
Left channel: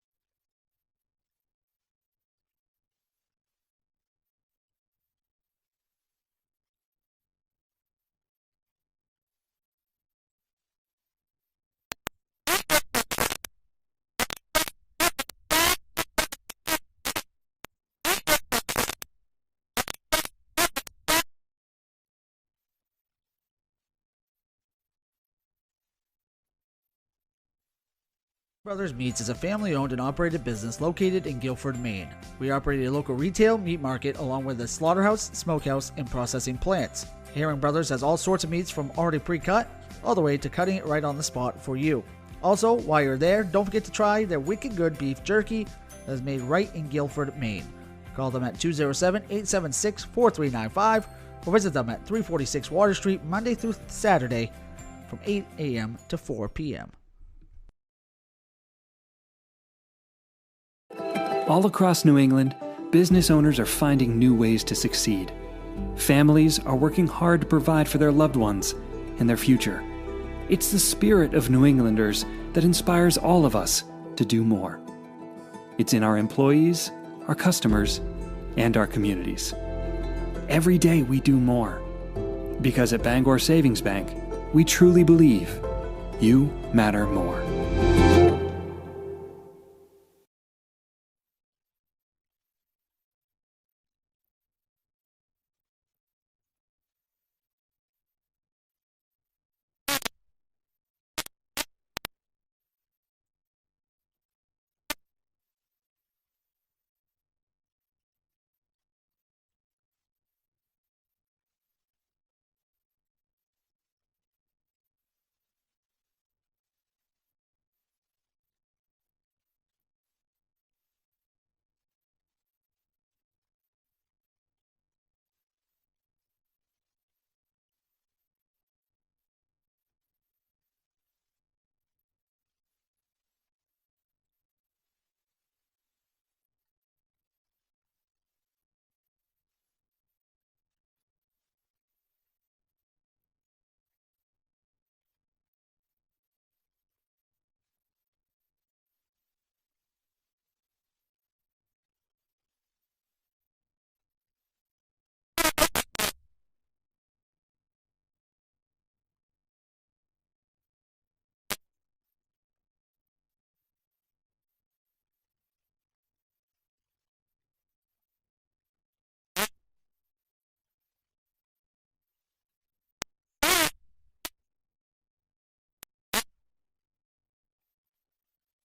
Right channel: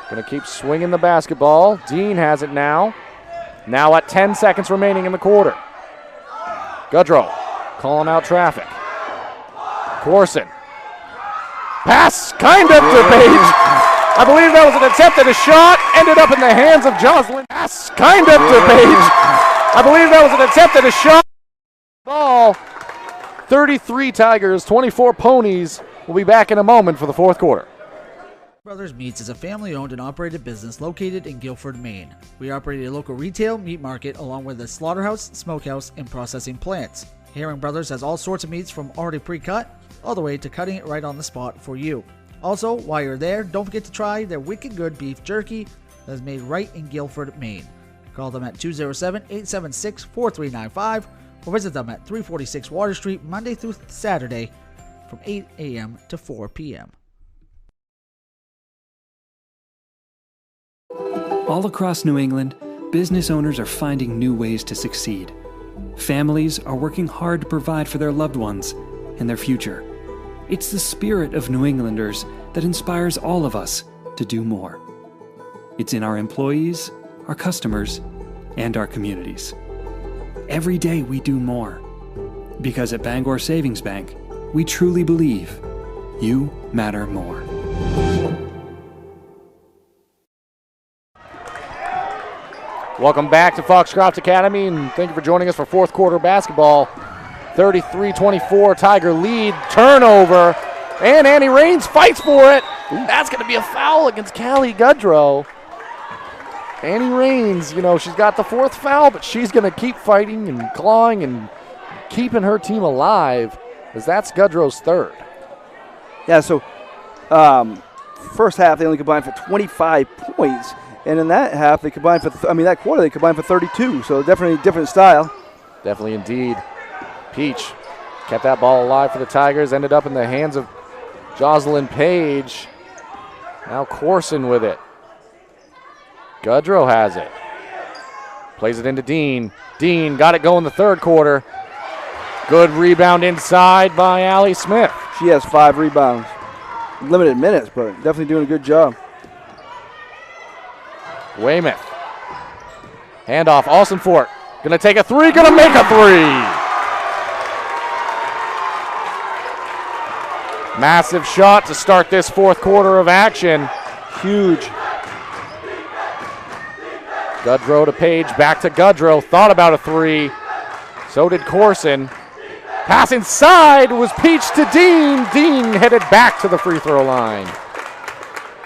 Going to keep swinging the basketball. Dean has it now. Now at 10 seconds remaining in the quarter. Gudrow calling out traffic. Corson. Pass kind of to Page. I believe that was an attempt at a shot. Ended up in the hands of Jocelyn. Pass kind of to Page. I believe that was an attempt at a shot. Ball. 33 Tigers, 24 Ponies. We'll be back in a moment for the 4th quarter. Brothers Meats is a family-owned and operated business located in Guilford, Maine. We operate a local retail meat market along with a slaughterhouse, smokehouse, and processing plants. Herring Brothers has all sorts of meats from already pre-cut all the way to cutting it right on the spot for you. Also, while you're there, don't forget to try their wicked good beef jerky that is made right in Guilford, Maine. Call them at 207-876-4395 or visit them at 346 Water Street Monday through Saturday from 8 a.m. to 4 p.m. All across New England, business owners are finding new ways to succeed. Families are working hard to provide for their loved ones and their future. It's the spirit of New Englanders that inspires all of us to do more. It's in our employees, our customers, and our communities. Every day we do more. Because at Bangor Savings Bank, we truly believe you matter more. Welcome back to Foxcroft Academy, and thank you for joining us for 4th quarter basketball. 33-24, Tiger lead, turnover, and Annie Raines fights for it. That's going to be a foul against Callie Gudrow. Annie Raines, she's got the 4th foul, but she's going to keep fighting and clawing and keeping her team alive, as that's Gudrow's 3rd. Yeah, so first half they only combined for 25 points. And in that half, they combined for, that quarter, they combined for 32. So definitely a different style. Definitely indeed. Peach kept that ball alive for the Tigers, ended up in the hands of Jocelyn Page. Now Corson with it. Gudrow has it. Plays it into Dean. Dean got it going the 3rd quarter. Good rebound inside by Allie Smith. She has 5 rebounds. Limited minutes, but definitely doing a good job. Weymouth. Handoff, Austin Fort. Gonna take a 3, gonna make a 3. Massive shot to start this 4th quarter of action. Huge. Gudrow to Page, back to Gudrow. Thought about a 3. So did Corson. Pass inside was Peach to Dean. Dean headed back to the free throw line.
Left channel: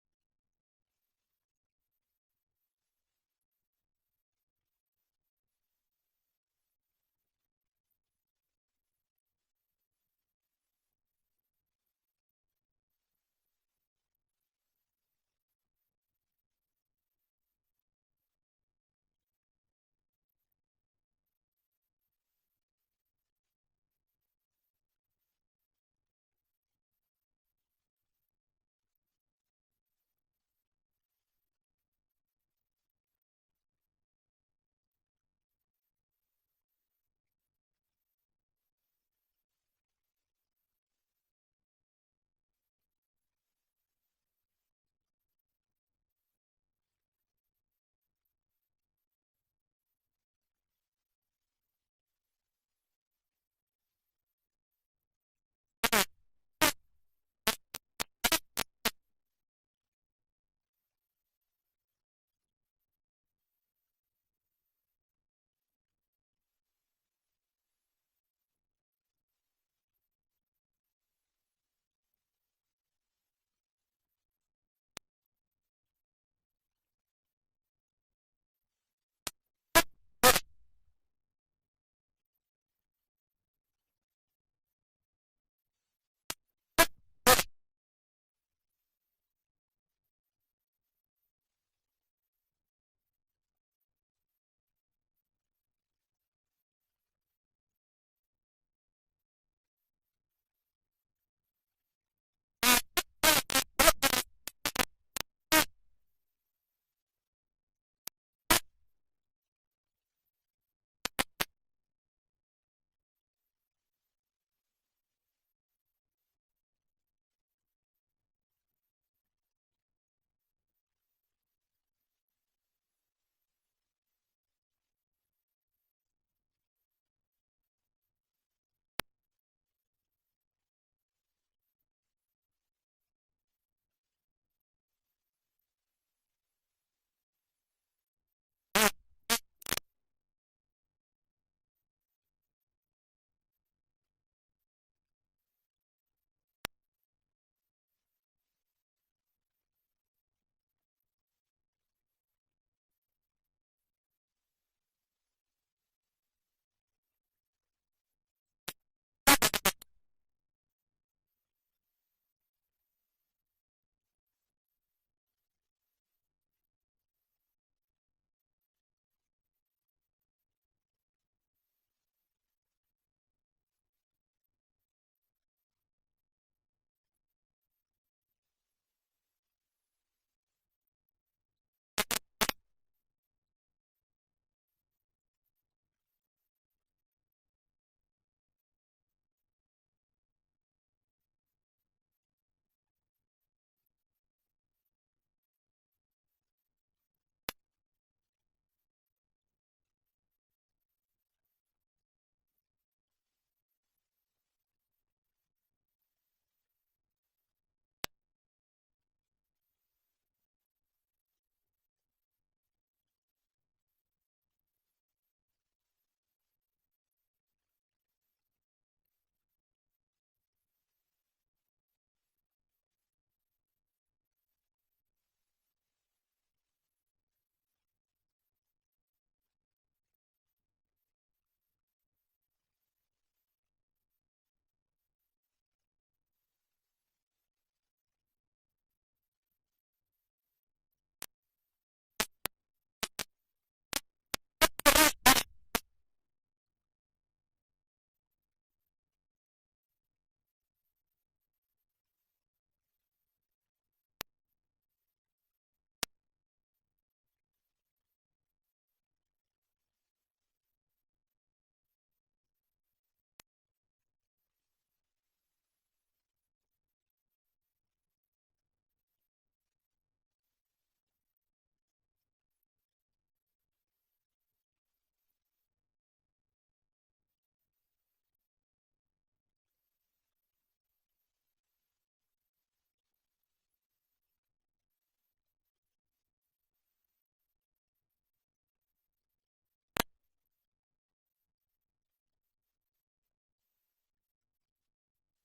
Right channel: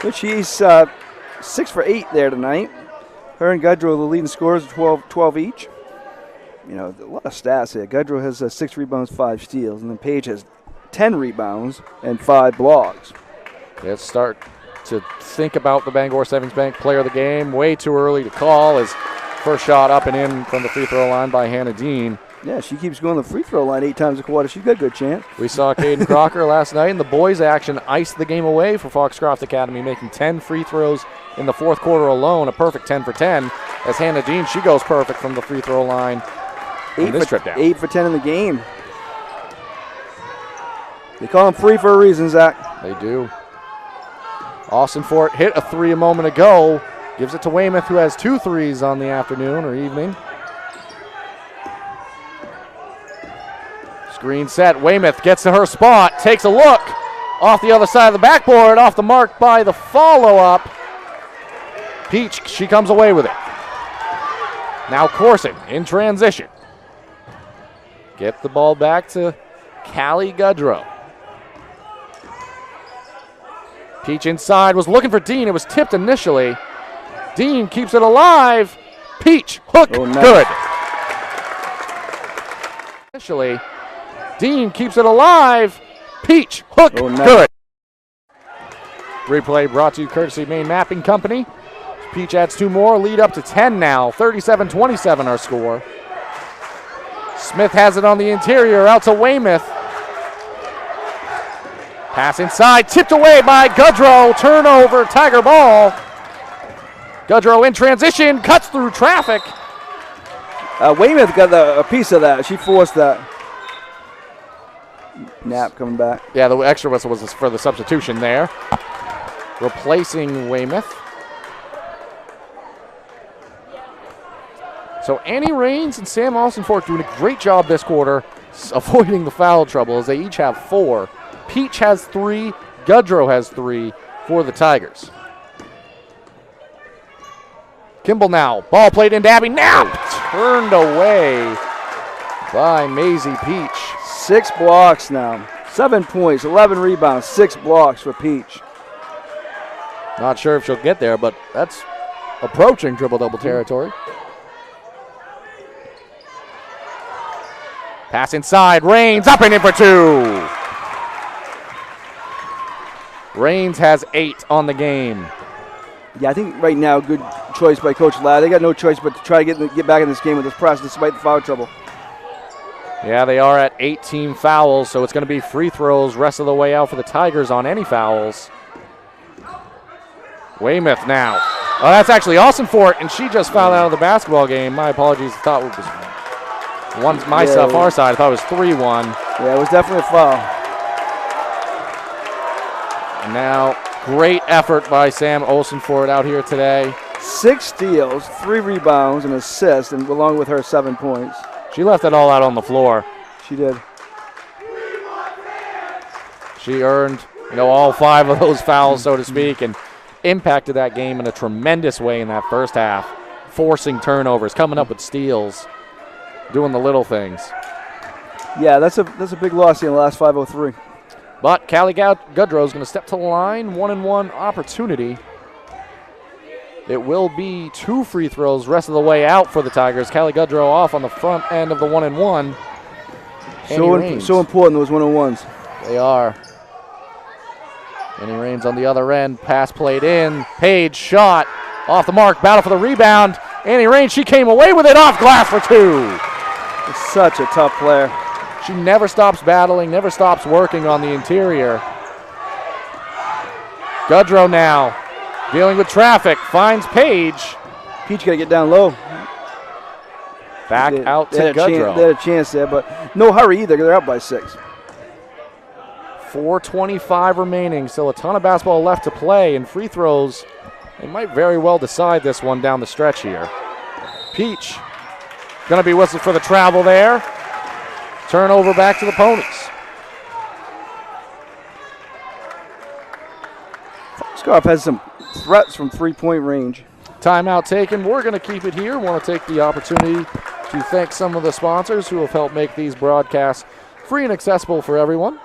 But she's 6 for 8 there tonight. Her and Gudrow, the leading scorers, 12 each. You know, a lot of stats here. Gudrow has 6 rebounds, 5 steals, and then Paige has 10 rebounds and 5 blocks. Let's start to think about the Bangor Savings Bank player of the game. Way too early to call. His first shot up and in from the free throw line by Hannah Dean. Yeah, she keeps going to the free throw line 8 times a quarter. She's got a good chance. We saw Caden Crocker last night, and the boys' action iced the game away for Foxcroft Academy, making 10 free throws in the fourth quarter alone, a perfect 10 for 10. As Hannah Dean, she goes perfect from the free throw line. 8 for 10 in the game. They call them free for a reason, Zach. They do. Austin Fort hit a 3 a moment ago. Gives it to Weymouth, who has 2 threes on the afternoon or evening. Screen set. Weymouth gets to her spot, takes a look. Off the other side of the backboard, off the mark by the follow-up. Peach, she comes away with it. Now Corson in transition. Get the ball back to Callie Gudrow. Peach inside, was looking for Dean. It was tipped initially. Dean keeps it alive. Peach, hook, good. Initially, Dean keeps it alive. Peach, hook, good. Replay brought to you courtesy Maine Mapping Company. Peach adds 2 more, lead up to 10 now. 37-27 our score. Smith has it on the interior, out to Weymouth. Pass inside, tipped away by Gudrow. Turnover, Tiger ball. Gudrow in transition, cuts through traffic. Weymouth got a piece of that. She forced that. Knapp coming back. Yeah, the extra whistle was for the substitution there. Replacing Weymouth. So Annie Raines and Sam Austin-Fort doing a great job this quarter avoiding the foul trouble as they each have 4. Peach has 3, Gudrow has 3 for the Tigers. Kimball now, ball played into Abby, now turned away by Maisie Peach. 6 blocks now, 7 points, 11 rebounds, 6 blocks for Peach. Not sure if she'll get there, but that's approaching triple-double territory. Pass inside, Raines up and in for 2. Raines has 8 on the game. Yeah, I think right now, good choice by Coach Ladd. They got no choice but to try to get back in this game with this press despite the foul trouble. Yeah, they are at 18 fouls, so it's going to be free throws rest of the way out for the Tigers on any fouls. Weymouth now. Oh, that's actually Austin-Fort, and she just fouled out of the basketball game. My apologies. I thought it was far side. I thought it was 3-1. Yeah, it was definitely a foul. And now, great effort by Sam Olsen-Fort out here today. 6 steals, 3 rebounds, and assists, and along with her 7 points. She left it all out on the floor. She did. She earned, all 5 of those fouls, so to speak, and impacted that game in a tremendous way in that first half, forcing turnovers, coming up with steals, doing the little things. Yeah, that's a big loss in the last 5:03. But Callie Gudrow is going to step to the line, 1-and-1 opportunity. It will be 2 free throws rest of the way out for the Tigers. Callie Gudrow off on the front end of the 1-and-1. So important, those 1-on-1s. They are. Annie Raines on the other end. Pass played in. Page shot. Off the mark. Battle for the rebound. Annie Raines, she came away with it off glass for 2. It's such a tough player. She never stops battling, never stops working on the interior. Gudrow now dealing with traffic. Finds Page. Peach got to get down low. Back out to Gudrow. They had a chance there, but no hurry either. They're up by 6. 4:25 remaining. Still a ton of basketball left to play, and free throws, they might very well decide this one down the stretch here. Peach going to be whistled for the travel there. Turnover back to the Ponies. Foxcroft has some threats from 3-point range. Timeout taken. We're going to keep it here. Want to take the opportunity to thank some of the sponsors who have helped make these broadcasts free and accessible for everyone.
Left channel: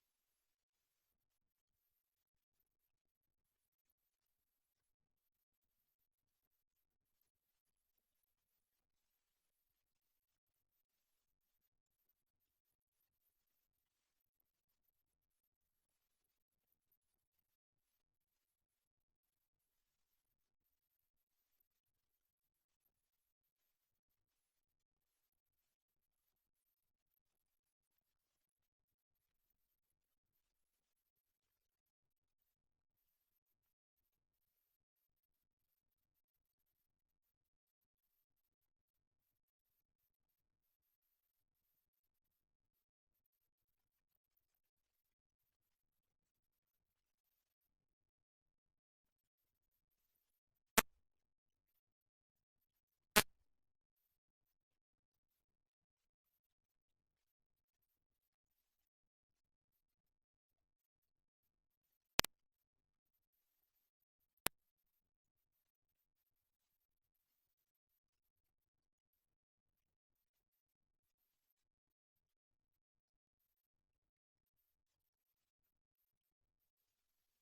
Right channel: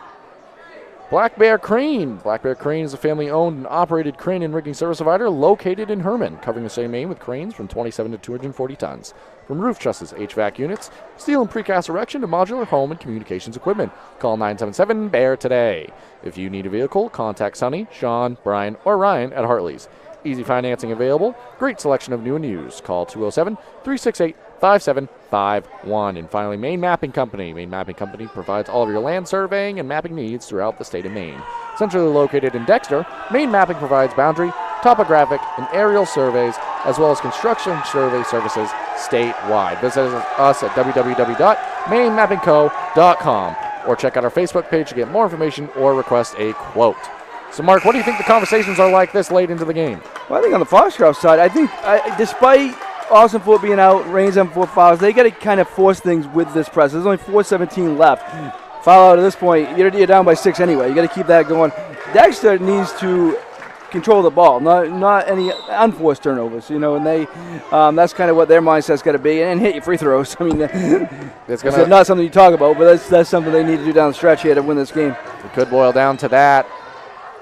Black Bear Crane. Black Bear Crane is a family-owned and operated crane and rigging service provider located in Herman, covering the same aim with cranes from 27 to 240 tons. From roof trusses, HVAC units, steel and precast erection to modular home and communications equipment. Call 977-BEAR today. If you need a vehicle, contact Sonny, Sean, Brian, or Ryan at Hartley's. Easy financing available. Great selection of new and used. Call 207-368-5751. And finally, Maine Mapping Company. Maine Mapping Company provides all of your land surveying and mapping needs throughout the state of Maine. Centrally located in Dexter, Maine Mapping provides boundary, topographic, and aerial surveys, as well as construction survey services statewide. Visit us at www.mainemappingco.com or check out our Facebook page to get more information or request a quote. So, Mark, what do you think the conversations are like this late into the game? Well, I think on the Foxcroft side, despite Austin Foote being out, Rains on 4 fouls, they got to kind of force things with this press. There's only 4:17 left. Foul out at this point, you're down by 6 anyway. You got to keep that going. Dexter needs to control the ball, not any unforced turnovers, and they that's kind of what their mindset's got to be, and hit your free throws. I mean, it's not something you talk about, but that's something they need to do down the stretch here to win this game. It could boil down to that.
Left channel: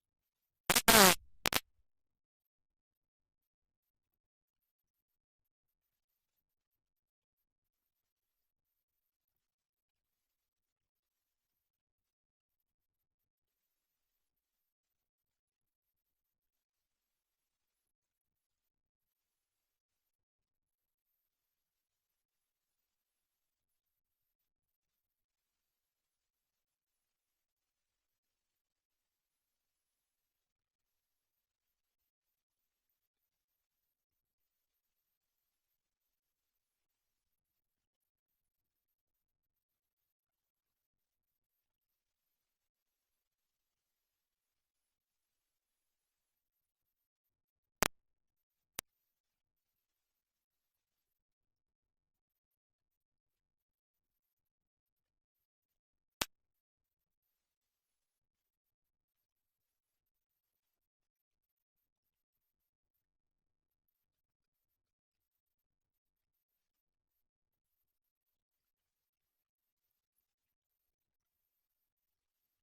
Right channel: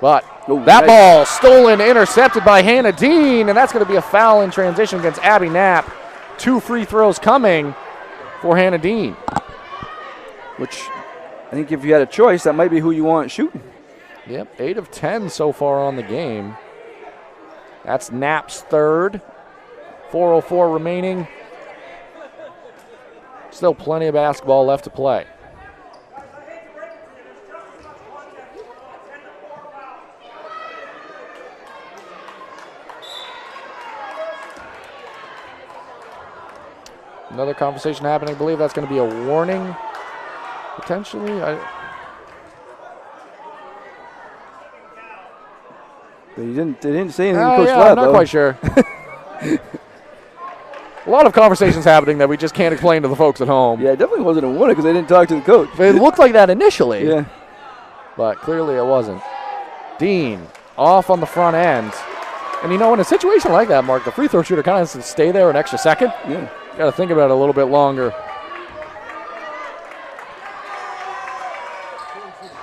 But that ball stolen, intercepted by Hannah Dean, and that's going to be a foul in transition against Abby Knapp. 2 free throws coming for Hannah Dean. Which I think if you had a choice, that might be who you want shooting. Yep, 8 of 10 so far on the game. That's Knapp's third. 4:04 remaining. Still plenty of basketball left to play. Another conversation happening. I believe that's going to be a warning, potentially. They didn't say anything. I'm not quite sure. A lot of conversations happening that we just can't explain to the folks at home. Yeah, it definitely wasn't a warning because they didn't talk to the coach. It looked like that initially. Yeah. But clearly it wasn't. Dean off on the front end. And in a situation like that, Mark, the free throw shooter kind of has to stay there an extra second. Yeah. Got to think about it a little bit longer.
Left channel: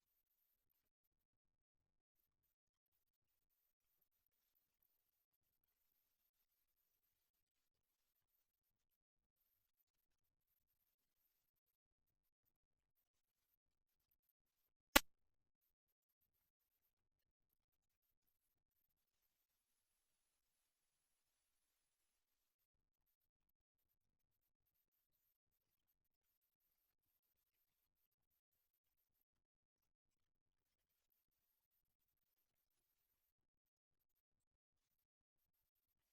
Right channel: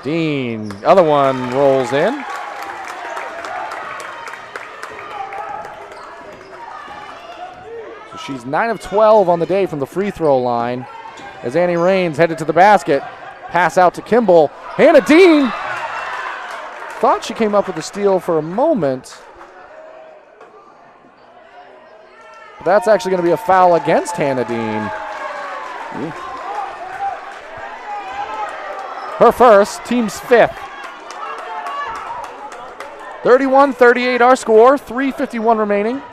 Dean, other one rolls in. So she's 9 of 12 on the day from the free throw line. As Annie Raines headed to the basket. Pass out to Kimball. Hannah Dean thought she came up with a steal for a moment. But that's actually going to be a foul against Hannah Dean. Her first, team's 5th. 31-38 our score, 3:51 remaining.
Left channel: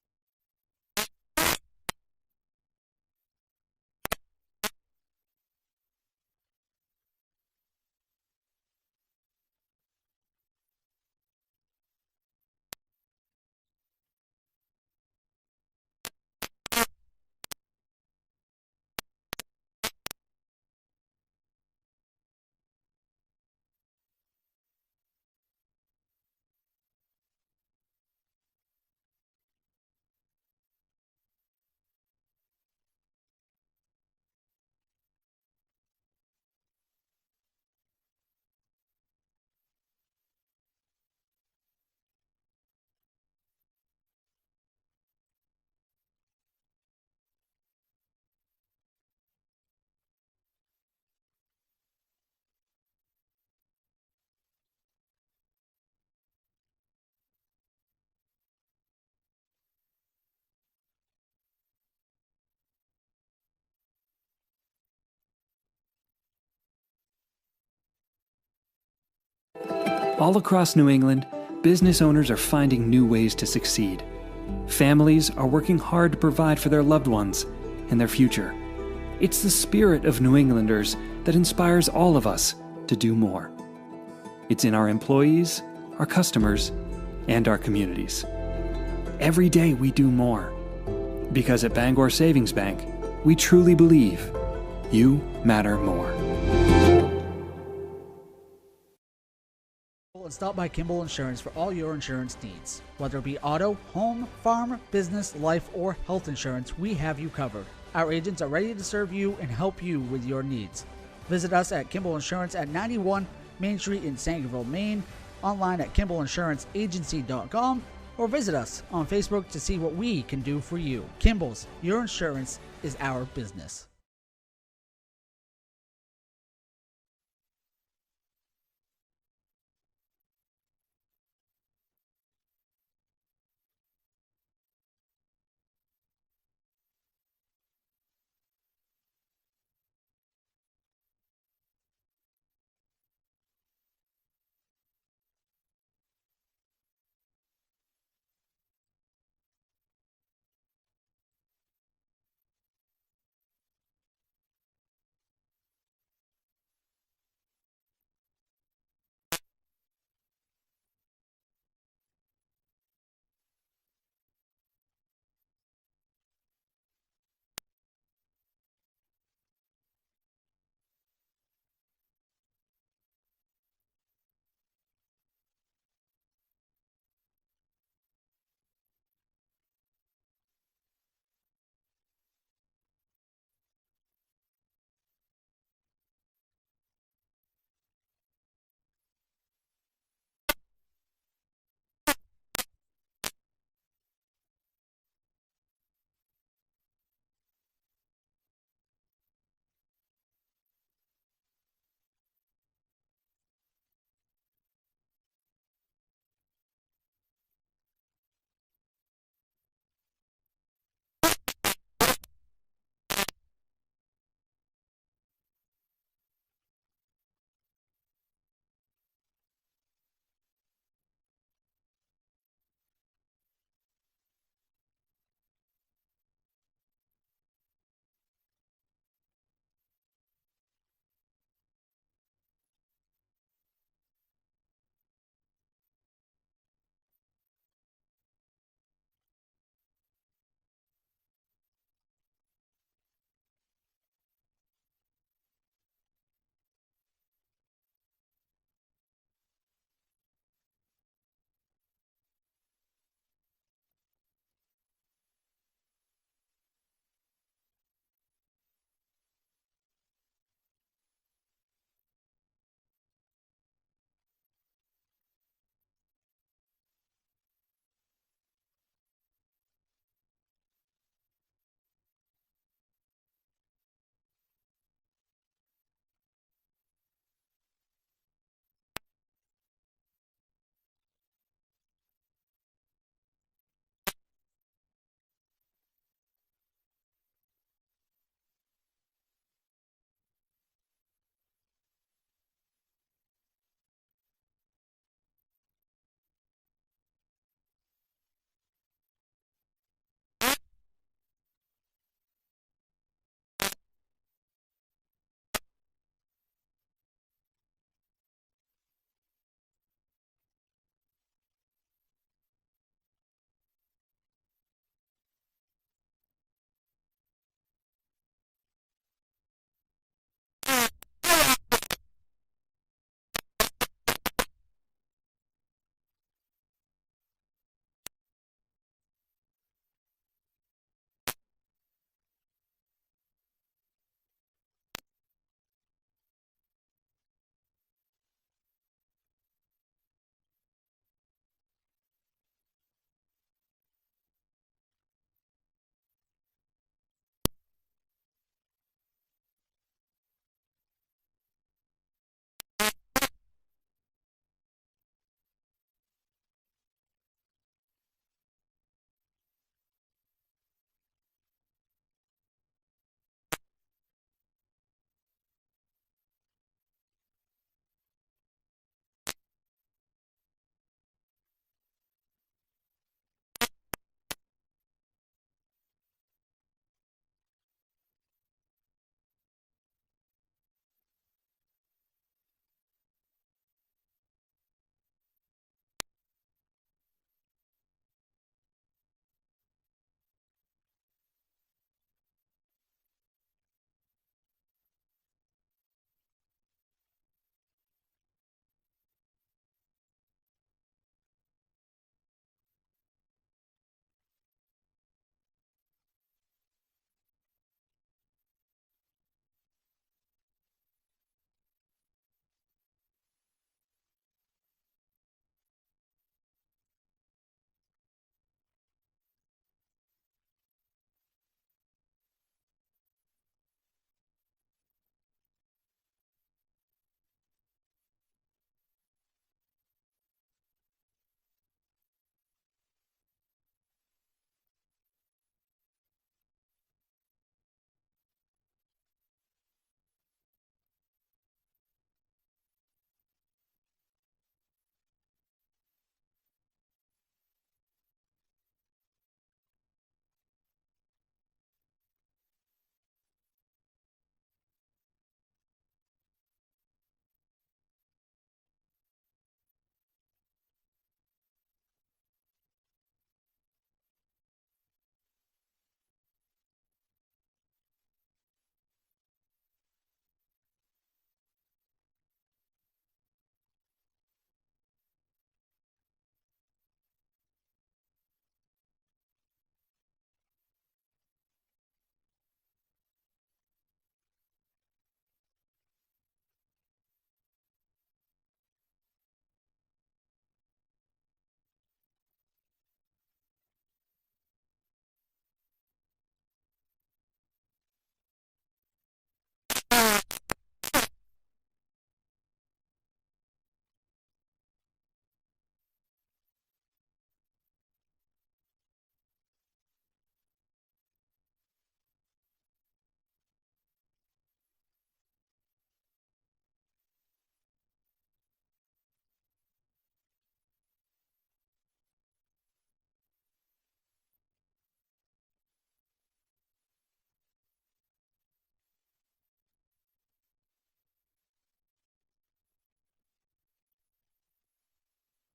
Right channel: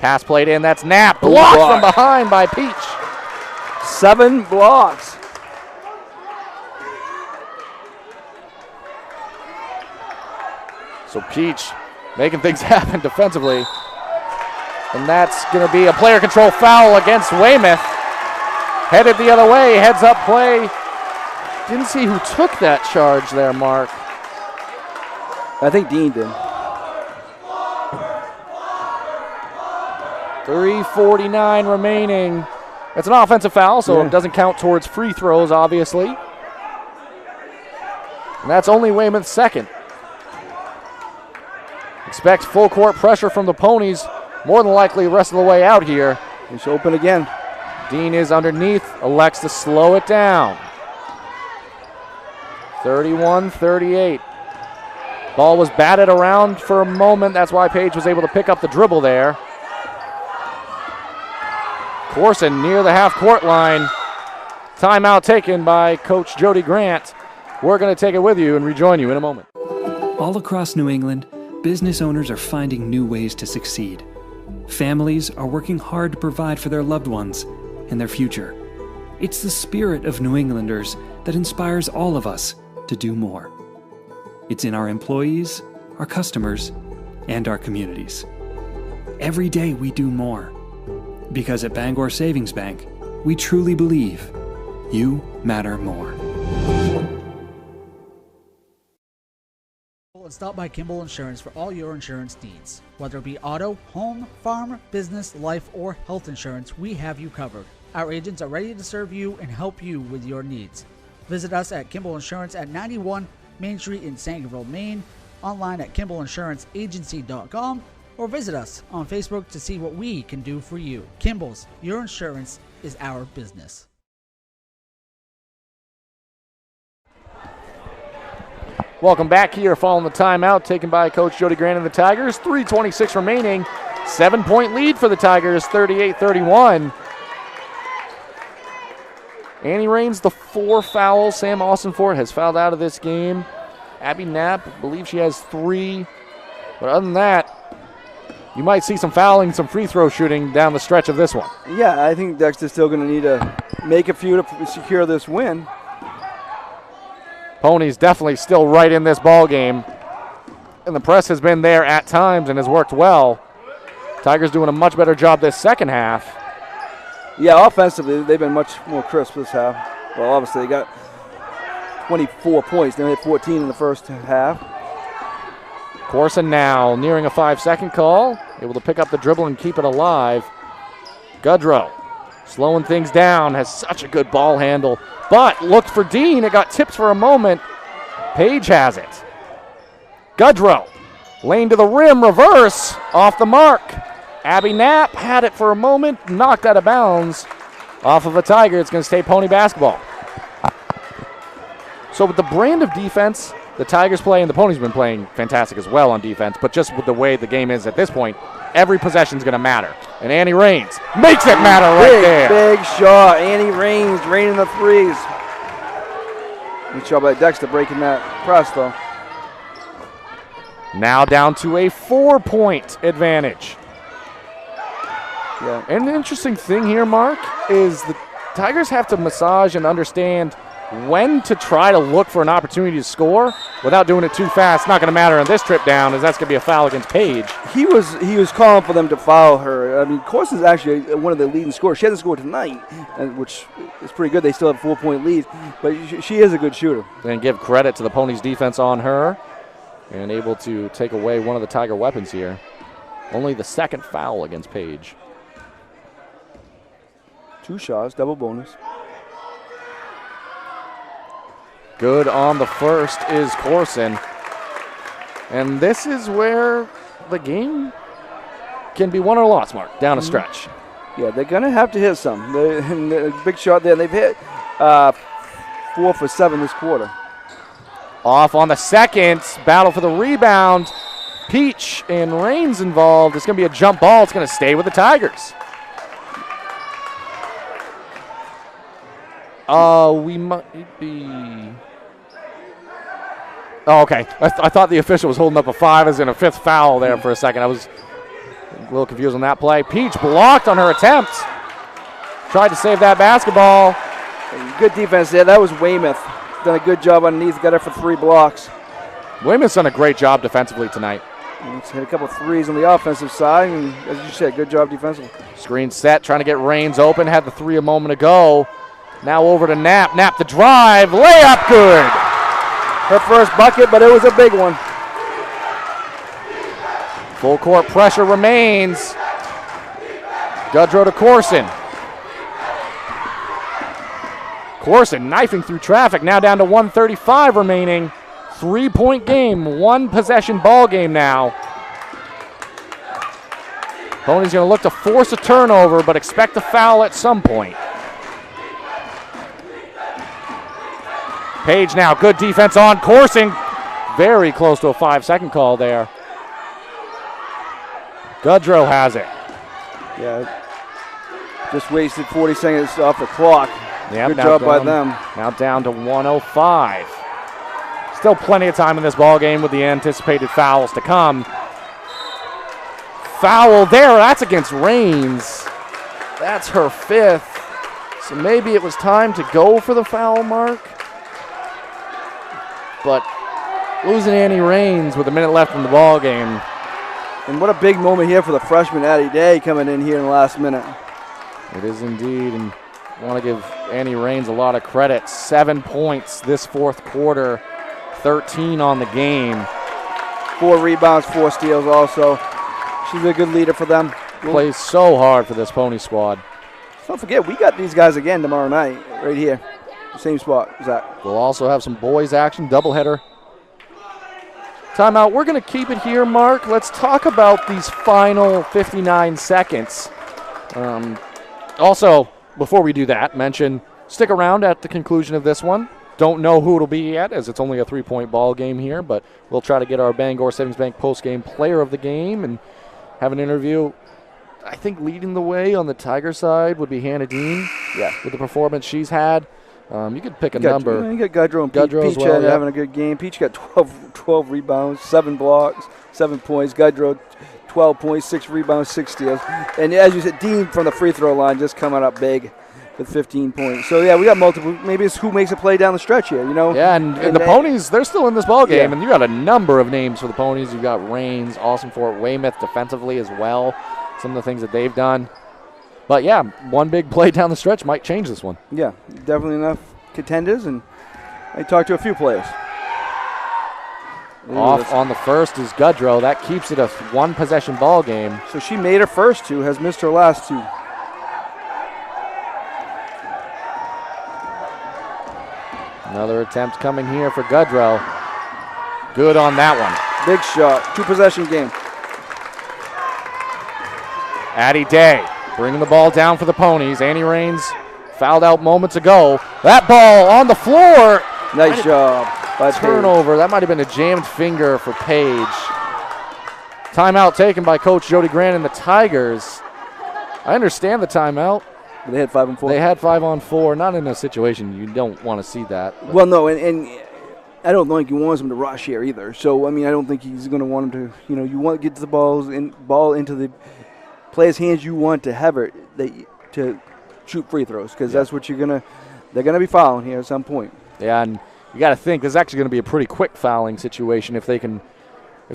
Pass played in, that's Knapp. Blocked from behind by Peach. 7 blocks. So Peach making things happen defensively. And that's going to be a player control foul against Weymouth. Headed the other way, heads up play. Didn't see who took that charge there, Mark. I think Dean did. 3:49 remaining. It's an offensive foul, so it doesn't count towards free throws, obviously. And that's only Weymouth's second. Expect full court pressure from the Ponies, more than likely the rest of the way out here. It's open again. Dean is underneath, elects to slow it down. 31-38. Ball was batted around for a moment. That's why Page was able to pick up the dribble there. Corson near the half-court line. Timeout taken by Coach Jody Grant. We're going to take it with you and rejoin you in a moment. All across New England, business owners are finding new ways to succeed. Families are working hard to provide for their loved ones and their future. It's the spirit of New Englanders that inspires all of us to do more. It's in our employees, our customers, and our communities. Every day we do more. Because at Bangor Savings Bank, we truly believe you matter more. And stop by Kimball Insurance for all your insurance needs. Whether it be auto, home, farm, business, life, or health insurance, we have you covered. Our agents are ready to serve you and help you with your needs. Visit us at Kimball Insurance at 91 Main Street in Sangerville, Maine, online at KimballInsuranceAgency.com, or visit us on Facebook to see what we can do for you. Kimball's, your insurance is our business. Welcome back here following the timeout taken by Coach Jody Grant and the Tigers. 3:26 remaining. 7-point lead for the Tigers, 38-31. Annie Raines, the 4 fouls. Sam Austinfort has fouled out of this game. Abby Knapp, I believe she has 3. But other than that, you might see some fouling, some free throw shooting down the stretch of this one. Yeah, I think Dexter's still going to need to make a few to secure this win. Ponies definitely still right in this ball game. And the press has been there at times and has worked well. Tigers doing a much better job this second half. Yeah, offensively, they've been much more crisp this half. Well, obviously, they got 24 points. They had 14 in the first half. Corson now nearing a 5-second call. Able to pick up the dribble and keep it alive. Goodrow slowing things down. Has such a good ball handle. But looked for Dean. It got tipped for a moment. Page has it. Goodrow. Lane to the rim. Reverse. Off the mark. Abby Knapp had it for a moment, knocked out of bounds. Off of a Tiger, it's going to stay Pony basketball. So with the brand of defense the Tigers play, and the Ponies have been playing fantastic as well on defense, but just with the way the game is at this point, every possession is going to matter. And Annie Raines makes it matter right there. Big shot. Annie Raines draining the threes. Good shot by Dexter breaking that press, though. Now down to a 4-point advantage. Yeah. And the interesting thing here, Mark, is the Tigers have to massage and understand when to try to look for an opportunity to score without doing it too fast. Not going to matter on this trip down, as that's going to be a foul against Page. He was calling for them to foul her. I mean, Corson's actually one of the leading scorers. She hasn't scored tonight, which is pretty good. They still have a 4-point lead, but she is a good shooter. And give credit to the Ponies' defense on her, and able to take away one of the Tiger weapons here. Only the second foul against Page. 2 shots, double bonus. Good on the first is Corson. And this is where the game can be won or lost, Mark, down a stretch. Yeah, they're going to have to hit some. The big shot there. They've hit 4 for 7 this quarter. Off on the second, battle for the rebound. Peach and Raines involved. It's going to be a jump ball. It's going to stay with the Tigers. We might be... Oh, okay. I thought the official was holding up a 5 as in a 5th foul there for a second. I was a little confused on that play. Peach blocked on her attempt. Tried to save that basketball. Good defense there. That was Weymouth. Done a good job underneath. Got her for 3 blocks. Weymouth's done a great job defensively tonight. Let's hit a couple threes on the offensive side, and as you said, good job defensively. Screen set, trying to get Raines open. Had the 3 a moment ago. Now over to Knapp. Knapp the drive. Layup good. Her first bucket, but it was a big one. Full court pressure remains. Goodrow to Corson. Corson knifing through traffic. Now down to 1:35 remaining. 3-point game. 1 possession ball game now. Pony's going to look to force a turnover, but expect a foul at some point. Page now, good defense on Corson. Very close to a 5-second call there. Goodrow has it. Yeah, just wasted 40 seconds off the clock. Yep, good job by them. Now down to 1:05. Still plenty of time in this ball game with the anticipated fouls to come. Foul there, that's against Raines. That's her 5th. So maybe it was time to go for the foul mark. But losing Annie Raines with a minute left in the ball game. And what a big moment here for the freshman Addie Day coming in here in the last minute. It is indeed, and I want to give Annie Raines a lot of credit. 7 points this 4th quarter, 13 on the game. 4 rebounds, 4 steals also. She's a good leader for them. Plays so hard for this Pony squad. Don't forget, we got these guys again tomorrow night, right here. Same spot, Zach. We'll also have some boys action, doubleheader. Timeout. We're going to keep it here, Mark. Let's talk about these final 59 seconds. Also, before we do that, stick around at the conclusion of this one. Don't know who it'll be yet, as it's only a 3-point ball game here, but we'll try to get our Bangor Savings Bank post-game player of the game and have an interview. I think leading the way on the Tiger side would be Hannah Dean. Yeah. With the performance she's had. You could pick a number. You got Gudrow and Peach well, having a good game. Peach got 12 rebounds, 7 blocks, 7 points. Gudrow, 12 points, 6 rebounds, 6 steals. And as you said, Dean from the free throw line just coming up big with 15 points. So, yeah, we got multiple. Maybe it's who makes a play down the stretch here, you know? Yeah, and the Ponies, they're still in this ball game, Yeah. and you got a number of names for the Ponies. You've got Rains, Austin Fort Weymouth defensively as well, some of the things that they've done. But, yeah, one big play down the stretch might change this one. Yeah, definitely enough contenders, and I talked to a few players. Off on the first is Gudrow. That keeps it a one-possession ball game. So she made her first 2, has missed her last 2. Another attempt coming here for Gudrow. Good on that one. Big shot, 2-possession game. Addie Day bringing the ball down for the Ponies. Annie Rains fouled out moments ago. That ball on the floor. Nice job by turnover. That might have been a jammed finger for Paige. Timeout taken by Coach Jody Grant and the Tigers. I understand the timeout. They had 5 on 4. They had 5 on 4. Not in a situation you don't want to see that. Well, no, and I don't think he wants him to rush here either. So, I mean, I don't think he's going to want him to, you want to get the ball into the player's hands. You want to have it to shoot free throws because that's what they're going to be fouling here at some point. Yeah, and you got to think this is actually going to be a pretty quick fouling situation if the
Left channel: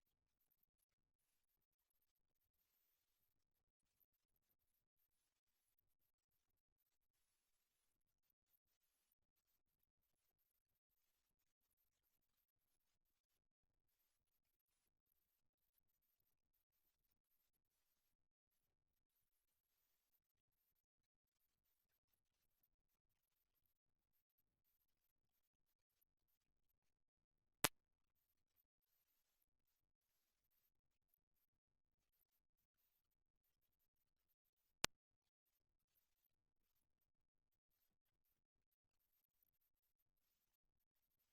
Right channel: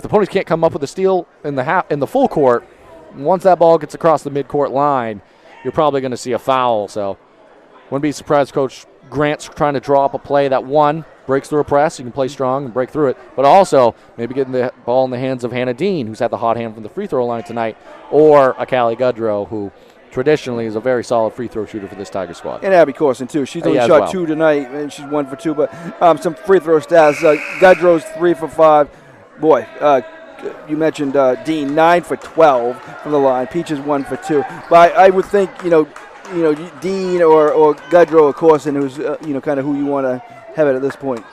Ponies can't come up with a steal in the full court. Once that ball gets across the midcourt line, you're probably going to see a foul. So, wouldn't be surprised Coach Grant's trying to draw up a play that breaks through a press. You can play strong and break through it, but also maybe getting the ball in the hands of Hannah Dean, who's had the hot hand from the free throw line tonight, or a Callie Gudrow, who traditionally is a very solid free throw shooter for this Tiger squad. And Abby Corson, too. She's only shot 2 tonight, and she's 1 for 2. But some free throw stats. Gudrow's 3 for 5. Boy, you mentioned Dean, 9 for 12 from the line. Peach is 1 for 2. But I would think, Dean or Gudrow or Corson, who's, kind of who you want to have it at this point.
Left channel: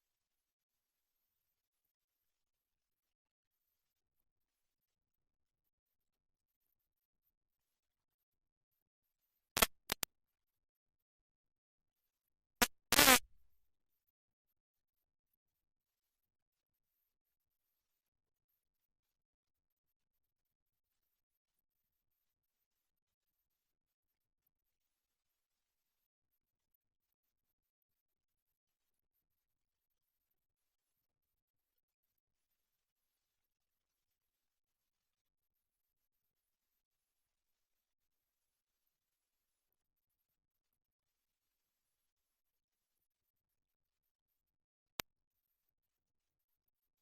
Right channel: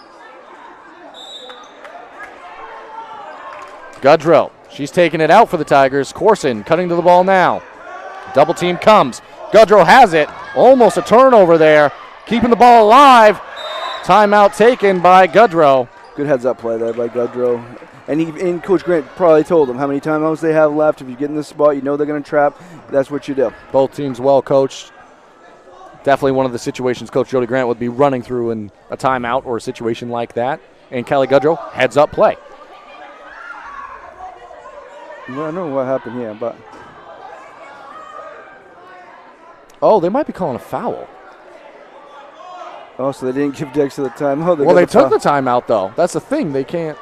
Gudrow, she's taking it out for the Tigers. Corson cutting to the ball now. Double team comes. Gudrow has it. Almost a turnover there. Keeping the ball alive. Timeout taken by Gudrow. Good heads-up play there by Gudrow. And Coach Grant probably told them how many timeouts they have left. If you get in this spot, they're going to trap. That's what you do. Both teams well coached. Definitely one of the situations Coach Jody Grant would be running through in a timeout or a situation like that. And Kelly Gudrow, heads-up play. I don't know what happened here, but... Oh, they might be calling a foul. Oh, so they didn't give Dexter the time. Oh, they took the timeout, though. That's the thing. They can't.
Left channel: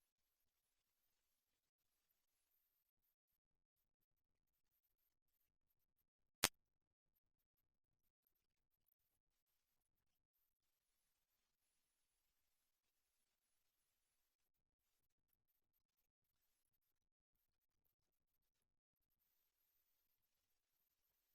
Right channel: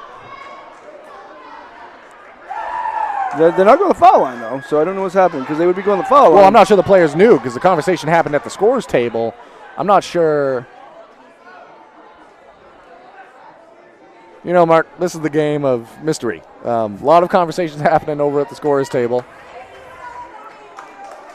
They're not going to the foul line, though, so I don't know what's happening because they would be going to the foul line. Well, I'm not sure the players knew because the conversation happened at the scorers table. I'm not sure. Mark, this is the game of mystery. A lot of conversations happening over at the scorers table.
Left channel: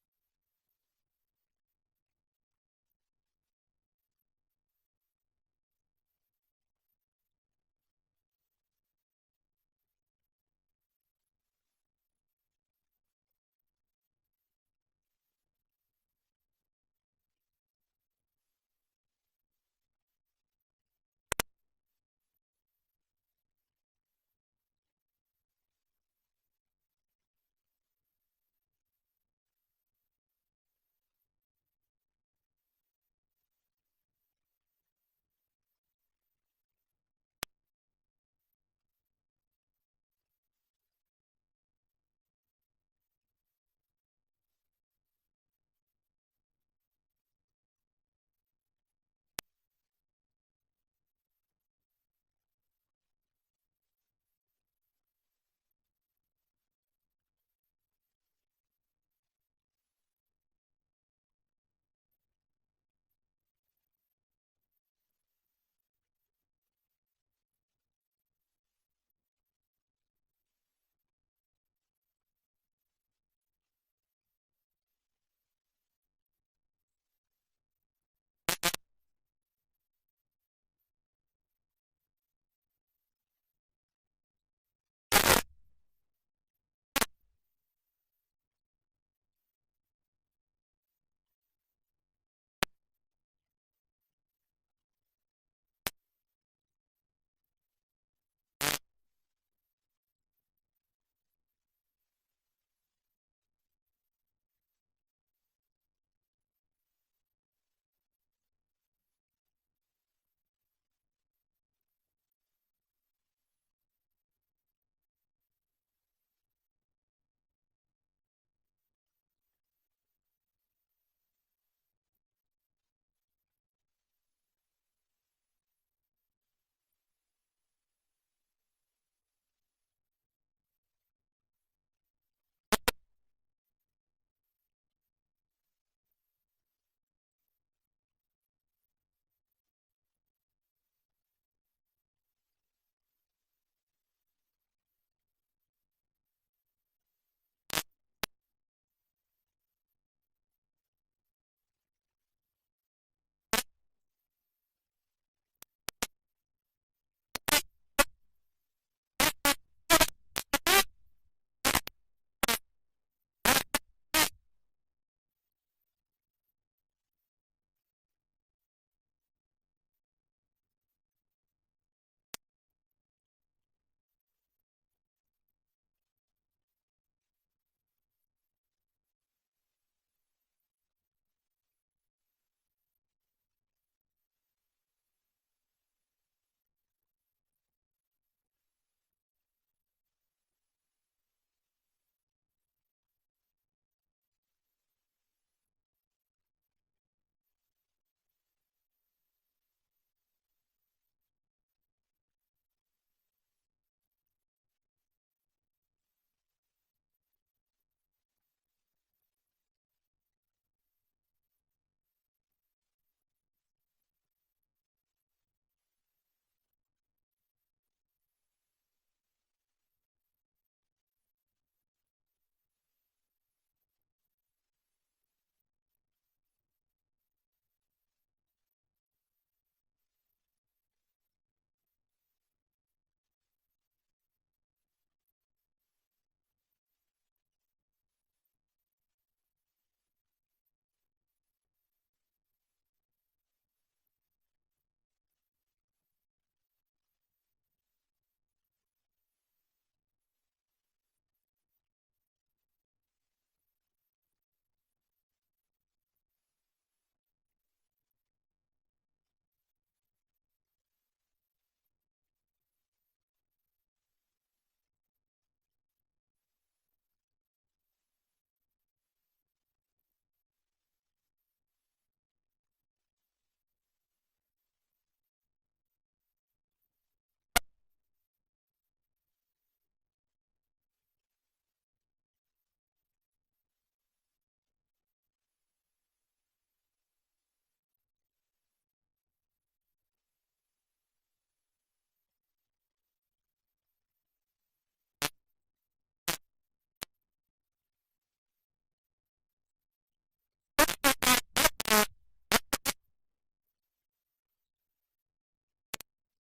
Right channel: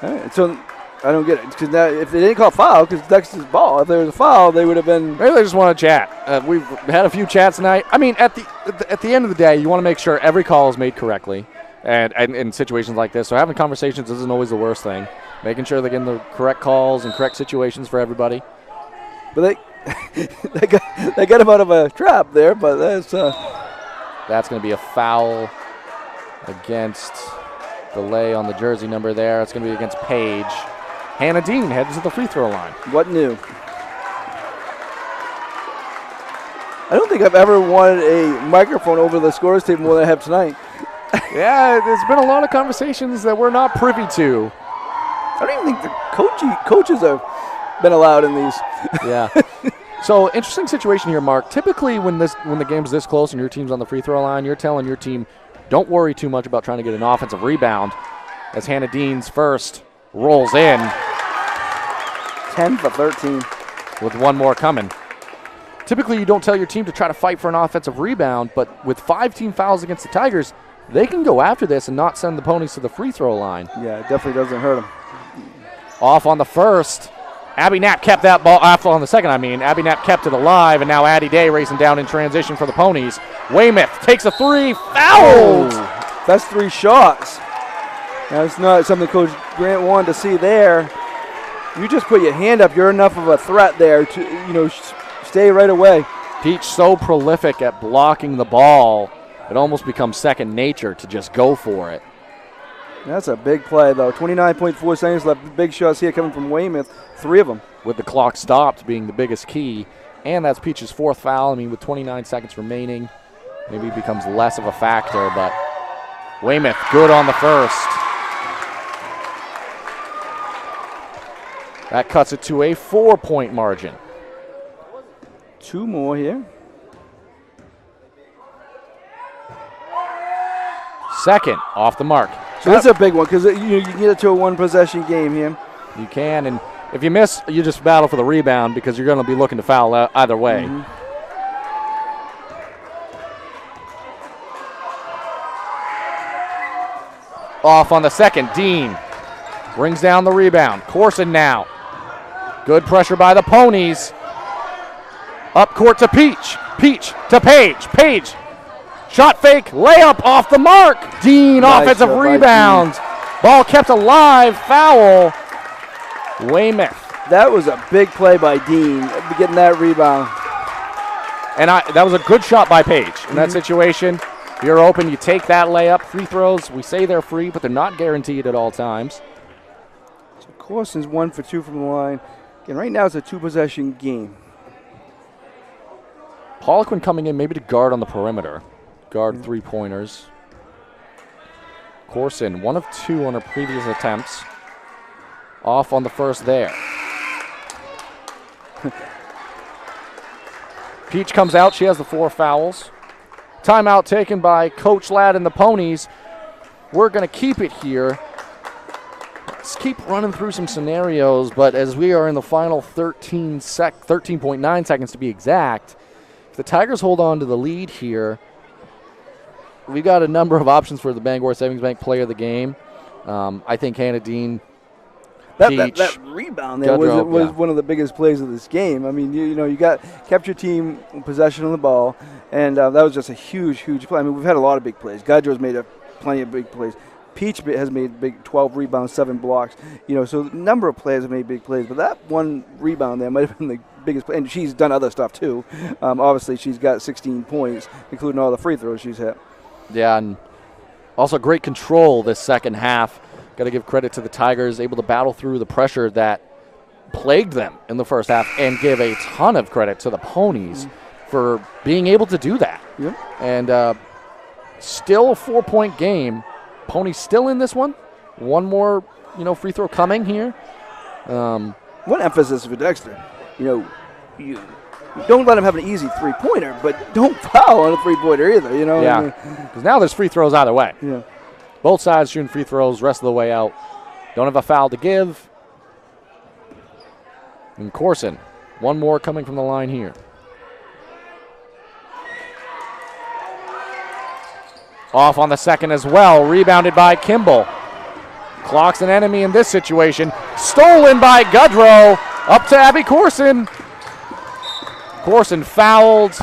All right, so I don't get it because if they didn't call foul because Dexter's ball, if there was a foul, they would have been. Maybe they just want to chat. We've had a few chats tonight. I mean, at the end of the day, you want to make sure every call is made correctly. And in situations like this, so having conversations isn't always the worst thing. Making sure they're getting the correct calls and correct situations for everybody. But they got him out of a trap there, but that's going to be a foul against delay on the jersey number there. It's going to be against Paige. Hannah Dean heads to the free throw line. What new? I don't think I've ever wanted a microphone over the scorers table more than I have tonight. Yeah, there's been a lot of conversations that we're not privy to. I don't even think the coaches have been allowed in these. Yeah. So, interesting situation here, Mark. Typically, when the game's this close and your team's on the free throw line, you're telling your team, don't worry too much about trying to get an offensive rebound. As Hannah Dean's first rolls in. 10 for 13. With one more coming. Typically, you don't tell your team to try to fight for an offensive rebound, but with 5 team fouls against the Tigers, they can go after this and not send the Ponies to the free throw line. Yeah, it definitely doesn't hurt them. Off on the first. Abby Knapp kept that ball, on the second, Abby Knapp kept it alive, and now Addie Day racing down in transition for the Ponies. Weymouth takes a three, fouled! Oh, that's 3 shots. That's not something Coach Grant wanted to see there. You just put your hand up, you're enough of a threat there to, stay right away. Peach so prolific at blocking the ball, it almost becomes second nature to just go for it. That's a big play, though. 29.4 seconds left. Big shots here coming from Weymouth, 3 of them. With the clock stopped being the biggest key, and that's Peach's 4th foul. With 29 seconds remaining, maybe it becomes less of a factor, but Weymouth good on the first. That cuts it to a 4-point margin. 2 more here. Second, off the mark. So that's a big one because you can get it to a 1-possession game here. You can, and if you miss, you just battle for the rebound because you're going to be looking to foul either way. Mm-hmm. Off on the second, Dean brings down the rebound. Corson now. Good pressure by the Ponies. Up court to Peach. Peach to Page. Page. Shot fake. Layup off the mark. Dean Nice offensive shot by rebound. Ball kept alive. Foul. Weymouth. That was a big play by Dean, getting that rebound. And that was a good shot by Page in that situation. If you're open, you take that layup. Free throws, we say they're free, but they're not guaranteed at all times. So Corson's 1 for 2 from the line. And right now it's a 2-possession game. Poliquin coming in maybe to guard on the perimeter. Guard 3-pointers. Corson, 1 of 2 on her previous attempts. Off on the first there. Peach comes out. She has the 4 fouls. Timeout taken by Coach Ladd and the Ponies. We're going to keep it here. Let's keep running through some scenarios, but as we are in the final 13.9 seconds to be exact, if the Tigers hold on to the lead here, we got a number of options for the Bangor Savings Bank player of the game. I think Hannah Dean, That rebound there was one of the biggest plays of this game. You kept your team in possession of the ball, and that was just a huge play. We've had a lot of big plays. Gaudreau's made plenty of big plays. Peach has made big 12 rebounds, 7 blocks. So a number of players have made big plays, but that one rebound there might have been the biggest play. And she's done other stuff too. Obviously, she's got 16 points, including all the free throws she's hit. Yeah, and also great control this second half. Got to give credit to the Tigers, able to battle through the pressure that plagued them in the first half, and give a ton of credit to the Ponies for being able to do that. Yep. And still a 4-point game. Ponies still in this one. One more, free throw coming here. One emphasis for Dexter. You don't let him have an easy 3-pointer, but don't foul on a 3-pointer either. Yeah. Because now there's free throws either way. Yeah. Both sides shooting free throws rest of the way out. Don't have a foul to give. And Corson, one more coming from the line here. Off on the second as well. Rebounded by Kimball. Clock's an enemy in this situation. Stolen by Gaudreau. Up to Abby Corson. Corson fouled.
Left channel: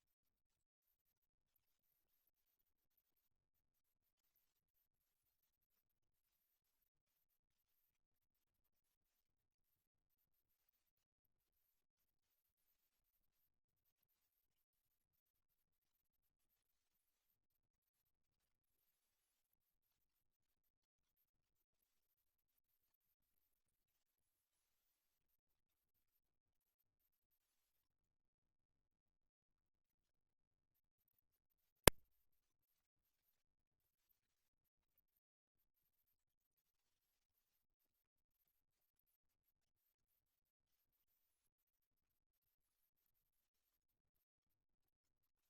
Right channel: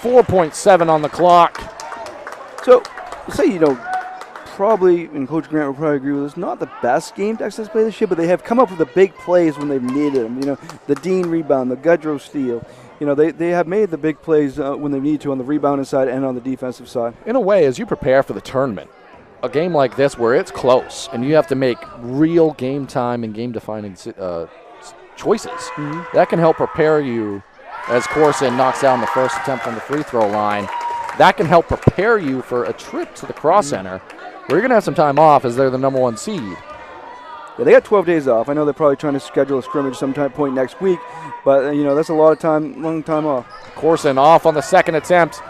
4.7 on the clock. So, say, probably, and Coach Grant will probably agree with this, not the best game Dexter's played this year, but they have come up with the big plays when they've needed them. The Dean rebound, the Gaudreau steal. They have made the big plays when they need to on the rebounding side and on the defensive side. In a way, as you prepare for the tournament, a game like this where it's close and you have to make real game time and game-defining choices, that can help prepare you as Corson knocks down the first attempt on the free throw line. That can help prepare you for a trip to the Cross Center, where you're going to have some time off as they're the number 1 seed. Yeah, they got 12 days off. I know they're probably trying to schedule a scrimmage point next week, but that's a long time off. Corson off on the second attempt.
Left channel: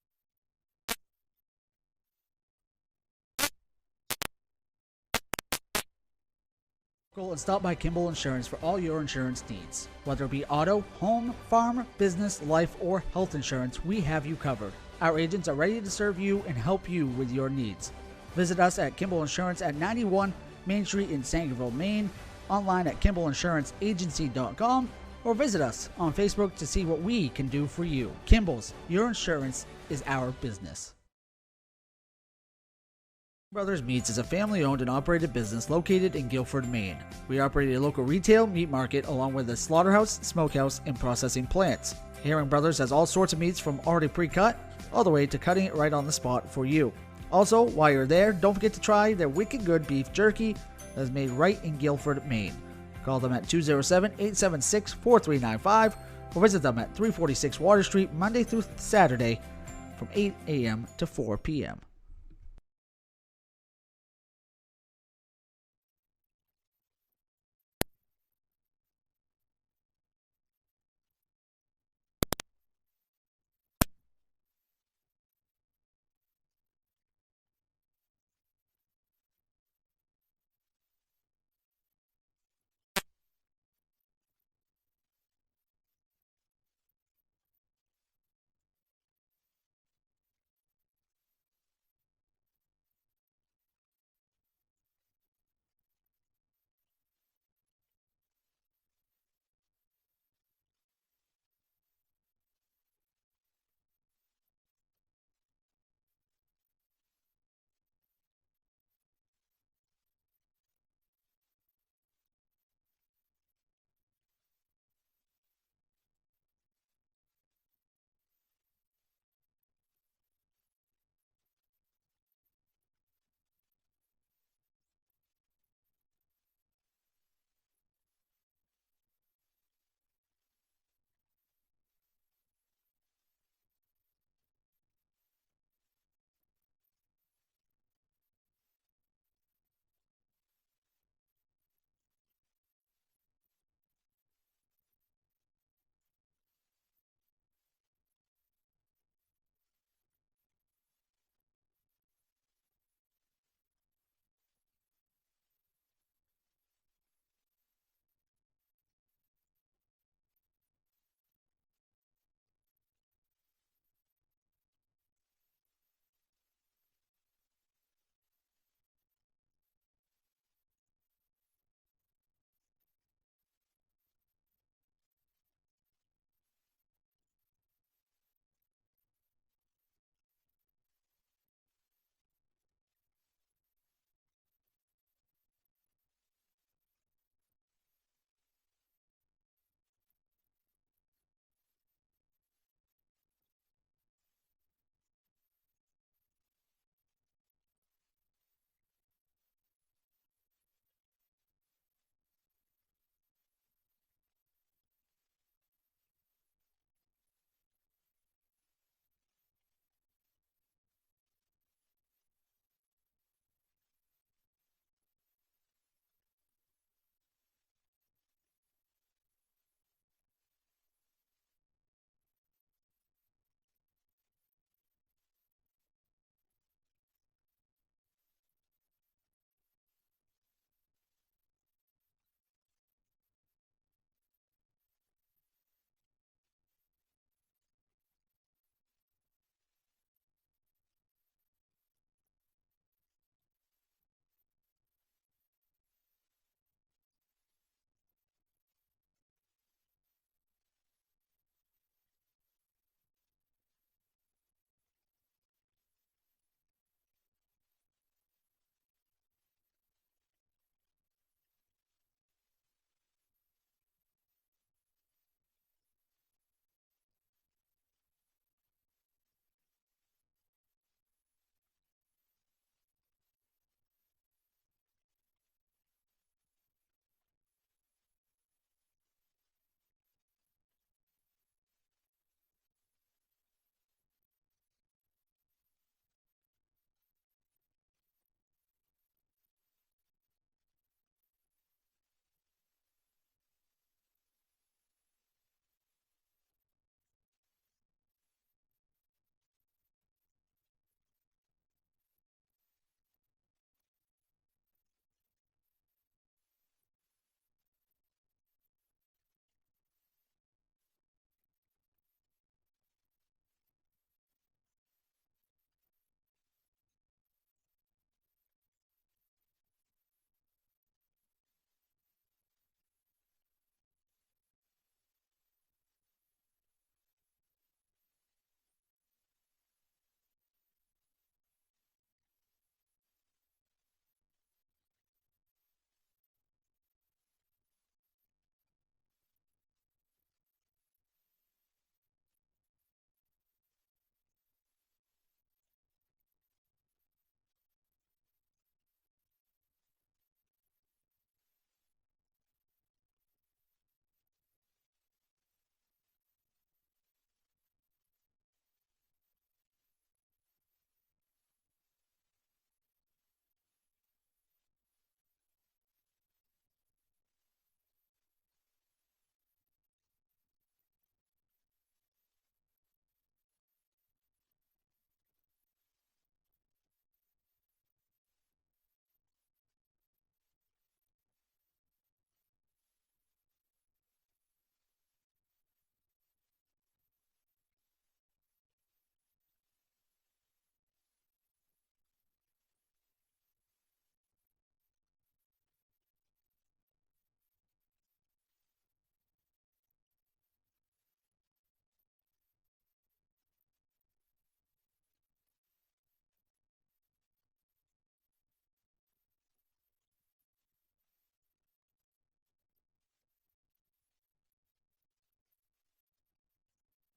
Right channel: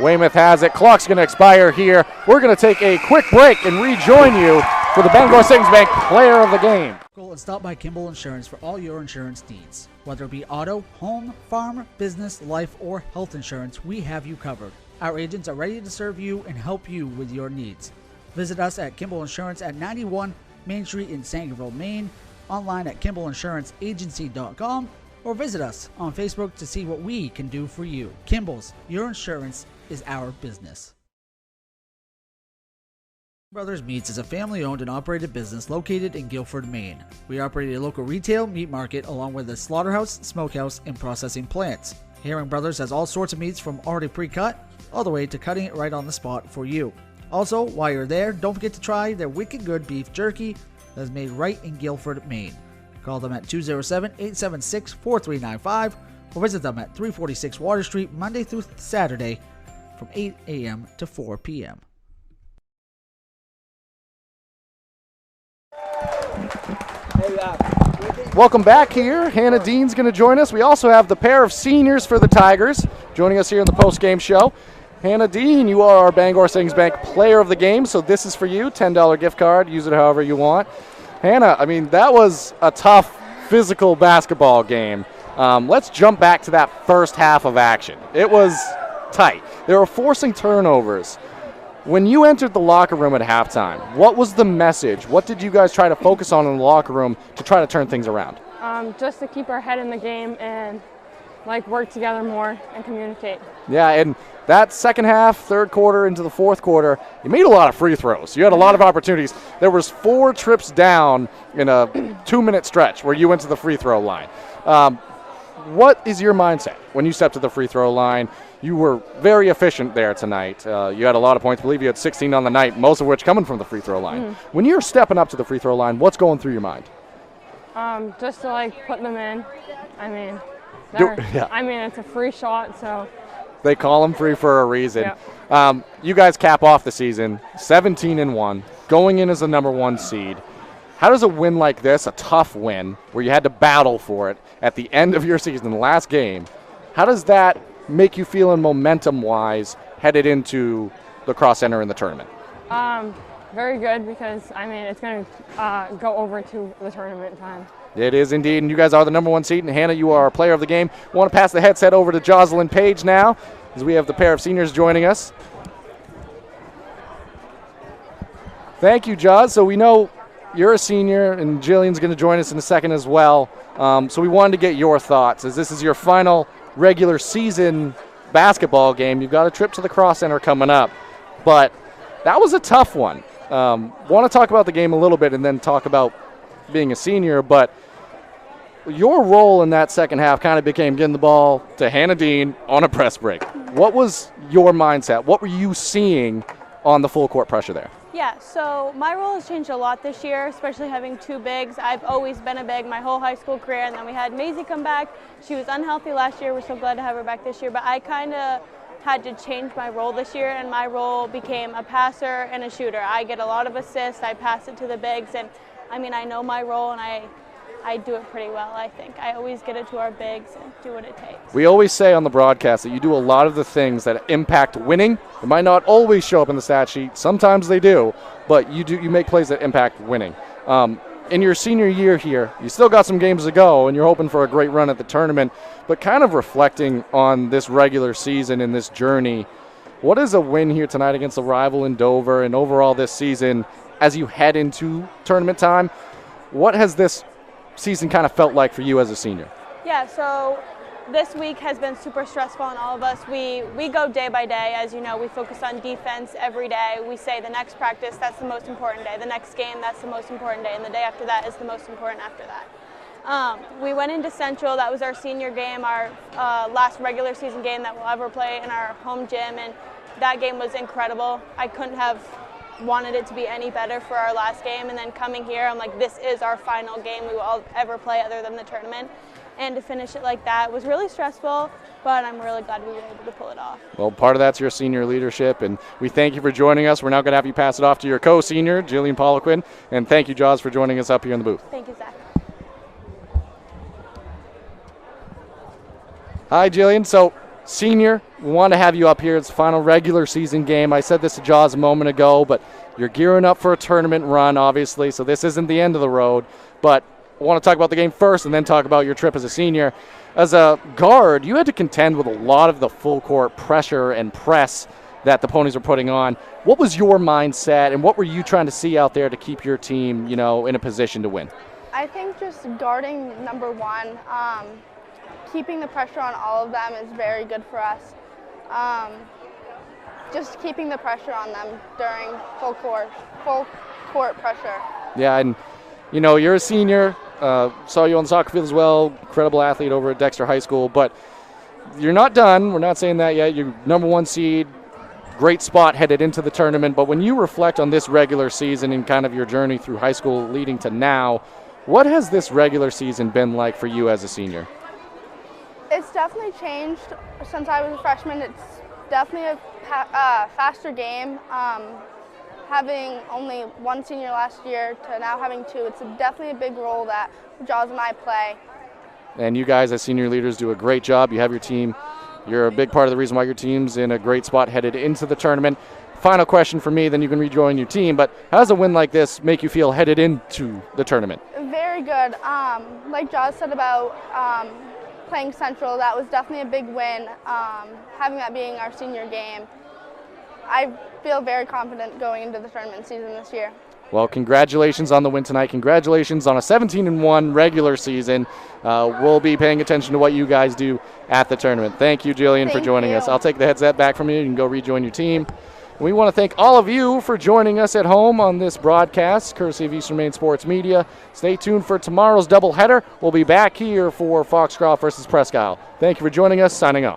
Weymouth has it. Clock's going to expire here. We're going to take a quick break and rejoin you for the Bangor Savings Bank Player of the Game. Go and stop by Kimball Insurance for all your insurance needs. Whether it be auto, home, farm, business, life, or health insurance, we have you covered. Our agents are ready to serve you and help you with your needs. Visit us at Kimball Insurance at 91 Main Street in Sangerville, Maine, online at KimballInsuranceAgency.com, or visit us on Facebook to see what we can do for you. Kimball's, your insurance is our business. Brothers Meats is a family-owned and operated business located in Guilford, Maine. We operate a local retail meat market along with a slaughterhouse, smokehouse, and processing plants. Herring Brothers has all sorts of meats from already pre-cut all the way to cutting it right on the spot for you. Also, while you're there, don't forget to try their wicked good beef jerky that is made right in Guilford, Maine. Call them at 207-876-4395 or visit them at 346 Water Street Monday through Saturday from 8 a.m. to 4 p.m. Welcome back here. Hannah Dean's going to join us. We also have the pair of seniors for the Tigers joining us here in the post-game show. Hannah Dean, you are our Bangor Savings Bank Player of the Game, so this is for you. $10 gift card. Use it however you want. Hannah, I mean, that was a tough physical basketball game. Let's jump back to that first half of action. It was tight. They were forcing turnovers. When you entered the locker room at halftime, what was the message? What did you guys try to focus on in the locker room to try to turn things around? Just to keep our head in the game and work together more and communicate. Yeah, and that second half, third quarter into the fourth quarter, you made a lot of free throws. You had a lot of opportunities. There was 4 trips down in a 2-minute stretch where you went to the free throw line. What is your mindset when you step to the free throw line? You were very efficient there tonight. You had a lot of points. I believe you had 16 on the night, most of which coming from the free throw line. When you're stepping up to the free throw line, what's going through your mind? Just to put them in. I mean, it's a free shot, so. They call them free for a reason. Yeah. You guys cap off the season 17-1, going in as the number 1 seed. How does a win like this, a tough win, where you had to battle for it at the end of your season, the last game, how does that make you feeling momentum-wise headed into the cross center in the tournament? Very good because, it's going to go over to the tournament time. It is indeed, and you guys are the number 1 seed, and Hannah, you are our player of the game. I want to pass the headset over to Jocelyn Page now as we have the pair of seniors joining us. Thank you, Joz. So we know you're a senior, and Jillian's going to join us in a second as well. So we wanted to get your thoughts as this is your final regular season basketball game. You've got a trip to the Cross Center coming up, but that was a tough one. Want to talk about the game a little bit and then talk about being a senior, but your role in that second half kind of became getting the ball to Hannah Dean on a press break. What was your mindset? What were you seeing on the full court pressure there? Yeah, so my role has changed a lot this year, especially having 2 bigs. I've always been a big my whole high school career, and then we had Maisie come back. She was unhealthy last year. We're so glad to have her back this year, but I kind of had to change my role this year, and my role became a passer and a shooter. I get a lot of assists. I pass it to the bigs, and I know my role, and I do it pretty well, I think. I always get it to our bigs and do what it takes. We always say on the broadcast that you do a lot of the things that impact winning. It might not always show up in the stat sheet. Sometimes they do, but you make plays that impact winning. In your senior year here, you still got some games to go, and you're hoping for a great run at the tournament, but kind of reflecting on this regular season and this journey, what is a win here tonight against a rival in Dover and overall this season as you head into tournament time? What has this season kind of felt like for you as a senior? Yeah, so this week has been super stressful on all of us. We go day by day. As you know, we focus on defense every day. We say the next practice, that's the most important day. The next game, that's the most important day. And the day after that is the most important after that. We went into Central. That was our senior game, our last regular season game that we'll ever play in our home gym. And that game was incredible. I couldn't have wanted it to be any better for our last game, and then coming here, I'm like, this is our final game we will ever play other than the tournament, and to finish it like that was really stressful, but I'm really glad we were able to pull it off. Well, part of that's your senior leadership, and we thank you for joining us. We're now going to have you pass it off to your co-senior, Jillian Poliquin, and thank you, Jaws, for joining us up here in the booth. Thank you, Zach. Hi, Jillian. So, senior, we want to have you up here. It's the final regular season game. I said this to Jaws a moment ago, but You're gearing up for a tournament run, obviously, so this isn't the end of the road. But I want to talk about the game first and then talk about your trip as a senior. As a guard, you had to contend with a lot of the full court pressure and press that the Ponies were putting on. What was your mindset, and what were you trying to see out there to keep your team, in a position to win? I think just guarding number one, keeping the pressure on all of them is very good for us. Just keeping the pressure on them during full court pressure. Yeah, and you're a senior. Saw you on the soccer field as well. Incredible athlete over at Dexter High School, but you're not done. We're not saying that yet. You're number one seed. Great spot headed into the tournament. But when you reflect on this regular season and kind of your journey through high school leading to now, what has this regular season been like for you as a senior? It's definitely changed since I was a freshman. It's definitely a faster game. Having only one senior last year to now having two, it's definitely a big role that Jaws and I play. And you guys as senior leaders do a great job. You have your team. You're a big part of the reason why your team's in a great spot headed into the tournament. Final question for me, then you can rejoin your team. But how does a win like this make you feel headed into the tournament? Very good. Like Jaws said about playing Central, that was definitely a big win. Having that being our senior game, I feel very confident going into the tournament season this year. Well, congratulations on the win tonight. Congratulations on a 17-1 regular season. We'll be paying attention to what you guys do at the tournament. Thank you, Jillian, for joining us. I'll take the headset back from you. You can go rejoin your team. We want to thank all of you for joining us at home on this broadcast, courtesy of Eastern Maine Sports Media. Stay tuned for tomorrow's doubleheader. We'll be back here for Foxcroft versus Presque Isle. Thank you for joining us. Signing off.